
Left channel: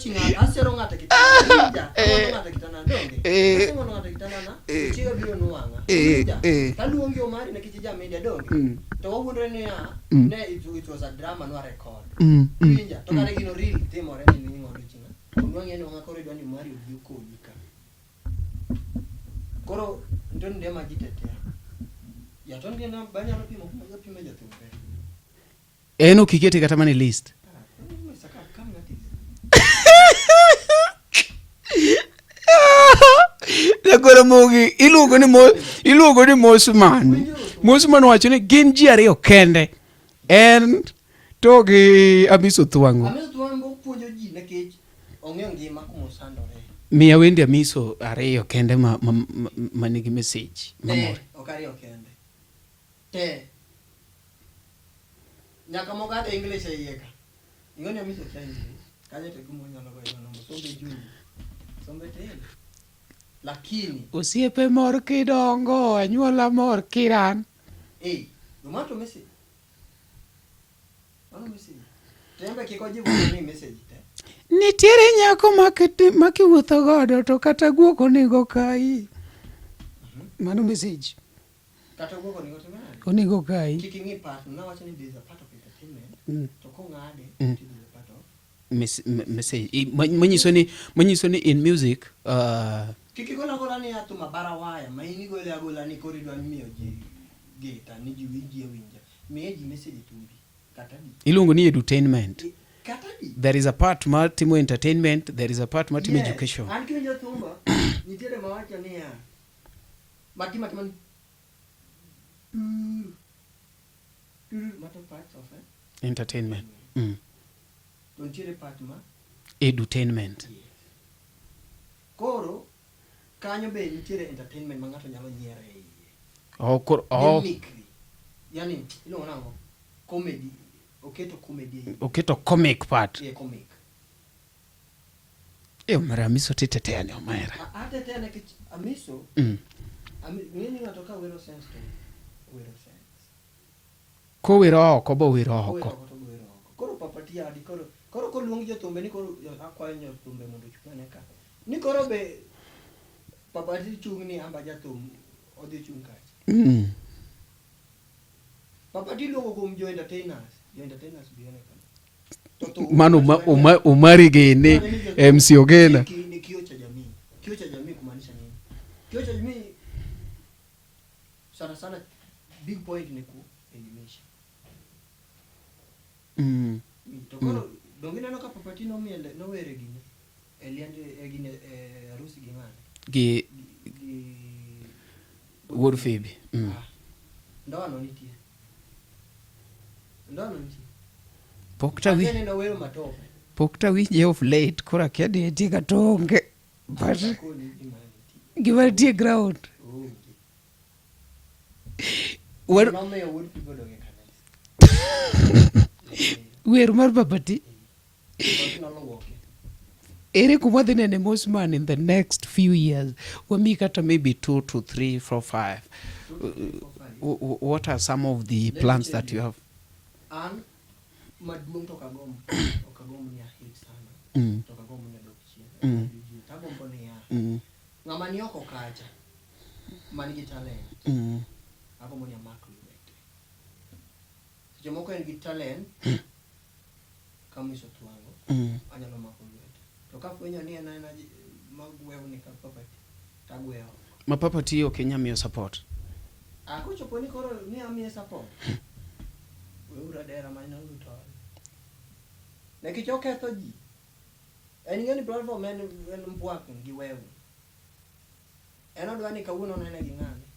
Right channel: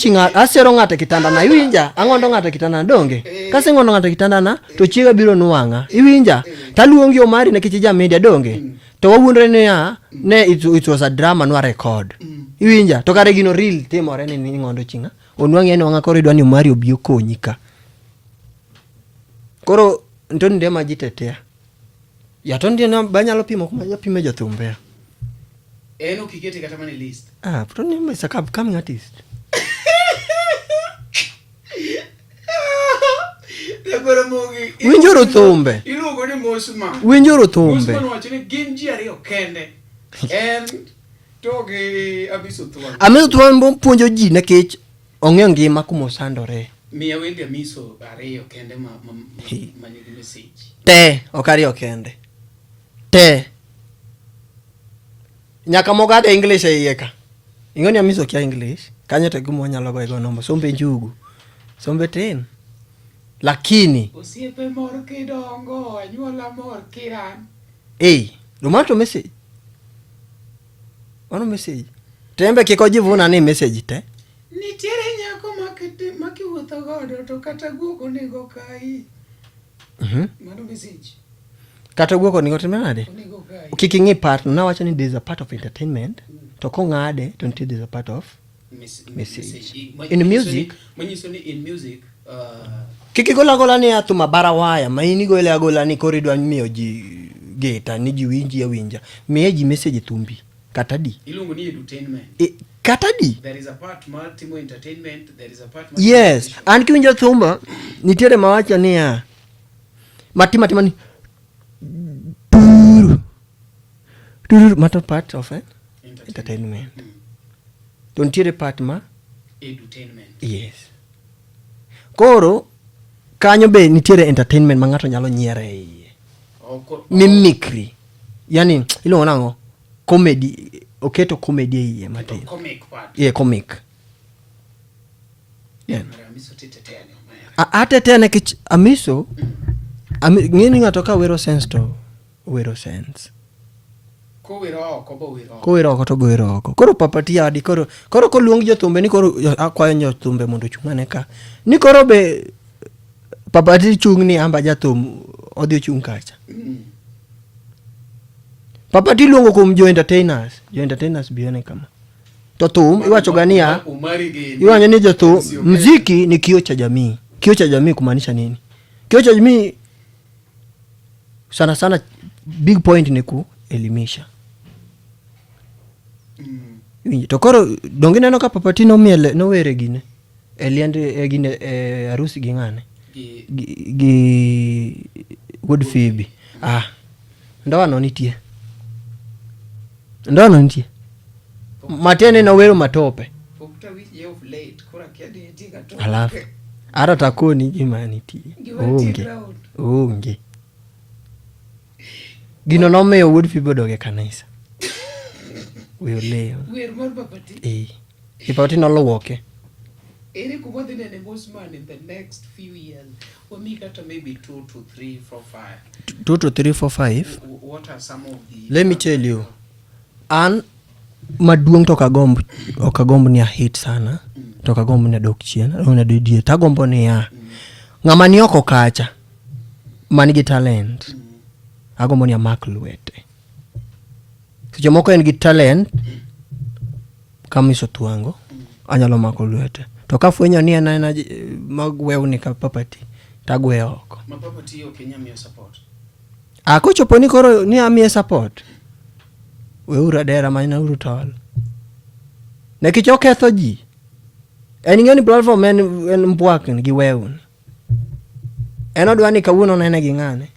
ng'ato kitanda na iwinja ang'ondo ng'ato kitanda donge kasi ng'ondo ng'ato kitanda na to chiega biro nuwang'a iwinja taluongi Omari nekech ja media donge to wawuondre niya ne it was a drama nwa record iwinja to kare gino real timore ni ng'ondo chinga onwang'e ni wang'a koro idwa ni Omari obi okonyi ka koro Tony Ndiema jitetea ya Tony Ndiema banyalo pimo kuma japime jathumbe Eno kikete kata mane list. But only is a upcoming artist. Nakora mogi iluongo ni Mosman. Winjoro thumbe. Mosman wacho ni gin ji ariyo kende. En to gi Amiso Thuang. Amiso Thuang puonjo ji nikech ong'eyo ngima kuma osandore. Miya wende Amiso ariyo kende ma nigi message. Te ok ariyo kende. Te nyaka mogade English e iye ka. Ing'oni Amiso kia English. Kanyo to gumo nyalo goyo nombo. Sombe njugu. Sombe tin. Lakini osiepe mor kidongo, anyuola mor kiran. Domato message. Ono message. Tembe kiko jivuna ni message te. Nitiere nyako makiwuotho godo to kata guoko nego kai. Mano message. Kata guoko nego timenade? Onego kai. Kiki part, na wacho ni there's a part of entertainment. To ko ngade, don't you there's a part of message. Manyiso ni in music, kiki gola ni atuma barawaya, maini gola ni koridwa miyo ji geta, ni ji winji ya winja. Miye ji message thumbi. Katadi. Ilungo ni edutainment. Katadi. There is a part multimo entertainment, there is a part multimo education. Yes, and kiwinja thumba, nitiere mawacha ni ya matimani matter part of it? Entertainment. Don't you part ma? Edutainment. Yes. Koro, kanyo be nitiere entertainment ma ng'ato nyalo nyiere iye. Mimicry. Yani, ilo nango, comedy, oketo comedy iye. Oketo comic part. Yeah, comic. Mara Amiso titetea ni omera. Atetea na kich Amiso, ngini ngatoka wero sense to wero sense. Ko wero oko bo wero oko. Ko wero oko to go wero oko. Koro papatia adi koro ko luongi jothumbe ni koro akwayo jothumbe mondo chungane ka. Ni koro be papati chung ni amba jathum odhi chung kacha. Papati luongo kum jo entertainers bione kama. To thum iwacho gania umari geni. Iwacho ni jothum muziki ni kioo cha jamii. Kioo cha jamii kumaanisha nini? Kioo cha jamii sana big point ni kuelimisha. Tokoro dongine no ka papati no miele no were gine. Eliande gine arusi gingane. Gi Wood Phoebe. Ndawa no nitie. Matene no wero matope. Pokta wije of late kora kiadi etika tonge. Ara takoni jimaniti. Gimaniti ground. Onge. Gino no me Wood Phoebe doge kanisa. Weru mar papati. Papati no lowoke. Ere kumwadhi nene Mosman in the next few years. Wami kata maybe 2 to 3, 4, 5. 2 to 3, 4, 5. What are some of the Let me tell you. An maduong to kagombo ni a hit sana. To kagombo ni dok chien. Una didie. Tagombo ni ya. Ngama ni oko kacha. Manigi talent. Agombo ni ya Mark Luete. Sicho moko en gi talent. Kamiso Thuango. Anyalo Mark Luete. To kafuenyo ni ana magweu ni ka papati. Tagwe oko. Ma papati Kenya miyo support. Kochopo ni koro ni amiye support. Weura dera maina uru tawal. Nekicho ketho ji. Ng'eni platform en mbwakin gi weun. Odwa ni kawuono nene gi ng'ane.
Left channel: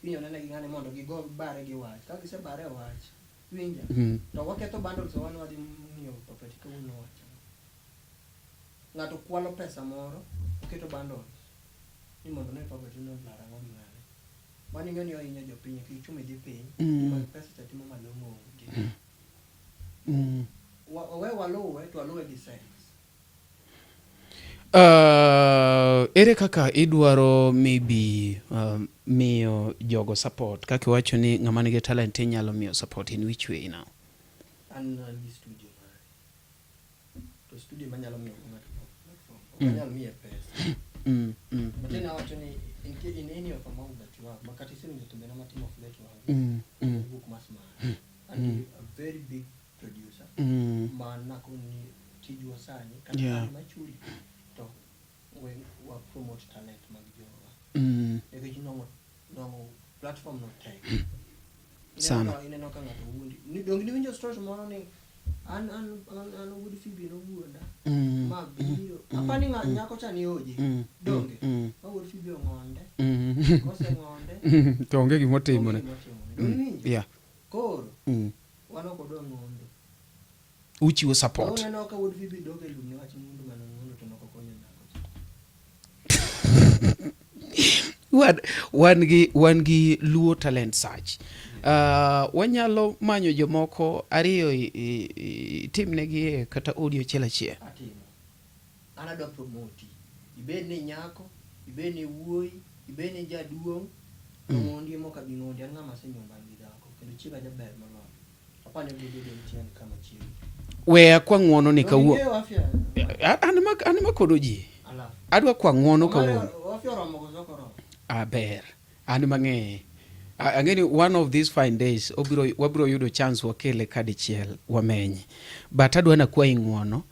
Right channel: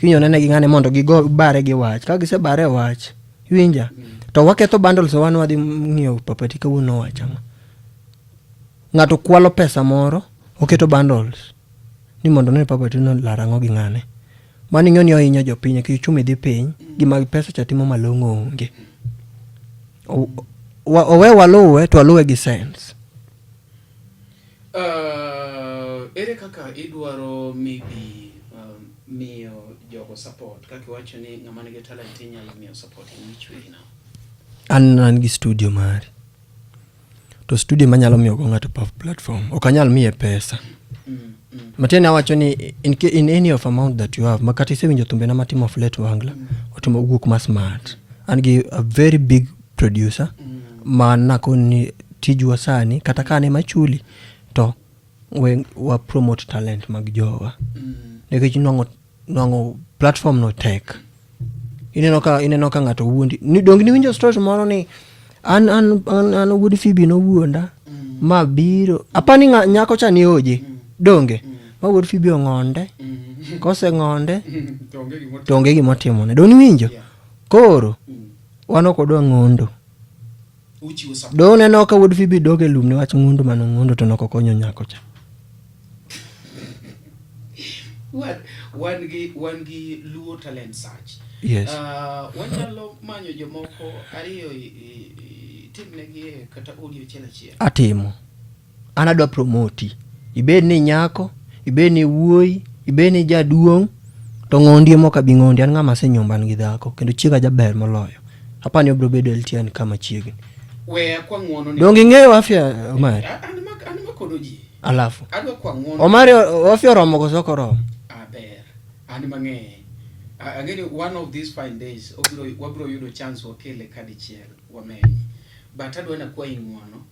Kinyo nene gi ng'ane mondo gigo bare gi wach. Ka gise bare wach. Winja. To waketho bundles wan wadhi ng'iyo papati kawuono wach ama. Ng'ato kwalo pesa moro, oketo bundles. Ni mondo ne papati no larango gi ng'ane. Mani ng'oni ohinyo jopiny ki chumi dhi piny gima pesa cha timo malong'o onge. Owe waluwe to waluwe gi sense. Ere kaka idwaro maybe miyo jogo support kaka wacho ni ng'ama nigi talent nyalo miyo support in which way now? An gi studio mari. To studio manyalo miyo go ng'ato platform. Okanyal miye pesa. Matena wacho ni in any of amount that you have makati sewinjo thumbe na matimo of late wangla otimo guk ma smart and gi a very big producer mana koni tijwa sani kata kane machuli to wa promote talent mag jowa nikech nongo platform no tech ineno ka ng'ato wuondi ni dongi ni winjo story moro ni an wuod Phoebe no wuonda ma biro apani nyako cha ni oje donge ma wuod Phoebe ong'onde kose ng'onde to onge gimotimo ne doni winjo koro wan ok odwa ng'ondo uchiwo support do neno ka wuod Phoebe doge lum ne wach ng'ondo mano ng'ondo to nokonyo nyako cha wan gi Luo talent search. Yes. Wanyalo manyo jomoko ariyo tim negi kata audio chiel. Atimo. An adwa promoti. Ibed ni nyako, ibed ni wuoyi, ibed ni jaduong', to ng'ondi moka bi ng'ondi an ng'ama senyomban gi dhako kendo chiega jaber moloyo. Apani obro bedo LTN kama chiegi. We kwa ng'wono ni. Dongi ng'eyo afya Omari. An makodo ji. Alafu. Adwa kwa ng'wono. Omari afya romo koso koro. Aber. An mang'e. Again, one of these fine days, wabro yudo chance wakele kadi chiel wamenyi. But adwa na kwa ng'wono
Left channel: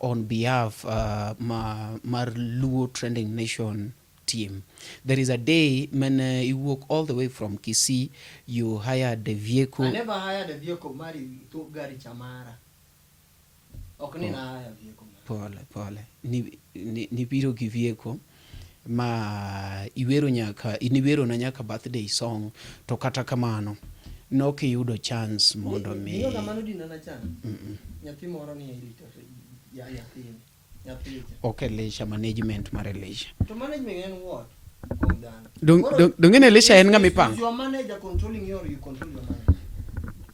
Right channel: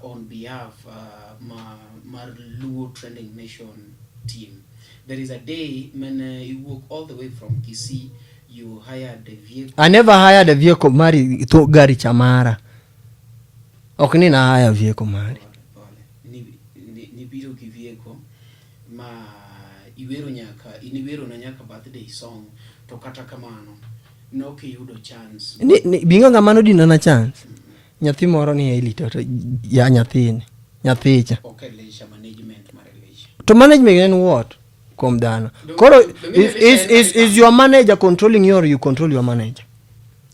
on behalf mar Luo Trending Nation team. There is a day when you walk all the way from Kisii, you hired a vehicle. I never hired a vehicle, Mari, to gari chamara. Okay, na hire vehicle, Mari. Pole. Ni biro ki vehicle. Ma iwero na nyaka birthday song to kata kamano no ke yudo chance bingo ngamano dino na chance nyathi moro ni elito to ya nyathicha okay leisure management mar leisure to management en what kom dano koro is your manager controlling you or you control your manager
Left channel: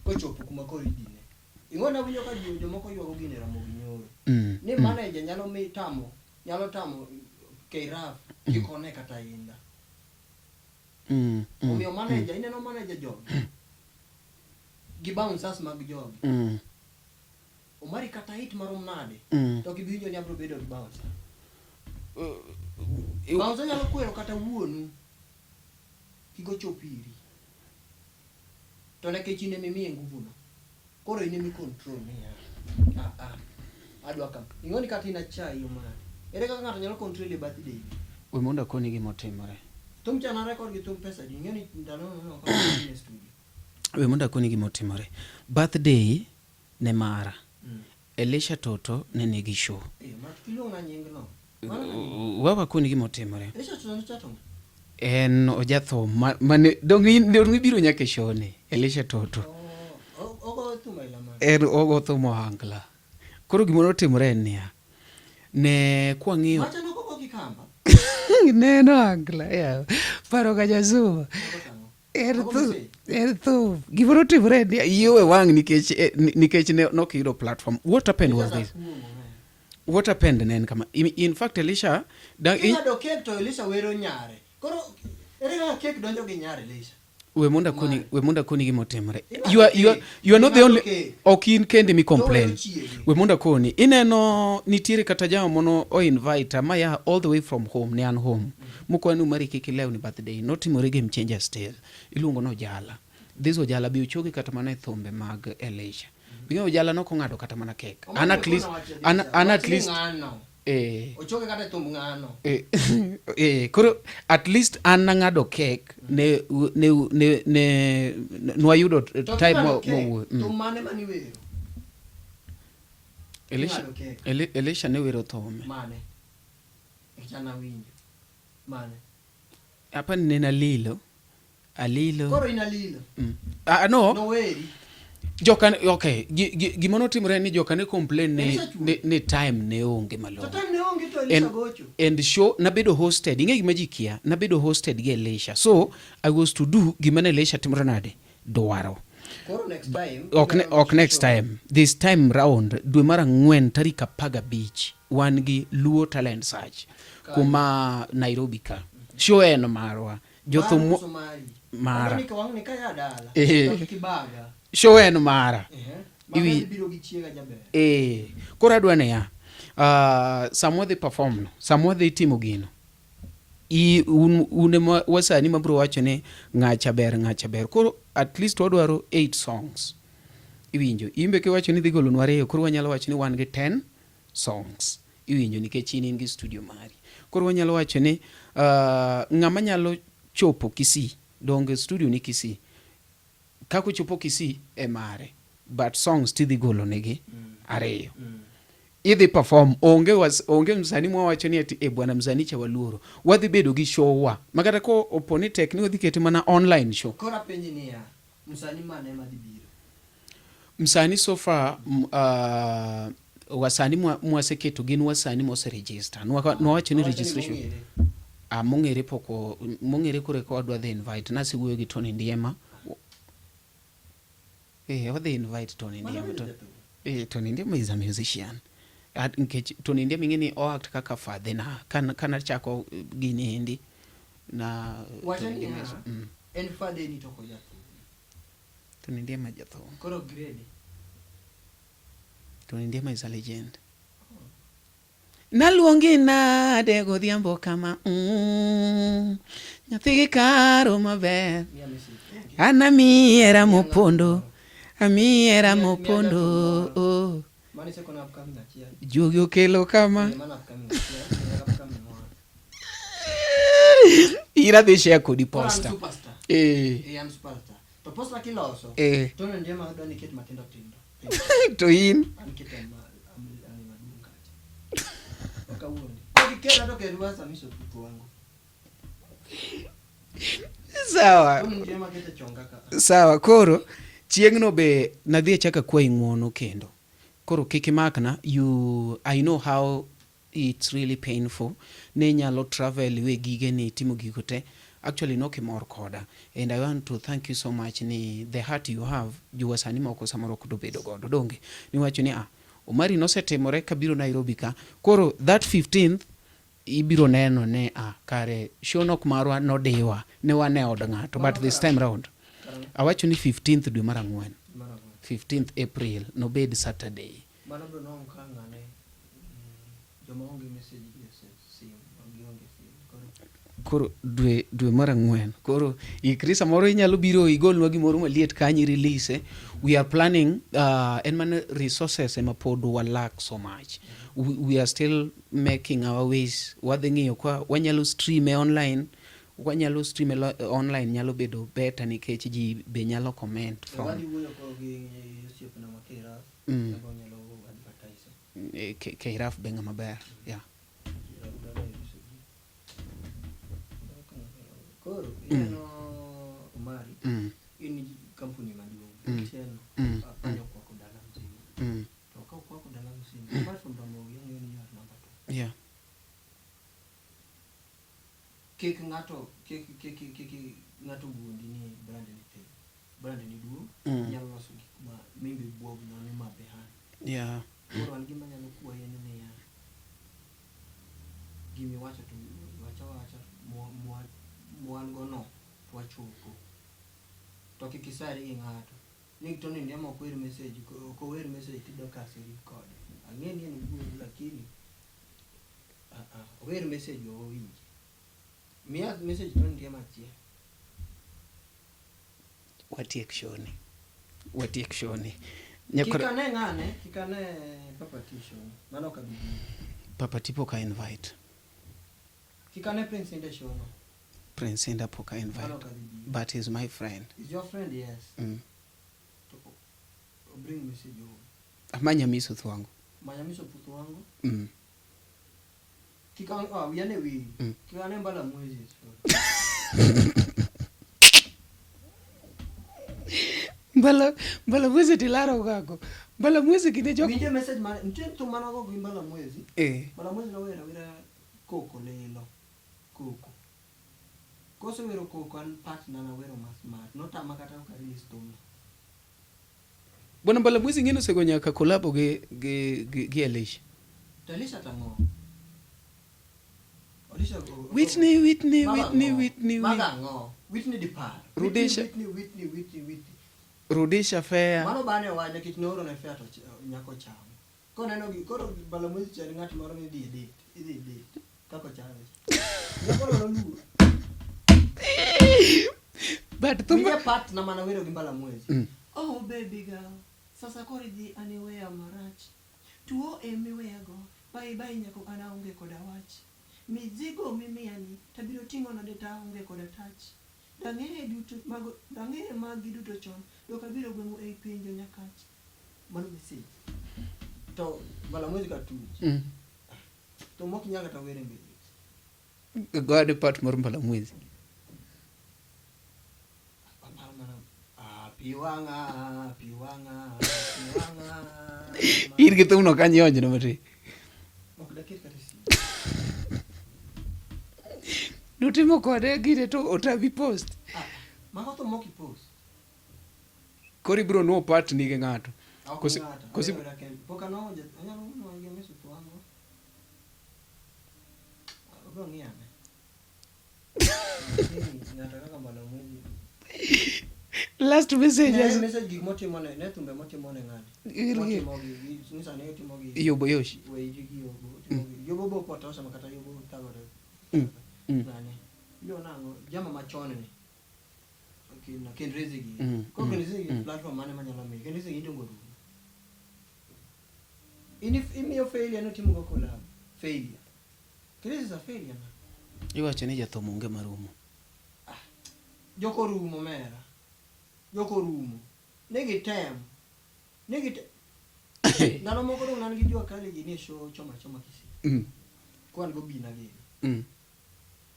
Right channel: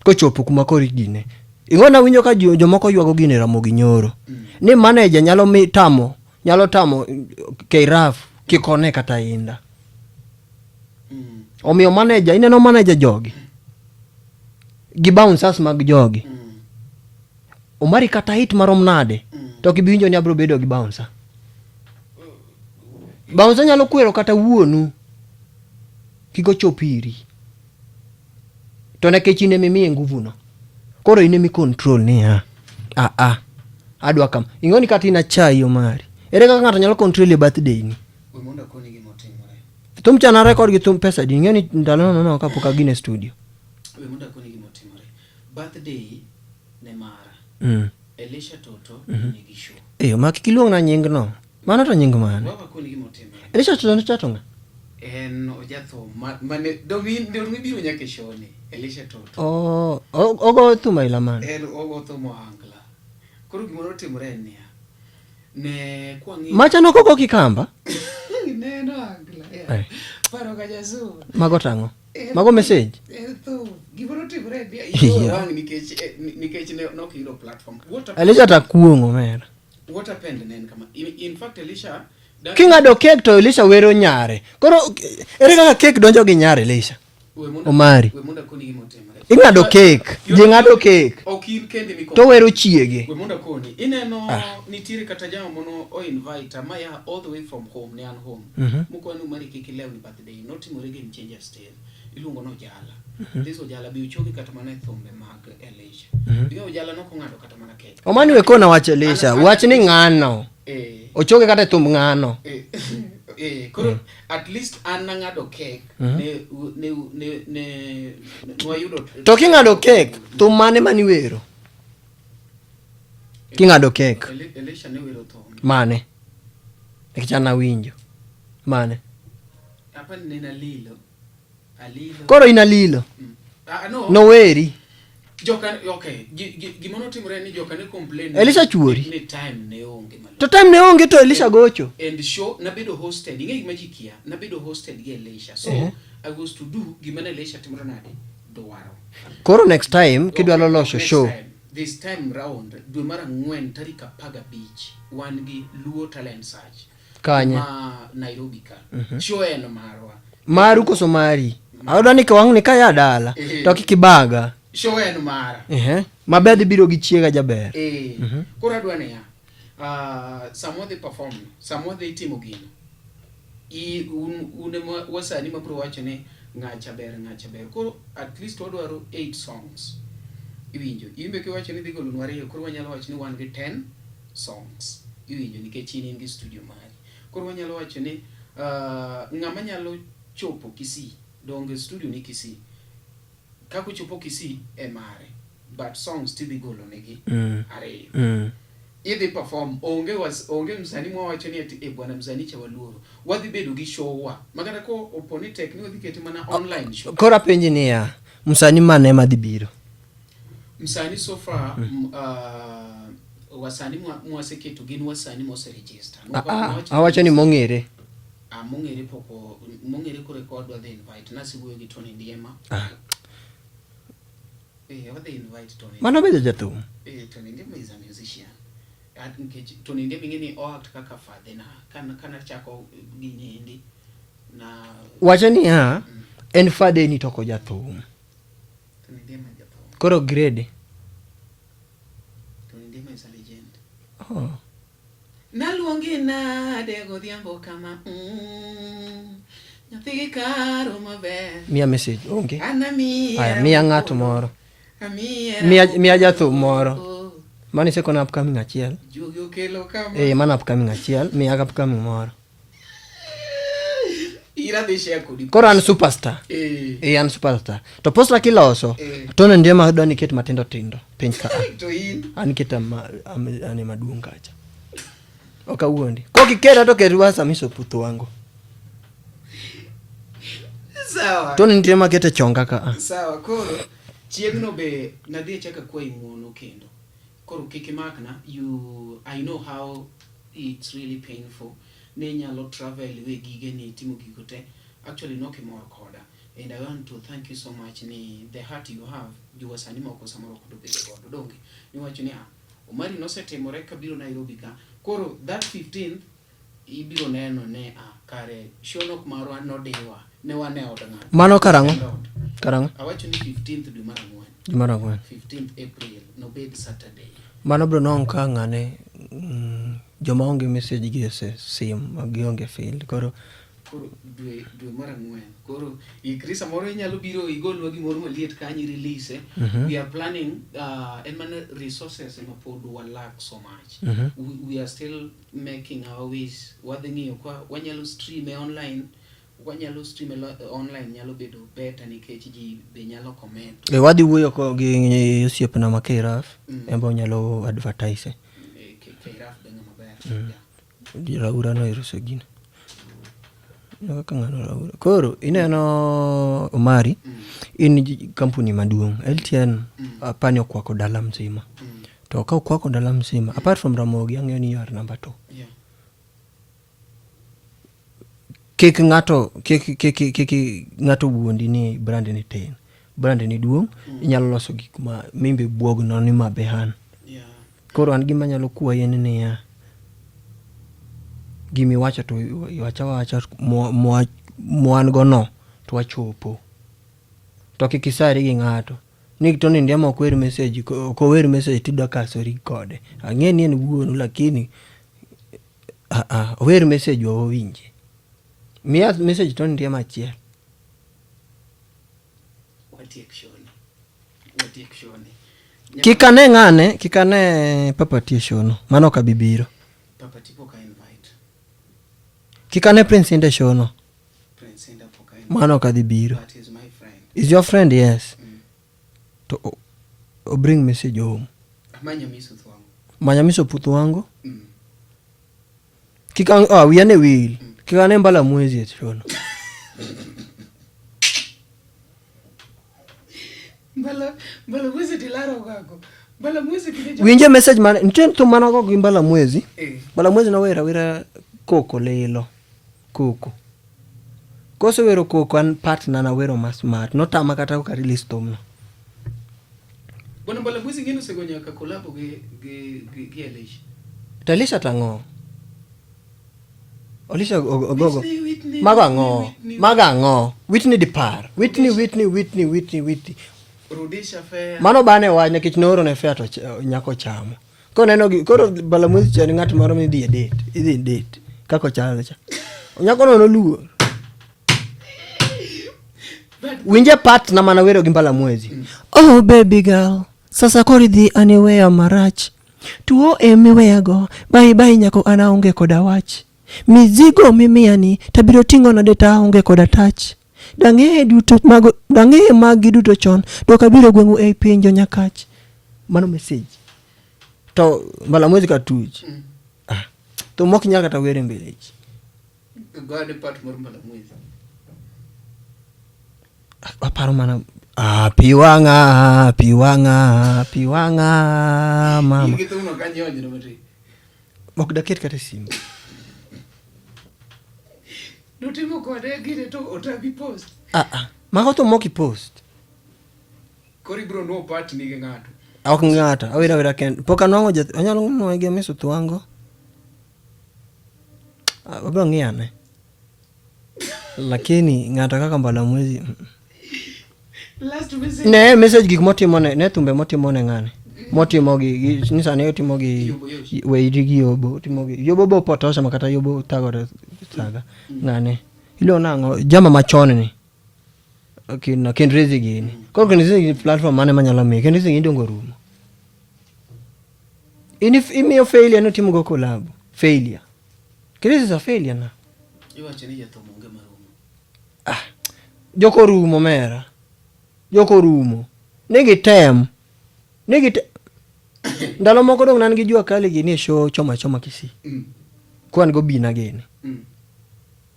ko chopo kuma kori gine ingona winjo ka jomoko ywago gine Ramogi Nyoro ni manager nyalo tamo Keiraf kikone kata inda omiyo manager ineno manager jogi gi bouncers mag jogi Omari kata hit marom nade to kibiwinjo ni abro bedo gi bouncer bouncer nyalo kwero kata wuonu kiko chopiri to nekech ine mimiye nguvu no koro ine mi control ni adwa kam ingoni kata ina chai Omari ere kaka ng'ato nyalo control birthday ni we monda koni gi motimore tum chana record gi tum pesa di ngeni ndalo no ka poka gine studio we monda koni gi motimore birthday ne mara Elisha Toto ni gi show ma kiluong na nying no mano to nying ma wa koni gi motimore Elisha Toto ni chatonga en ojatho mane dongi biro nyake show ni Elisha Toto ogo thuma ila man ogo thuma hankla koro gimoro timore nia ne kwangi macha no koko kikamba neno angla ya paro ka jazuma mago tango mago message to gimoro timore nia iwe wang nikech ne no kiro platform Elisha takuongo mera what happened nen kama in fact Elisha kingado cake to Elisha wero nyare koro ere kaka cake donjo gi nyare Elisha we munda koni gi motemre ingado cake ingado cake okin kende mi to wero chiege we munda koni ineno nitiere kata jamo mono o invite maya all the way from home ne an home moko anu mari kiki leo ni birthday notimore game changer stage iluongo no jala this ojala bi uchogi kata mana thombe mag Elisha bi ojala no ko ngado kata mana cake omani we kona wach Elisha wach ni ngano ochoge kata thumb ngano koro at least an ngado cake ne nwayudo to kingado cake thumb mane mani wero kingado cake Elisha ne wero thumb mane kichana winjo mane hapa nena alilo koro ina lilo no weri joka okay gimono timore ni joka ne complain Elisha chuori ni time ne onge malo to time ne onge to Elisha gocho and show na bedo hosted inge gimajikia na bedo hosted gi Elisha so I was to do gimana Elisha timore nade dwaro koro next time kidwalo lock show this time round dwe mara 4 tarik 15 wan gi Luo Talent Search kuma Nairobi ka show eno marwa maru ko somari awdani ka wang ni kaya dala to kikibaga show eno mara mabedi biro gi chiega jaber koro adwane ya samwodhi perform samwodhi timo gino une wasani mabro wacho ne ngacha ber koro at least wadwaro 8 songs iwinjo imbe ke wacho ni dhi golo nware koro wanyalo wacho ni wan gi 10 songs iwinjo nikech in gi studio mari koro wanyalo wacho ni ngama nyalo chopo Kisii donge studio ni Kisii kako chopo Kisii e mare, but songs tidhi golo negi ariyo. Idhi perform, onge msanii mwawacho ni ati bwana msanii cha Waluoro wadhi bedo gi show wa makata ko oponi tek ni wadhi kete mana online show. Kora penji ni ya msanii mane madhi biro? Msanii so far wasanii mwaseketo gin wasanii mose register. Awacho ni mong'ere. Mong'ere ko record wadhi invite nasi wuoyo gi Tony Ndiema. Wadhi invite Tony. Mano bedo jathum. Tony Ndiema is a musician. Tony Ndiema ingeni act kaka father na kana chako gini hindi na wacho ni en father ni toko jathum. Tony Ndiema jathum. Koro grade. Tony Ndiema is a legend. Naluongi nade godhiambo kama nyathi karo maber. Mia message onge. Ana miera mopondo. Mia jathum moro. Mani se kona upcoming achiel. Jugi okelo kama. Mana upcoming achiel. Mia upcoming moro. Ira dhi share kodi. Koro an superstar. An superstar. To posta kiloso. Tony Ndiema adwa ni ket matindo tindo. Pinch ka. To in. An keta ane maduong' kacha. Oka uondi. Kwa kikera to keruwa samiso puto wangu. Sawa. Tony Ndiema kete chonga ka. Sawa, koro chiengno be nadhi chaka kwa ing'uono kendo. Koro kikimakna, I know how it's really painful. Ne nyalo travel we gige ni timo gigo te. Actually no kimor koda. And I want to thank you so much ni the heart you have. Juwasani moko samoro kudo bedo godo donge. Ni wacho ni Omari no setemore kabiro Nairobi ka. Koro that 15th ibiro neno ne kare shonok marwa no dewa ne wane od ng'ato. Mano karango. Awacho ni 15th dwe mar 4. 15th April no bed Saturday. Mano bro no nkanga ne joma onge message gi sim magionge field. Koro dwe mar 4. Koro ikrisa moro inyalo biro igolwa gimoro maliet kanyi release. We are planning and man resources ema pod lack so much. We are still making our ways. Wadhingiyo kwa wanyalo stream online. Online nyalo bedo better nikech ji be nyalo comment. Wadhi wuoyo ko gi osiepna ma Keraf embo nyalo advertise. Keraf benga maber. Raura no iruso gino. Koro ineno Omari in kampuni maduong' LTN apani okwako dala mzima. To ka okwako dala mzima apart from Ramogi ang'eyo ni you are number 2. Kik ng'ato wuondi ni brand ni tin. Brand ni duong' inyalo loso gik ma mimbe buog no ni mabehan. Koro an gima nyalo kwayi ni gimi wacho to wacha mwan gono to wachopo. To kikisari gi ng'ato. Ni Tony Ndiema okwer message ko wer message tidwa kasori kode. Ang'e ni en wuonu lakini wer message owinje. Mia message Tony Ndiema achiel. Watiek shoni. Kikane Papa T shono. Mano kabibiro. Papa Tipo ka invite. Kikane Prince Inda shono. Prince Inda poka invite. Mano kadibiro. But he's my friend. Is your friend? Yes. To bring message home. Manyamiso putu wangu. Wiyane wil. Kikane mbala mwezi shono. Mbala mwezi tilaro kako. Mbala mwezi kidejo. Winje message man ntentu manako gimbala mwezi. Mbala mwezi na wera koko lelo. Koko. Koso wero koko an partner na wero smart. Nota makata ko release tom no. Bona mbala mwezi ngeno segonya ka collabo ge Elisha. Talisha tango. Olisha ogogo. Whitney. Magango. Whitney dipar. Whitney. Rudisha fair. Mano bane wa nyakich noro ne fair to nyako chamo. Ko neno koro bala mwezi chani ng'at moro mi dhi date. Idhi date. Kako chalo cha. Nyako no luo. Winje part na mana wero gimbala mwezi. Oh baby girl. Sasa kori dhi anywhere marach. Tuo emiweya go. Bye nyako anaonge koda wach. Mizigo mimiani tabiro tingo na data onge koda touch. dang'e duto mago, dang'e magi duto chon, dok abiro gweng'u ei pinjo Nyakach. Mano message. To Mbalamwezi katuch. To mok nyal kata were mbele ji. Gode part mar Mbalamwezi. Aparo mana piwanga mama. Ir gitu no kanyo onje no mati. Mok daket kata simu. Nutimo kode gire to otabi post. Mago to moki post. Kori bro no part ni ng'ato. Ok ng'ata, awira ken. Poka nwango anyalo no ege meso twango. Abro ng'iane. Lakini ng'ata kaka Mbalamwezi. Last message. Ne message gik motimo ne thumbe motimo ne ng'ane. Motimo gi nisa ne otimo gi weiri gi yobo, timo gi yobo bo potosha makata yobo tagore saga. Ng'ane. Ilo nango jama machon ni. Okay, na Kendrezi gini. Kwa Kendrezi platform mane manyalo mi. Kendrezi gini dongo rumo. Imiyo failure no timu go collab. Failure. Kendrezi is a failure na. Iwacho ni jathomo onge marumo. Joko rumo mera. Joko rumo. Nigi tem. Ndalo moko dong nan gi jua kali gini show choma kisi. Kwan go bina gini.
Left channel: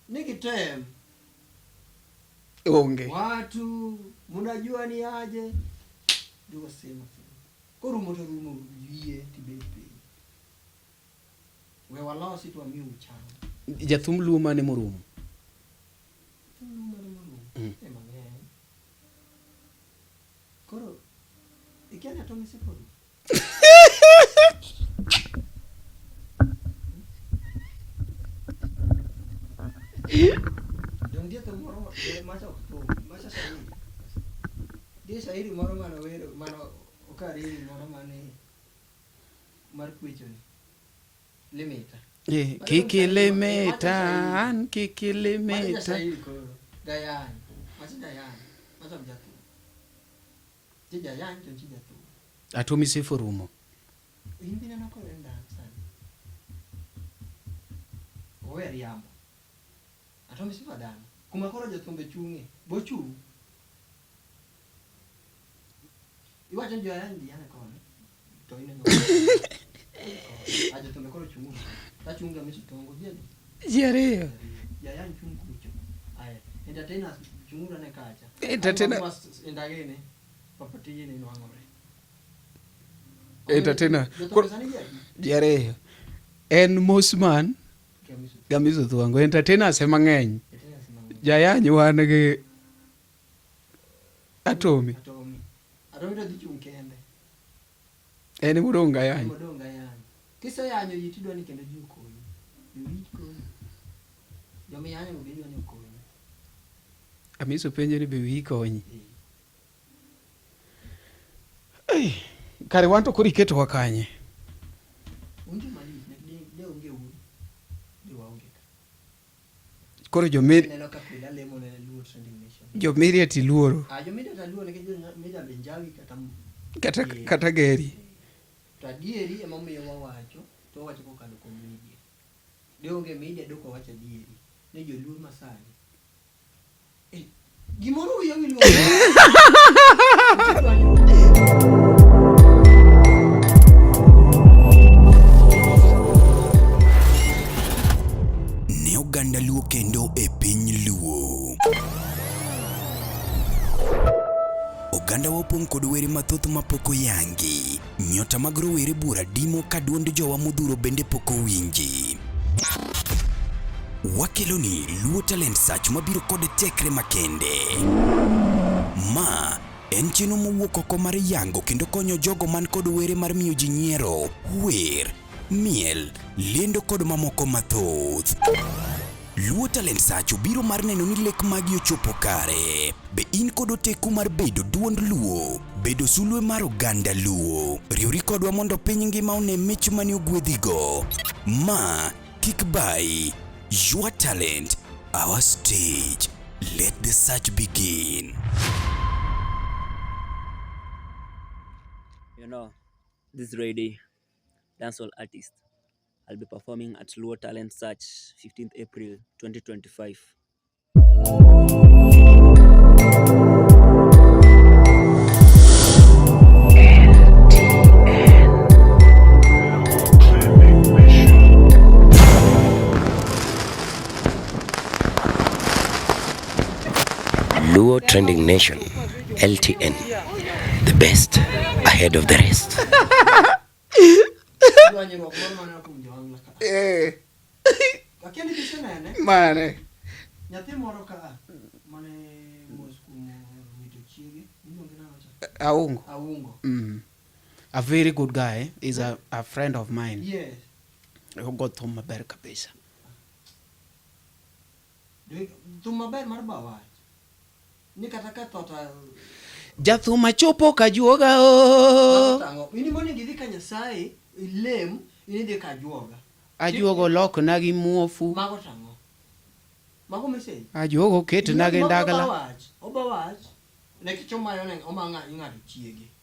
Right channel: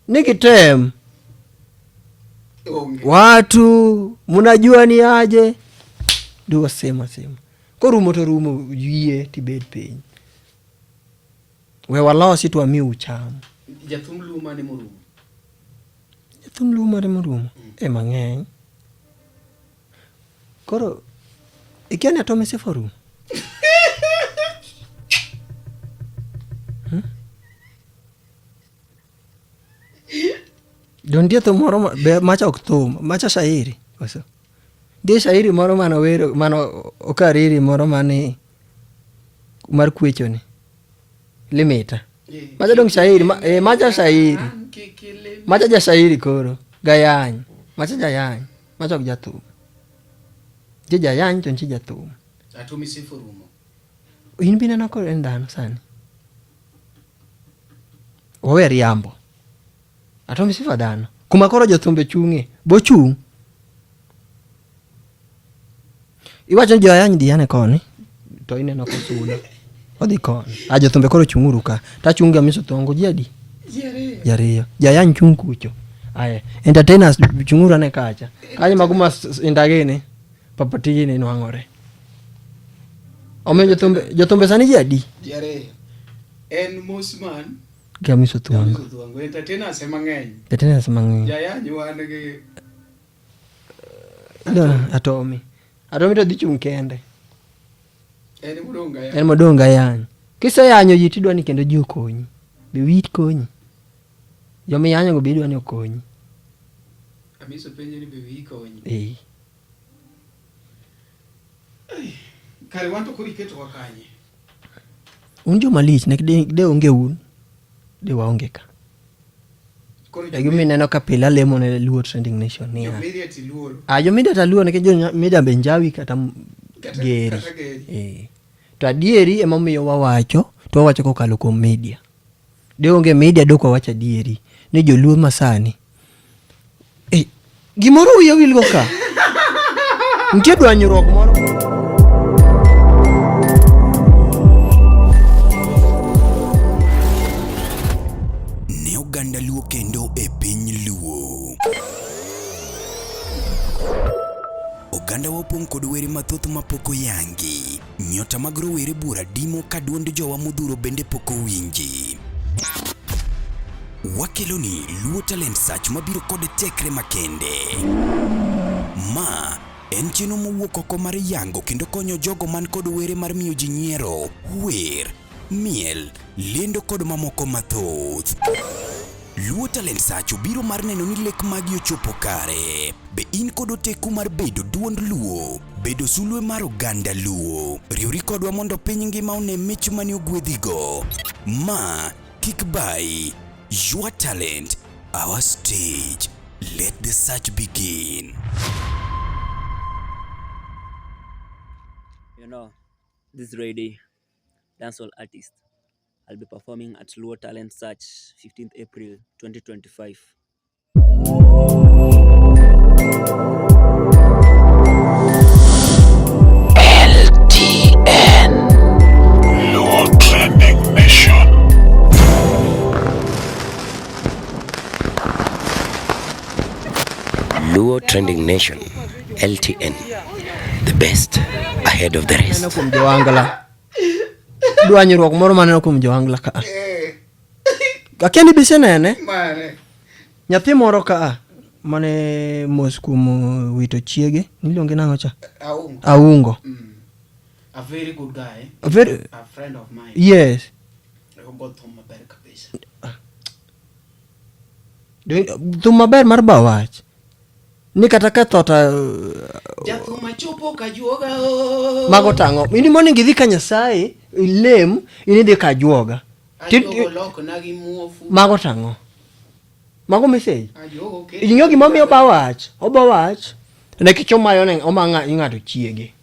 Nigi tem. Watu munajua ni aje duwa sema ko rumo to rumo yie tibed piny we walosi to ami ucham jathum luma ne murumo mang'eny koro ikiani atome seforu Don dia to moro macha ok thum, macha shairi. Koso. Dia shairi moro mano wero, mano okariri moro mani mar kwecho ni. Limita. Macha dong shairi, macha shairi. Macha ja shairi koro. Gayany. Macha jayany. Macha ok jathum. Je jayany to nchi jathum. Atomi seforumo. In bina nako endano sani. Owe riambo. Atomi sifa dhano. Kuma koro jothumbe chung'e. Bochung'. Iwacho ni joyany diane koni. To ineno kuchuna. Odhi koni. Jothumbe koro chung'uru ka. Ta chung'e amiso thongo jadi. Jariyo. Jayany chung' kucho. Aye. Entertainers chung'uru ane kacha. Kali maguma indagene. Papatigi ni nwang'ore. Ome jothumbe sani jadi. Jariyo. En Mosman. Gamiso tuango. Entertainers mang'eny. Jayany wan gi Atomi to dhi chung' kende. En modong gayany. En modong gayany. Kiseyanyo ji tidwa ni kendo ji okonyi. Be wit konyi. Jomi yanyo go bidwa ni okonyi. Amiso penjo ni be wi konyi. Kare wanto kuri keto wa kanye. Unjo malich nek de onge un. De waonge ka. Koro jo mimi neno kapila lemo ne Luo Trending Nation. Jo media ti luoro. Jo media ta luoro nek jo media benjawi kata geri. To adieri ema miyo wawacho, to wawacho kokalo kuom media. De onge media doko wacho adieri ne joluo masani. Gimoro wiya wil go ka. Nitie dwanyruok moro. Oganda Luo kendo e piny Luo. Oganda wopong' kod were mathoth mapoko yangi. Nyota mag rowere bura dimo ka duond jowa modhuro bende poko winji. Wakeloni Luo Talent Search mabiro kod tekre makende. Ma en chenro mowuok oko mar yango kendo konyo jogo man kod were mar miyo ji nyiero, wer, miel, lendo kod mamoko mathoth. Luo Talent Search biro mar neno ni lek magi ochopo kare. Be in kod oteku mar bedo duond Luo, bedo sulwe mar oganda Luo. Riwri kodwa mondo piny ngima one mich mani ogwedhigo. Ma kik bai. Your talent, our stage. Let the search begin. You know, this Friday, dancehall artist. I'll be performing at Luo Talent Search, 15th April 2025. Luo Trending Nation, LTN, the best ahead of the rest. Dwanyruok moro maneno kuom Joangla ka. Akendi bise nene. Mare. Nyathi moro ka mane mos kuom wito chiege, niluonge nang'o cha? Aungo. A very good guy. A friend of mine. Yes. Got thum maber kabisa. Thum maber mar bawach. Ni kata ka thota jathum chopo kajuoga mago tango. Ini morning idhi ka Nyasaye ilem ini dhi kajuoga. Ajuogo lok na gi muofu. Mago tango. Mago message. Ajuogo keti. Inyo gi mobi obawach. Obawach. Ne kichomayo ne omanga ing'ato chiege.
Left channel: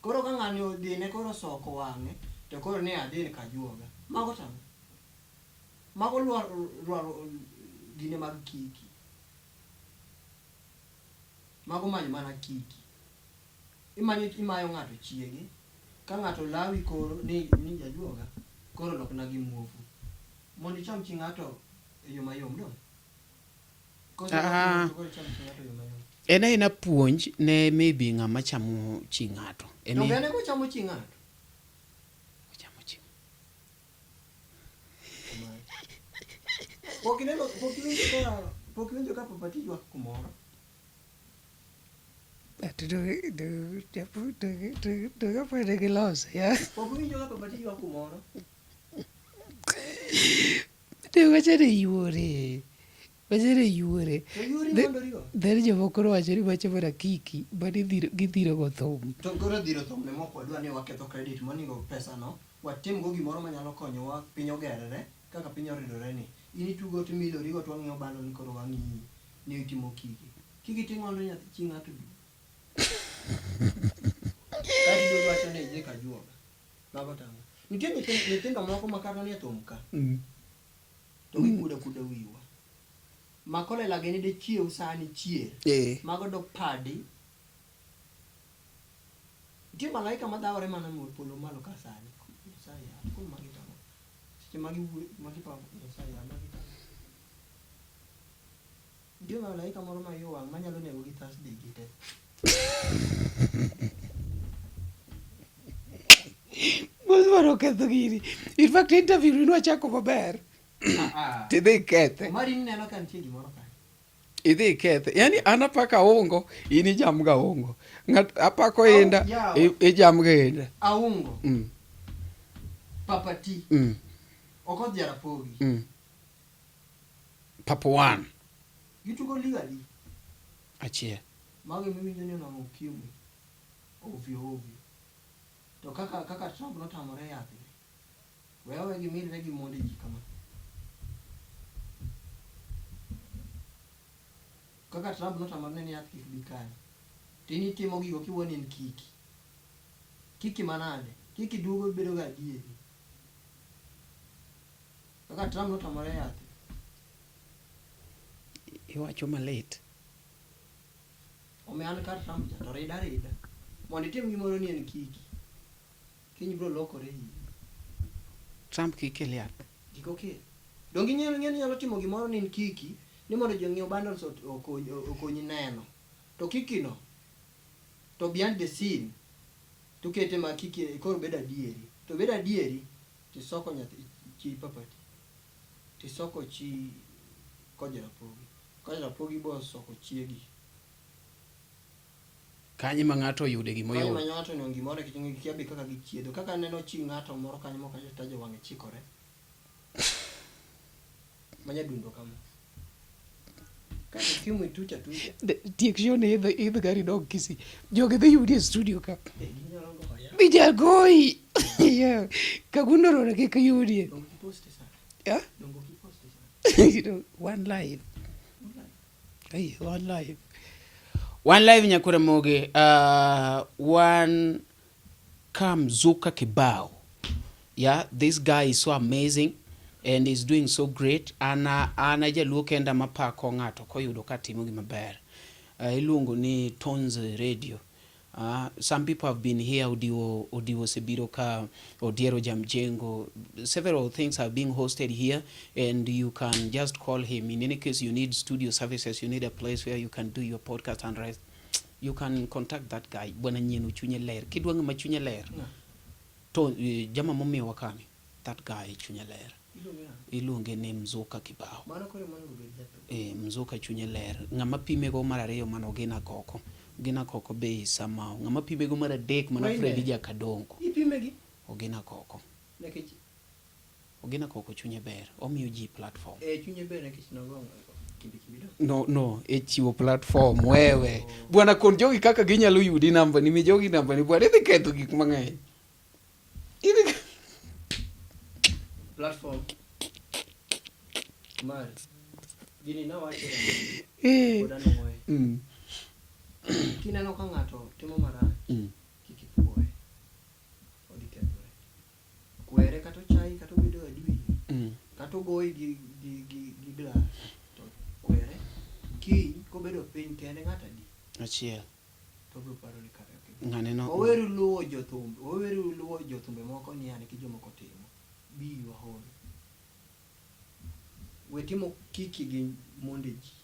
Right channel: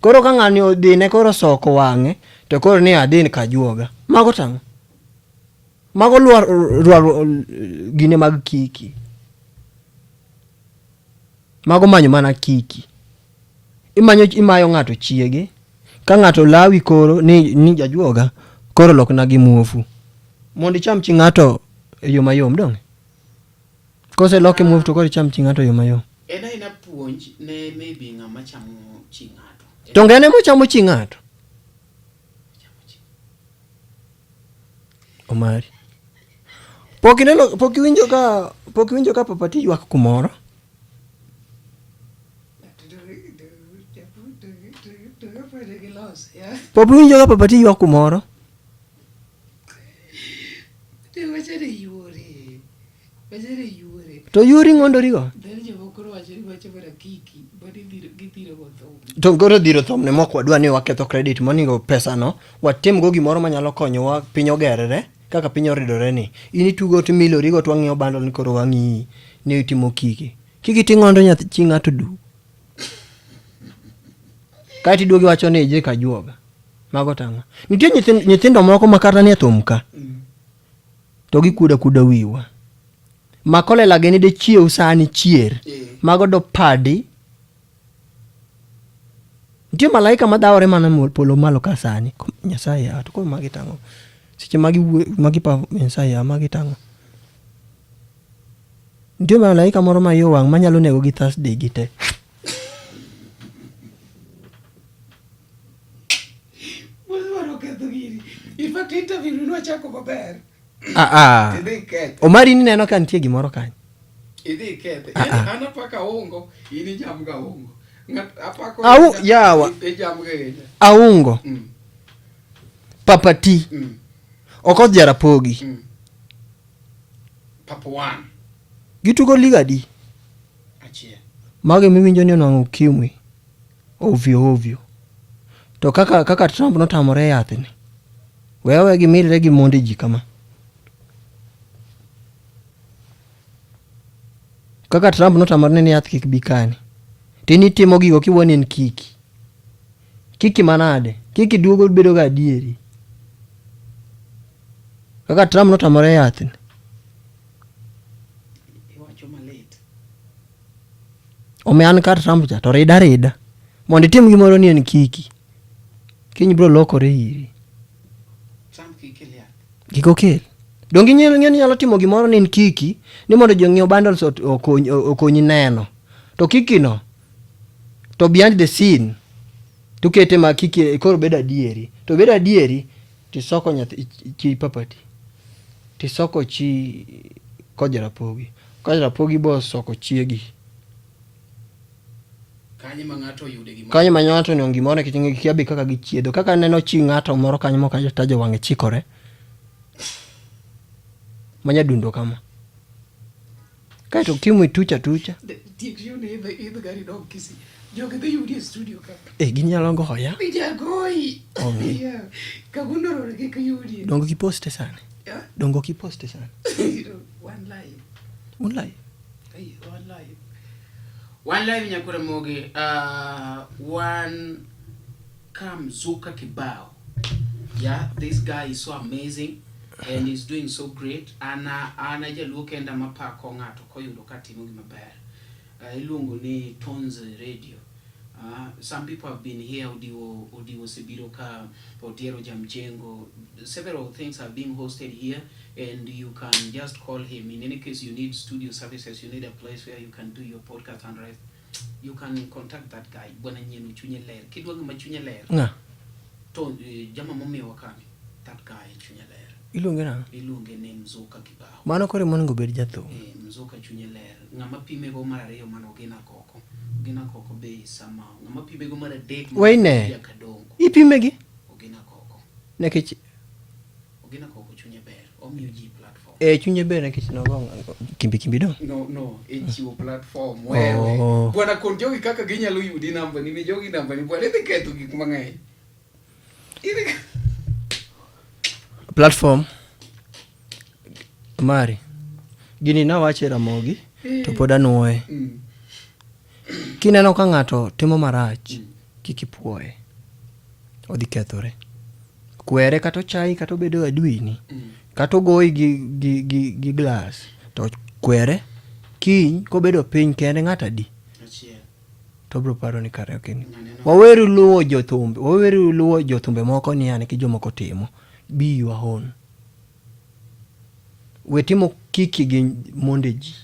Koro ka ng'ani odine koro soko wang'e to koro ni adin kajuoga. Mago tango. Mago luar gine mag kiki. Mago manyo mana kiki. Imayo ng'ato chiege. Ka ng'ato lawi koro ni jajuoga koro lok na gi muofu. Mondi cham chi ng'ato yo mayom dong. Kose loke muofu to koro cham chi ng'ato yo mayom. Ena puonj ne maybe ng'ama chamo chi ng'ato. To ngene mo chamo chi ng'ato. Omari. Pokiwinjo ka papati ywak kumoro. Pokiwinjo ka papati ywak kumoro. To yuri ng'ondorigo. To koro dhiro thom ne mok wadwa ni waketho credit moningo pesa no watim go gimoro manyalo konyowa piny ogerere kaka piny oridore ni. Ini tugo to milorigo to wang'iewo bundle ni koro wang'i ni itimo kiki. Kiki ting'ondo nyathi chi ng'ato du. Kati duogi wacho ni je kajuoga. Mago tang'o. Nitie nyithindo moko makata ni thum ka. To gikuda wiwa. Makole lageni de chiew sani chier. Mago do padi. Nitie malaika madawore mana polo malo ka sani. Nyasaye ya to ko magi tang'o. Seche magi pa Nyasaye ya magi tang'o. Nitie malaika moro ma yo wang' manyalo nego gi Thursday gite. In fact, interview ni wachako maber. Tidhi kethe. Omari ni neno ka nitie gimoro kanyo. Idhi kethe. Yani anapaka ungo, ini jamga ungo. Apako yawa. Jamga. Aungo. Papati. Okoth Jarapogi. Papuan. Gitugo liga di. Achiel. Mage miwinjo ni onwang'o ukimwi. Ovyo. To kaka Trump notamore yathini. Wewe gimirre gi monde ji kama. Kaka Trump notamore ni yath kik bikani. Tini timo gigo kiwoni en kiki. Kiki manade? Kiki duogo bedo ga adieri. Kaka Trump notamore yathini. Iwacho malit. Omean kar Trump cha to rida. Mondo tim gimoro ni en kiki. Kiny bro lokore iri. Trump kikelia. Kikokel. Dongi nyalo timo gimoro ni en kiki ni mondo jong'iew bundles okonyi neno. To kiki no to behind the scene to kete ma kiki koro bedo adieri. To bedo adieri tisoko nyathi chi papati. Tisoko chi Jarapogi. Jarapogi bo soko chiegi. Kanye ma ng'ato oyude gimoro. Kanye ma ng'ato ni gimoro kitingi kiabi kaka gichiedo. Kaka neno chi ng'ato moro kanyo moko tajo wang'e chikore. Manya dundo kama. Kaito kimwe tucha. Tiek shone idh gari dog kisi. Joge dhi yudi e studio ka. Ginyalo goya. Ija goi. Yeah. Kagundo rona ke kayudi. Dongo ki poste sana. Yeah? Dongo ki poste sana. One live. Hey, one live. One live nyakure moge. One Kamzuka Kibao. Yeah, this guy is so amazing. And he's doing so great. Ana jaluo kenda mapako ng'ato koyudo ka timo gima ber. iluongo ni Tones Radio. Some people have been here, Odiwo Sebiro ka, Odiero Jamjengo. Several things are being hosted here, and you can just call him. In any case, you need studio services, you need a place where you can do your podcast and rest. You can contact that guy. Bwana Nyenu Chunye Ler. Kidwanga machunye ler. Nga. To jama mami wakame. That guy Chunye Ler. Ilunge na? Ilunge ni Mzuka Kibao. Mano kore monego bed jatho. Mzuka Chunye Ler. Ngama pime go mara ariyo mano Gina Koko. Gina Koko be samao. Ngama pime go mara dek mano Wayne. Kadongo. Ipimegi? Ogina Koko. Nekech Ogina Koko Chunye Ber. Omiuji platform. Chunye ber nekech nogo kimbi do. No, chiwo platform wewe. Bwana kon jogi kaka ginyalo yudi namba ni jogi namba ni bwana idhi ketho gik mang'eny. Platform mari gini nawache Ramogi to pod anuoye. Kineno ka ng'ato timo marach kik ipuoye, odhi kethore. Kwere kata chai kata bedo adwini kata goyi gi glass to kwere kiny kobedo piny kende ng'ata di achiel to bro paro ni kare okini. Waweru luwo jothumbe moko ni ane ki jomoko timo. Be your own. We timo kiki gi mondeji.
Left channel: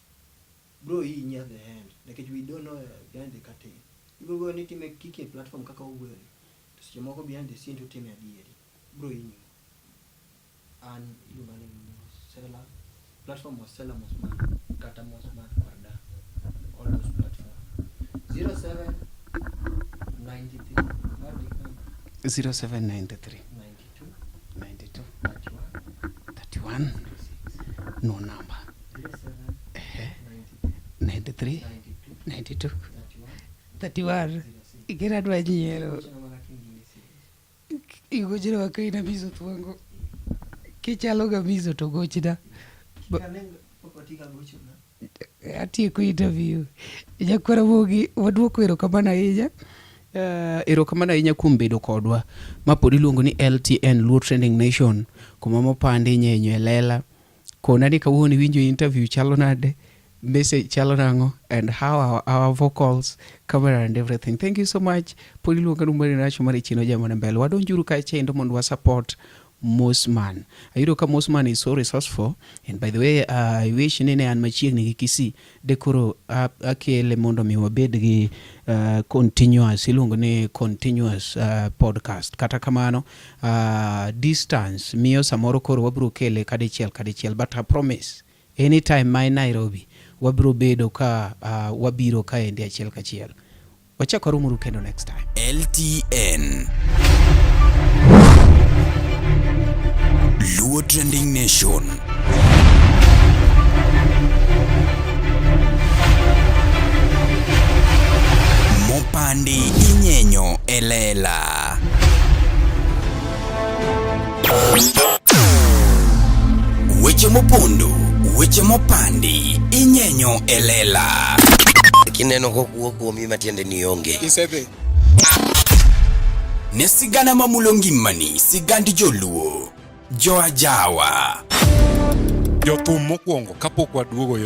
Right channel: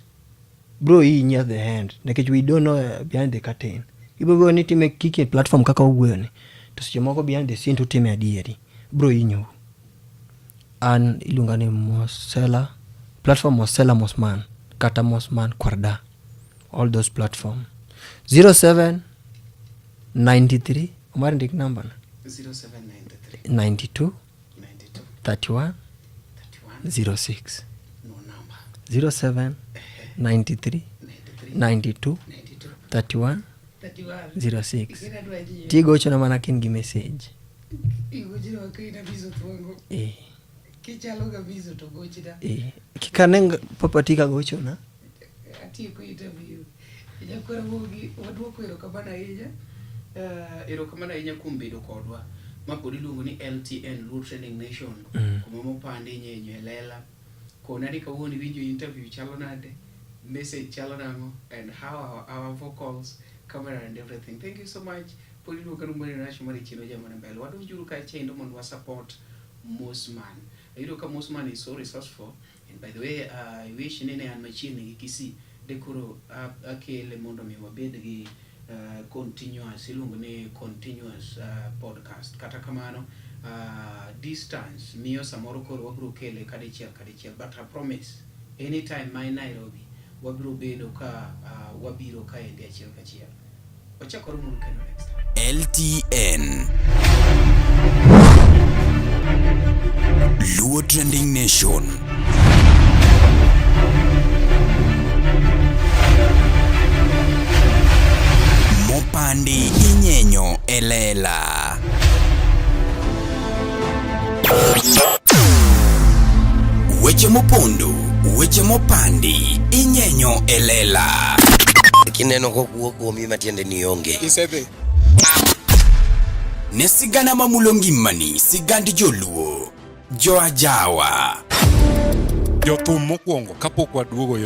Bro hii near the hand. Nekech we don't know behind the curtain. Ibo ni time kiki platform kaka ugwe ni. To siche moko behind the scene to time adieri. Bro inyo. An ilunga ni Mosela. Platform Mosela Mosman. Kata Mosman Kwarda. All those platform. 07 93. Umari ndik number. 0793 92 31 06. No number. 07 93 92 31 06. Ikira dwaji. Tigo chona mana kin gi message. Igojira wakaina bizo tuango. Kichalo ga bizo to gochida. Kikaneng papatika gochona. Ati ku interview. Nyakwara Mogi wadwoko erokamano ahinya. Erokamano ahinya kuom bedo kodwa. Mapod iluongo ni LTN, Luo Trending Nation. Kuma mopande nyenyo elela. Kona ni kawuono winjo interview chalo nade, message chalo nango, and how our vocals, camera and everything. Thank you so much. Pod iluongo numari nacho mari chino jama na mbele. Wadonjuru ka chendo mondo wa support Mosman. Ayudo ka Mosman is so resourceful, and by the way, I wish nene an machiegni gi Kisii dekoro akele mondo mi wabed gi continuous iluongo ni continuous podcast. Kata kamano distance miyo samoro koro wabro kele kadichiel, but I promise anytime my Nairobi wabro bedo ka wabiro ka endi achiel kachiel. Wachakoro muru kendo next time. LTN Luo Trending Nation. Mopandi inyenyo elela. Weche mopondo, weche mopandi inyenyo elela. Kineno kokuo kuomi matiende ni onge. Isebe. Ne sigana mamulo ngimani, sigandi joluo, joajawa. Jothum mokwongo kapok waduogo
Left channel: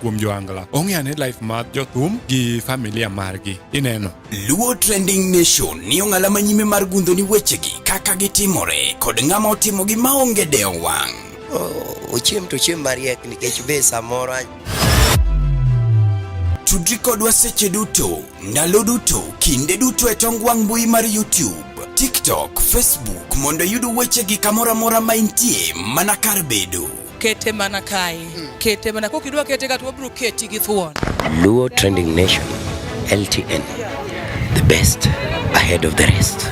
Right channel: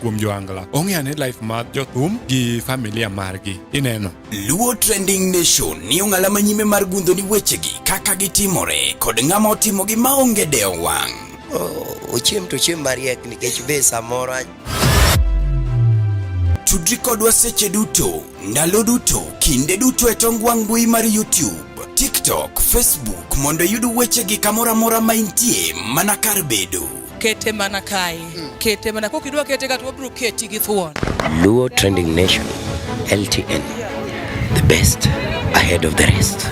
kuom joangla, ong'eane life mar jothum gi familia margi. Ineno Luo Trending Nation ni ong'ala manyime mar gundo ni wechegi kaka gitimore kod ng'ama otimogi maonge deo wang'. Ochiem to chiem mariek nikech be samoro Tudri kodwa seche duto, ndalo duto, kinde duto e tong wang' mbui mar YouTube, TikTok, Facebook mondo yudu wechegi kamora mora ma intie mana kar bedo. Kete mana kai. Kete mana kokidwa kete kata wabro keti gi thuon. Luo Trending Nation, LTN, the best ahead of the rest.